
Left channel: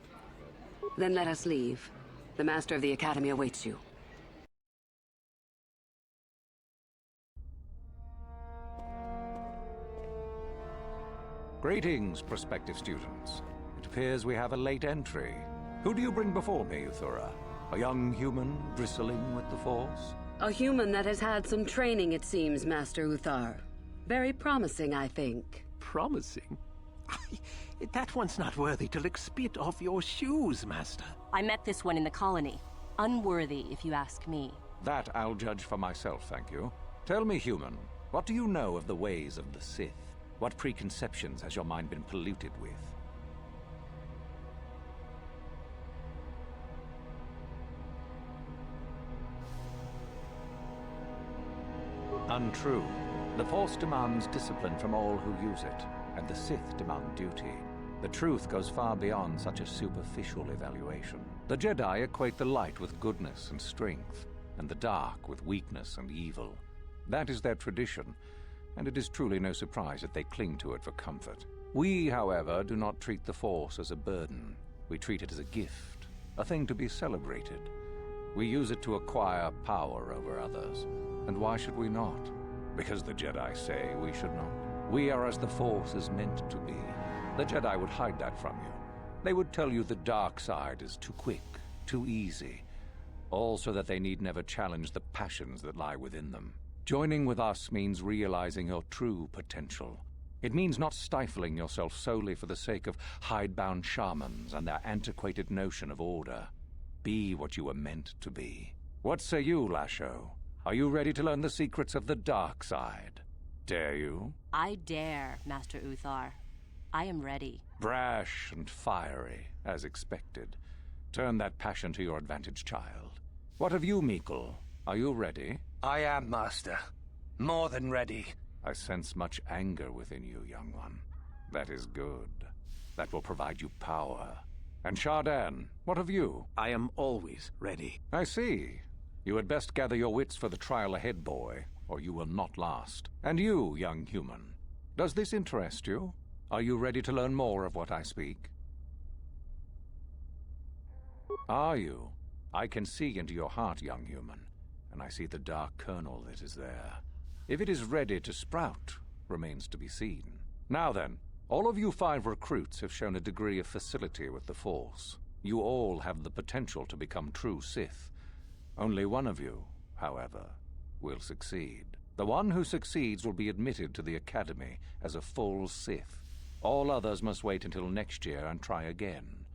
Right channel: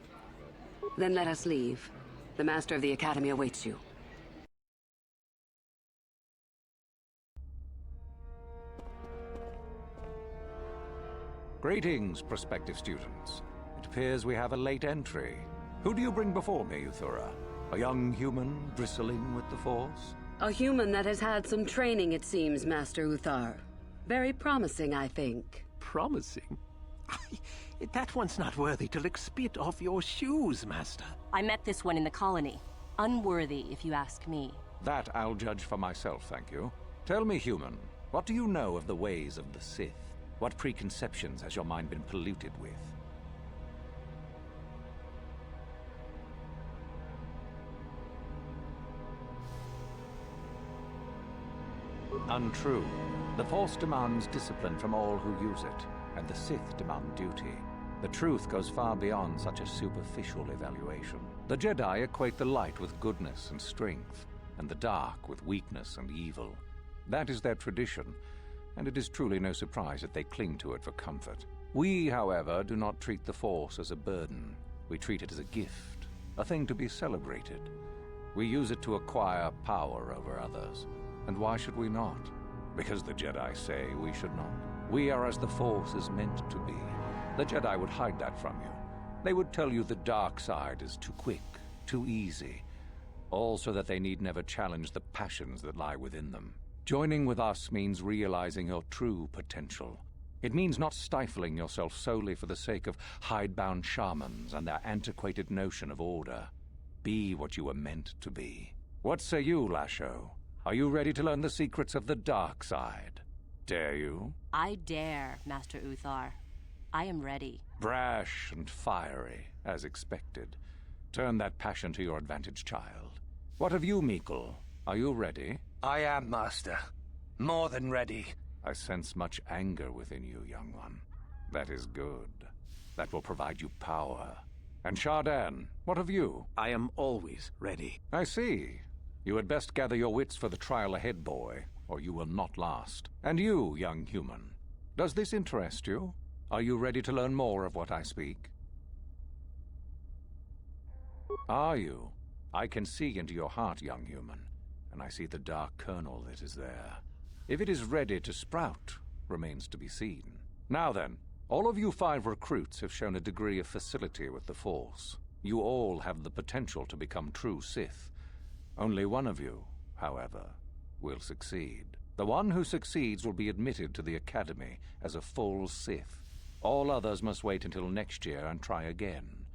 Then let us leave. The Master of the Academy awaits you. Greetings, prospective students. It appears we have a late entry. Who do you bring before me, Uthura? A young human bristling with the Force? A human that has had some training, it seems, Master Uthar. Very promising, I think. Promising? That one's not worthy to lick spit off your shoes, Master. I met this one in the colony. Unworthy, if you ask me. That I'll judge for myself, thank you. Tell me, human, what do you know of the ways of the Sith? What preconceptions has your mind been polluted with? Untrue. The Force demands discipline from all who use it, and the Sith demand duty. The truth goes far beyond such a superficial evaluation. The Jedi equate the light with goodness and strength, and the dark with weakness and evil. That is their tradition, and it is truly no surprise that they cling to it for comfort. We, however, do not treat the Force as a burden. We treat it as a gift, a thing to be celebrated. We use it to acquire power over others. And why should we not? Because the Jedi say we should not. We are as the Force is meant to be. The Jedi would hide that from you. They would tell you the dark side is too quick, too easy, all so that they need never challenge the passions that lie within them. Joining with us means realizing your true potential. It means not stifling yourself solely for the sake of hidebound shamans and their antiquated notion of order. Be what you were meant to be. What say you, Lasho? Are you ready to learn the secrets of the dark side? Dare you? I dare, Master Uthar. I am ready. Brash and fiery, as expected. Turn that passion to your advantage, child. What of you, Meekle? Are you ready? I am, Master. More than ready. I sense much anger within you, young one. That is good. That will provide you power. And Shardan, what of you? I am always ready. I see. You had best gather your wits for the trial ahead, boy, or you will not last. And you, young human, does this interest you? Are you ready to learn more of what I speak? Are you? I can see into your heart, young human, and I see the dark kernel that is there. If it is ready to sprout, remains to be seen. Now then, all of you 5 recruits have shown a degree of facility with the Force. You all have the potential to become true Sith. Only one of you, however, will succeed. The one who succeeds will be admitted to the Academy as a full Sith. All others must wait until next year and try again.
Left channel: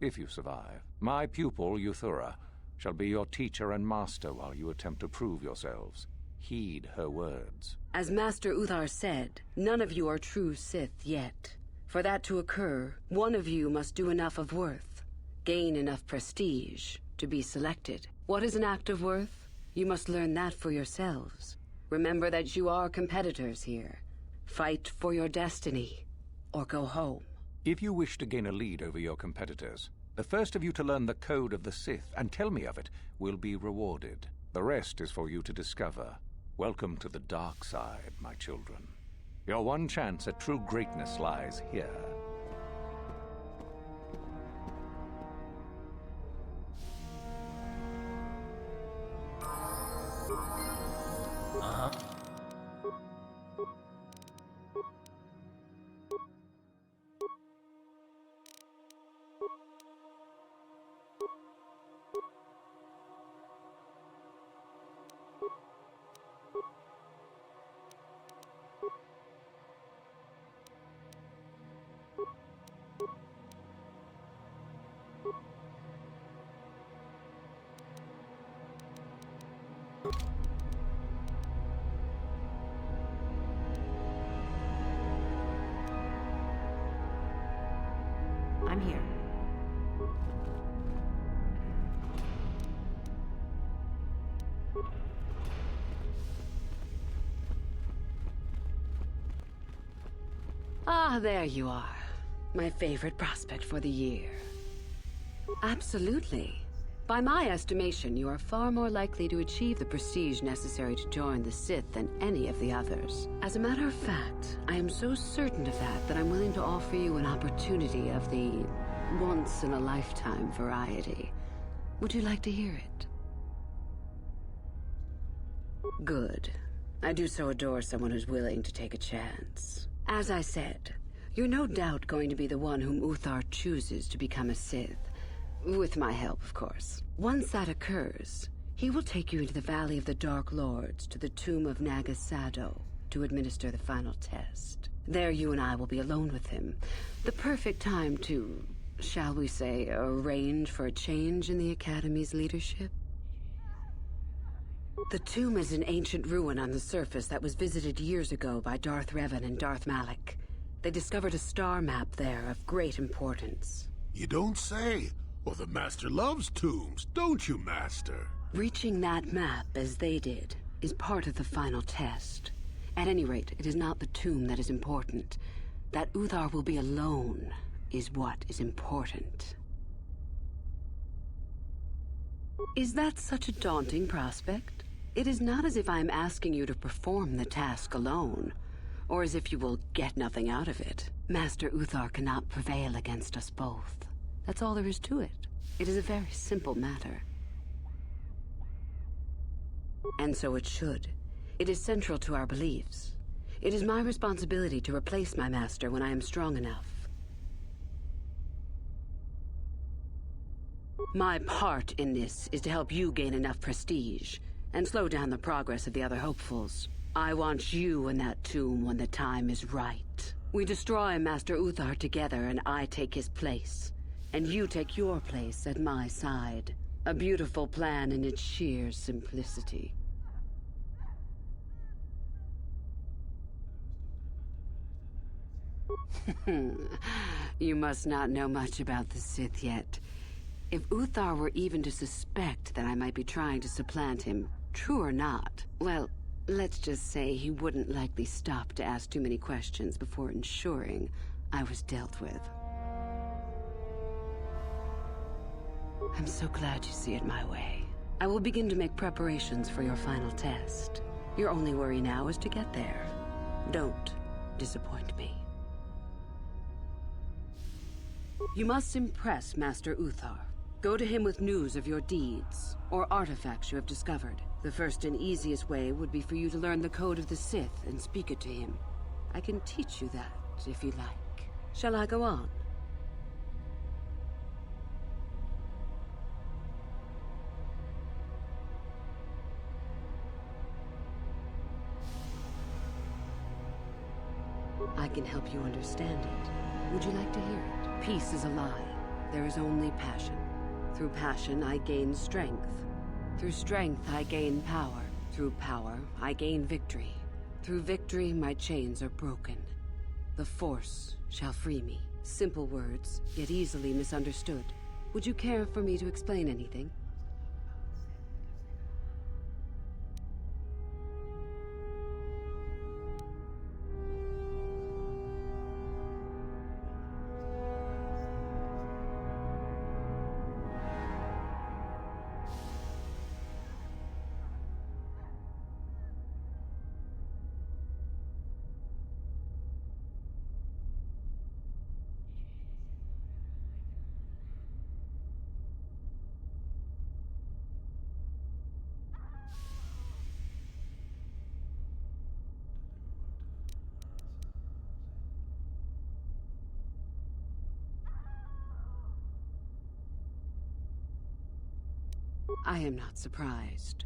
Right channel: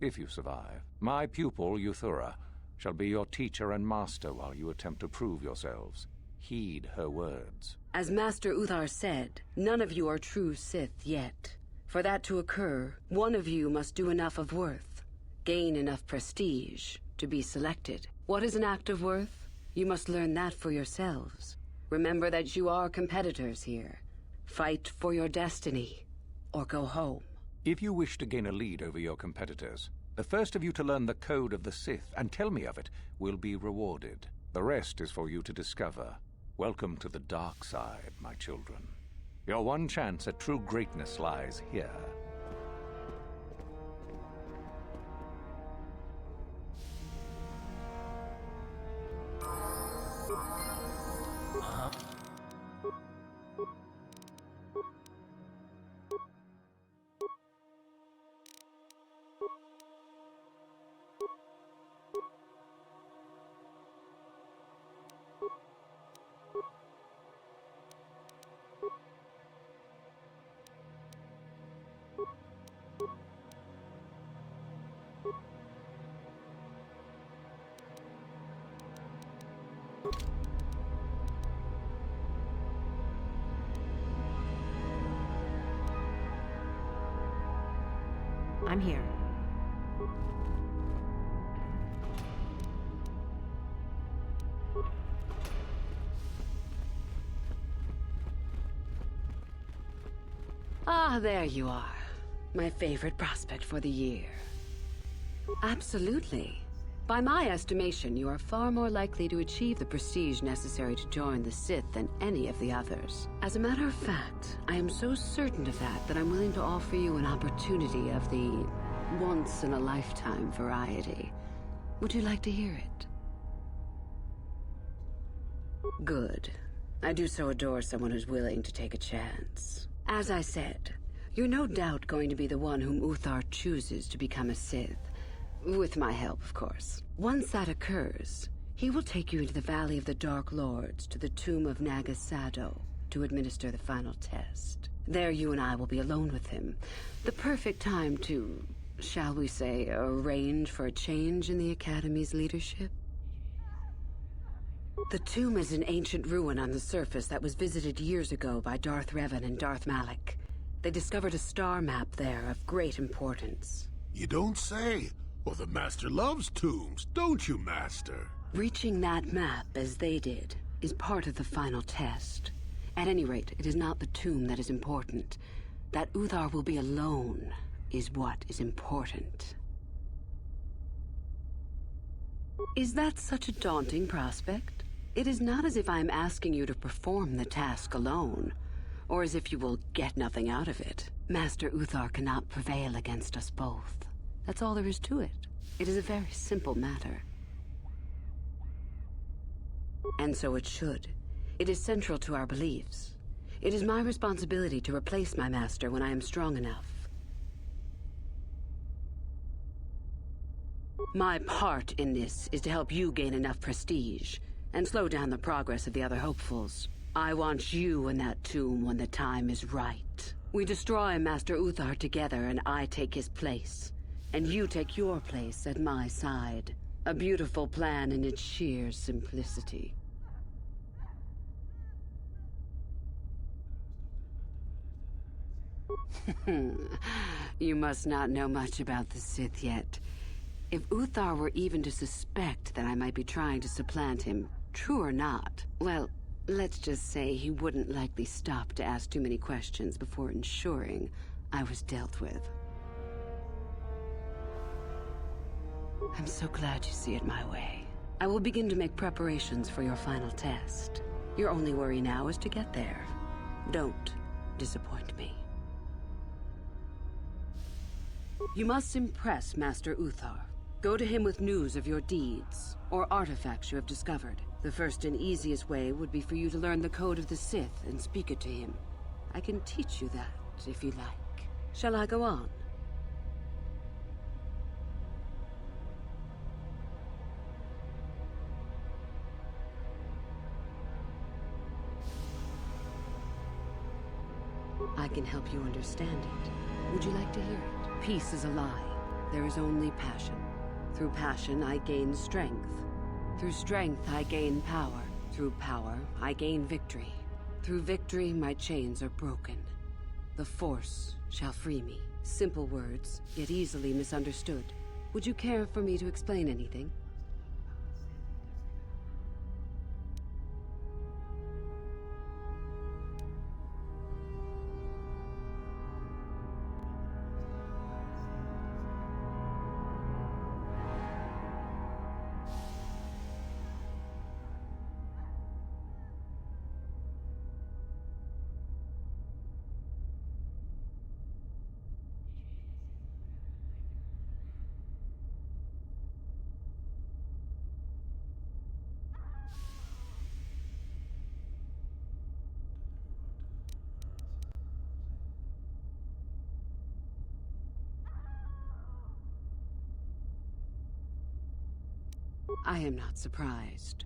If you survive, my pupil, Uthura, shall be your teacher and master while you attempt to prove yourselves. Heed her words. As Master Uthar said, none of you are true Sith yet. For that to occur, one of you must do enough of worth, gain enough prestige, to be selected. What is an act of worth? You must learn that for yourselves. Remember that you are competitors here. Fight for your destiny, or go home. If you wish to gain a lead over your competitors, the first of you to learn the code of the Sith and tell me of it will be rewarded. The rest is for you to discover. Welcome to the dark side, my children. Your one chance at true greatness lies here. I'm here. Ah, there you are. My favorite prospect for the year. Absolutely. By my estimation, you are far more likely to achieve the prestige necessary to join the Sith than any of the others. As a matter of fact, I am so certain of that I'm willing to offer you an opportunity of the once-in-a-lifetime variety. Would you like to hear it? Good. I do so adore someone who's willing to take a chance. As I said, you're no doubt going to be the one whom Uthar chooses to become a Sith. With my help, of course. Once that occurs, he will take you into the Valley of the Dark Lords to the tomb of Nagasado to administer the final test. There you and I will be alone with him. The perfect time to, shall we say, arrange for a change in the Academy's leadership. The tomb is an ancient ruin on the surface that was visited years ago by Darth Revan and Darth Malak. They discovered a star map there of great importance. You don't say. Well, the Master loves tombs, don't you, Master? Reaching that map, as they did, is part of the final test. At any rate, it is not the tomb that is important. That Uthar will be alone is what is important. Is that such a daunting prospect? It is not as if I am asking you to perform the task alone, or as if you will get nothing out of it. Master Uthar cannot prevail against us both. That's all there is to it. It is a very simple matter. And so it should. It is central to our beliefs. It is my responsibility to replace my master when I am strong enough. My part in this is to help you gain enough prestige and slow down the progress of the other hopefuls. I want you in that tomb when the time is right. We destroy Master Uthar together and I take his place. And you take your place at my side. A beautiful plan in its sheer simplicity. You must not know much about the Sith yet. If Uthar were even to suspect that I might be trying to supplant him, true or not, well, let's just say he wouldn't likely stop to ask too many questions before ensuring I was dealt with. I'm so glad you see it my way. I will begin to make preparations for your final test. Your only worry now is to get there. Don't disappoint me. You must impress Master Uthar. Go to him with news of your deeds, or artifacts you have discovered. The first and easiest way would be for you to learn the code of the Sith and speak it to him. I can teach you that, if you like. Shall I go on? I can help you understand it. Would you like to hear it? Peace is a lie. There is only passion. Through passion, I gain strength. Through strength, I gain power. Through power, I gain victory. Through victory, my chains are broken. The Force shall free me. Simple words, yet easily misunderstood. Would you care for me to explain anything? I am not surprised.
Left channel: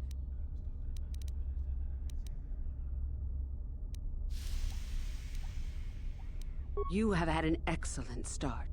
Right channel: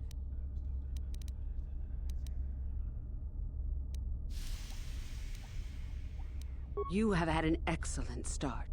You have had an excellent start.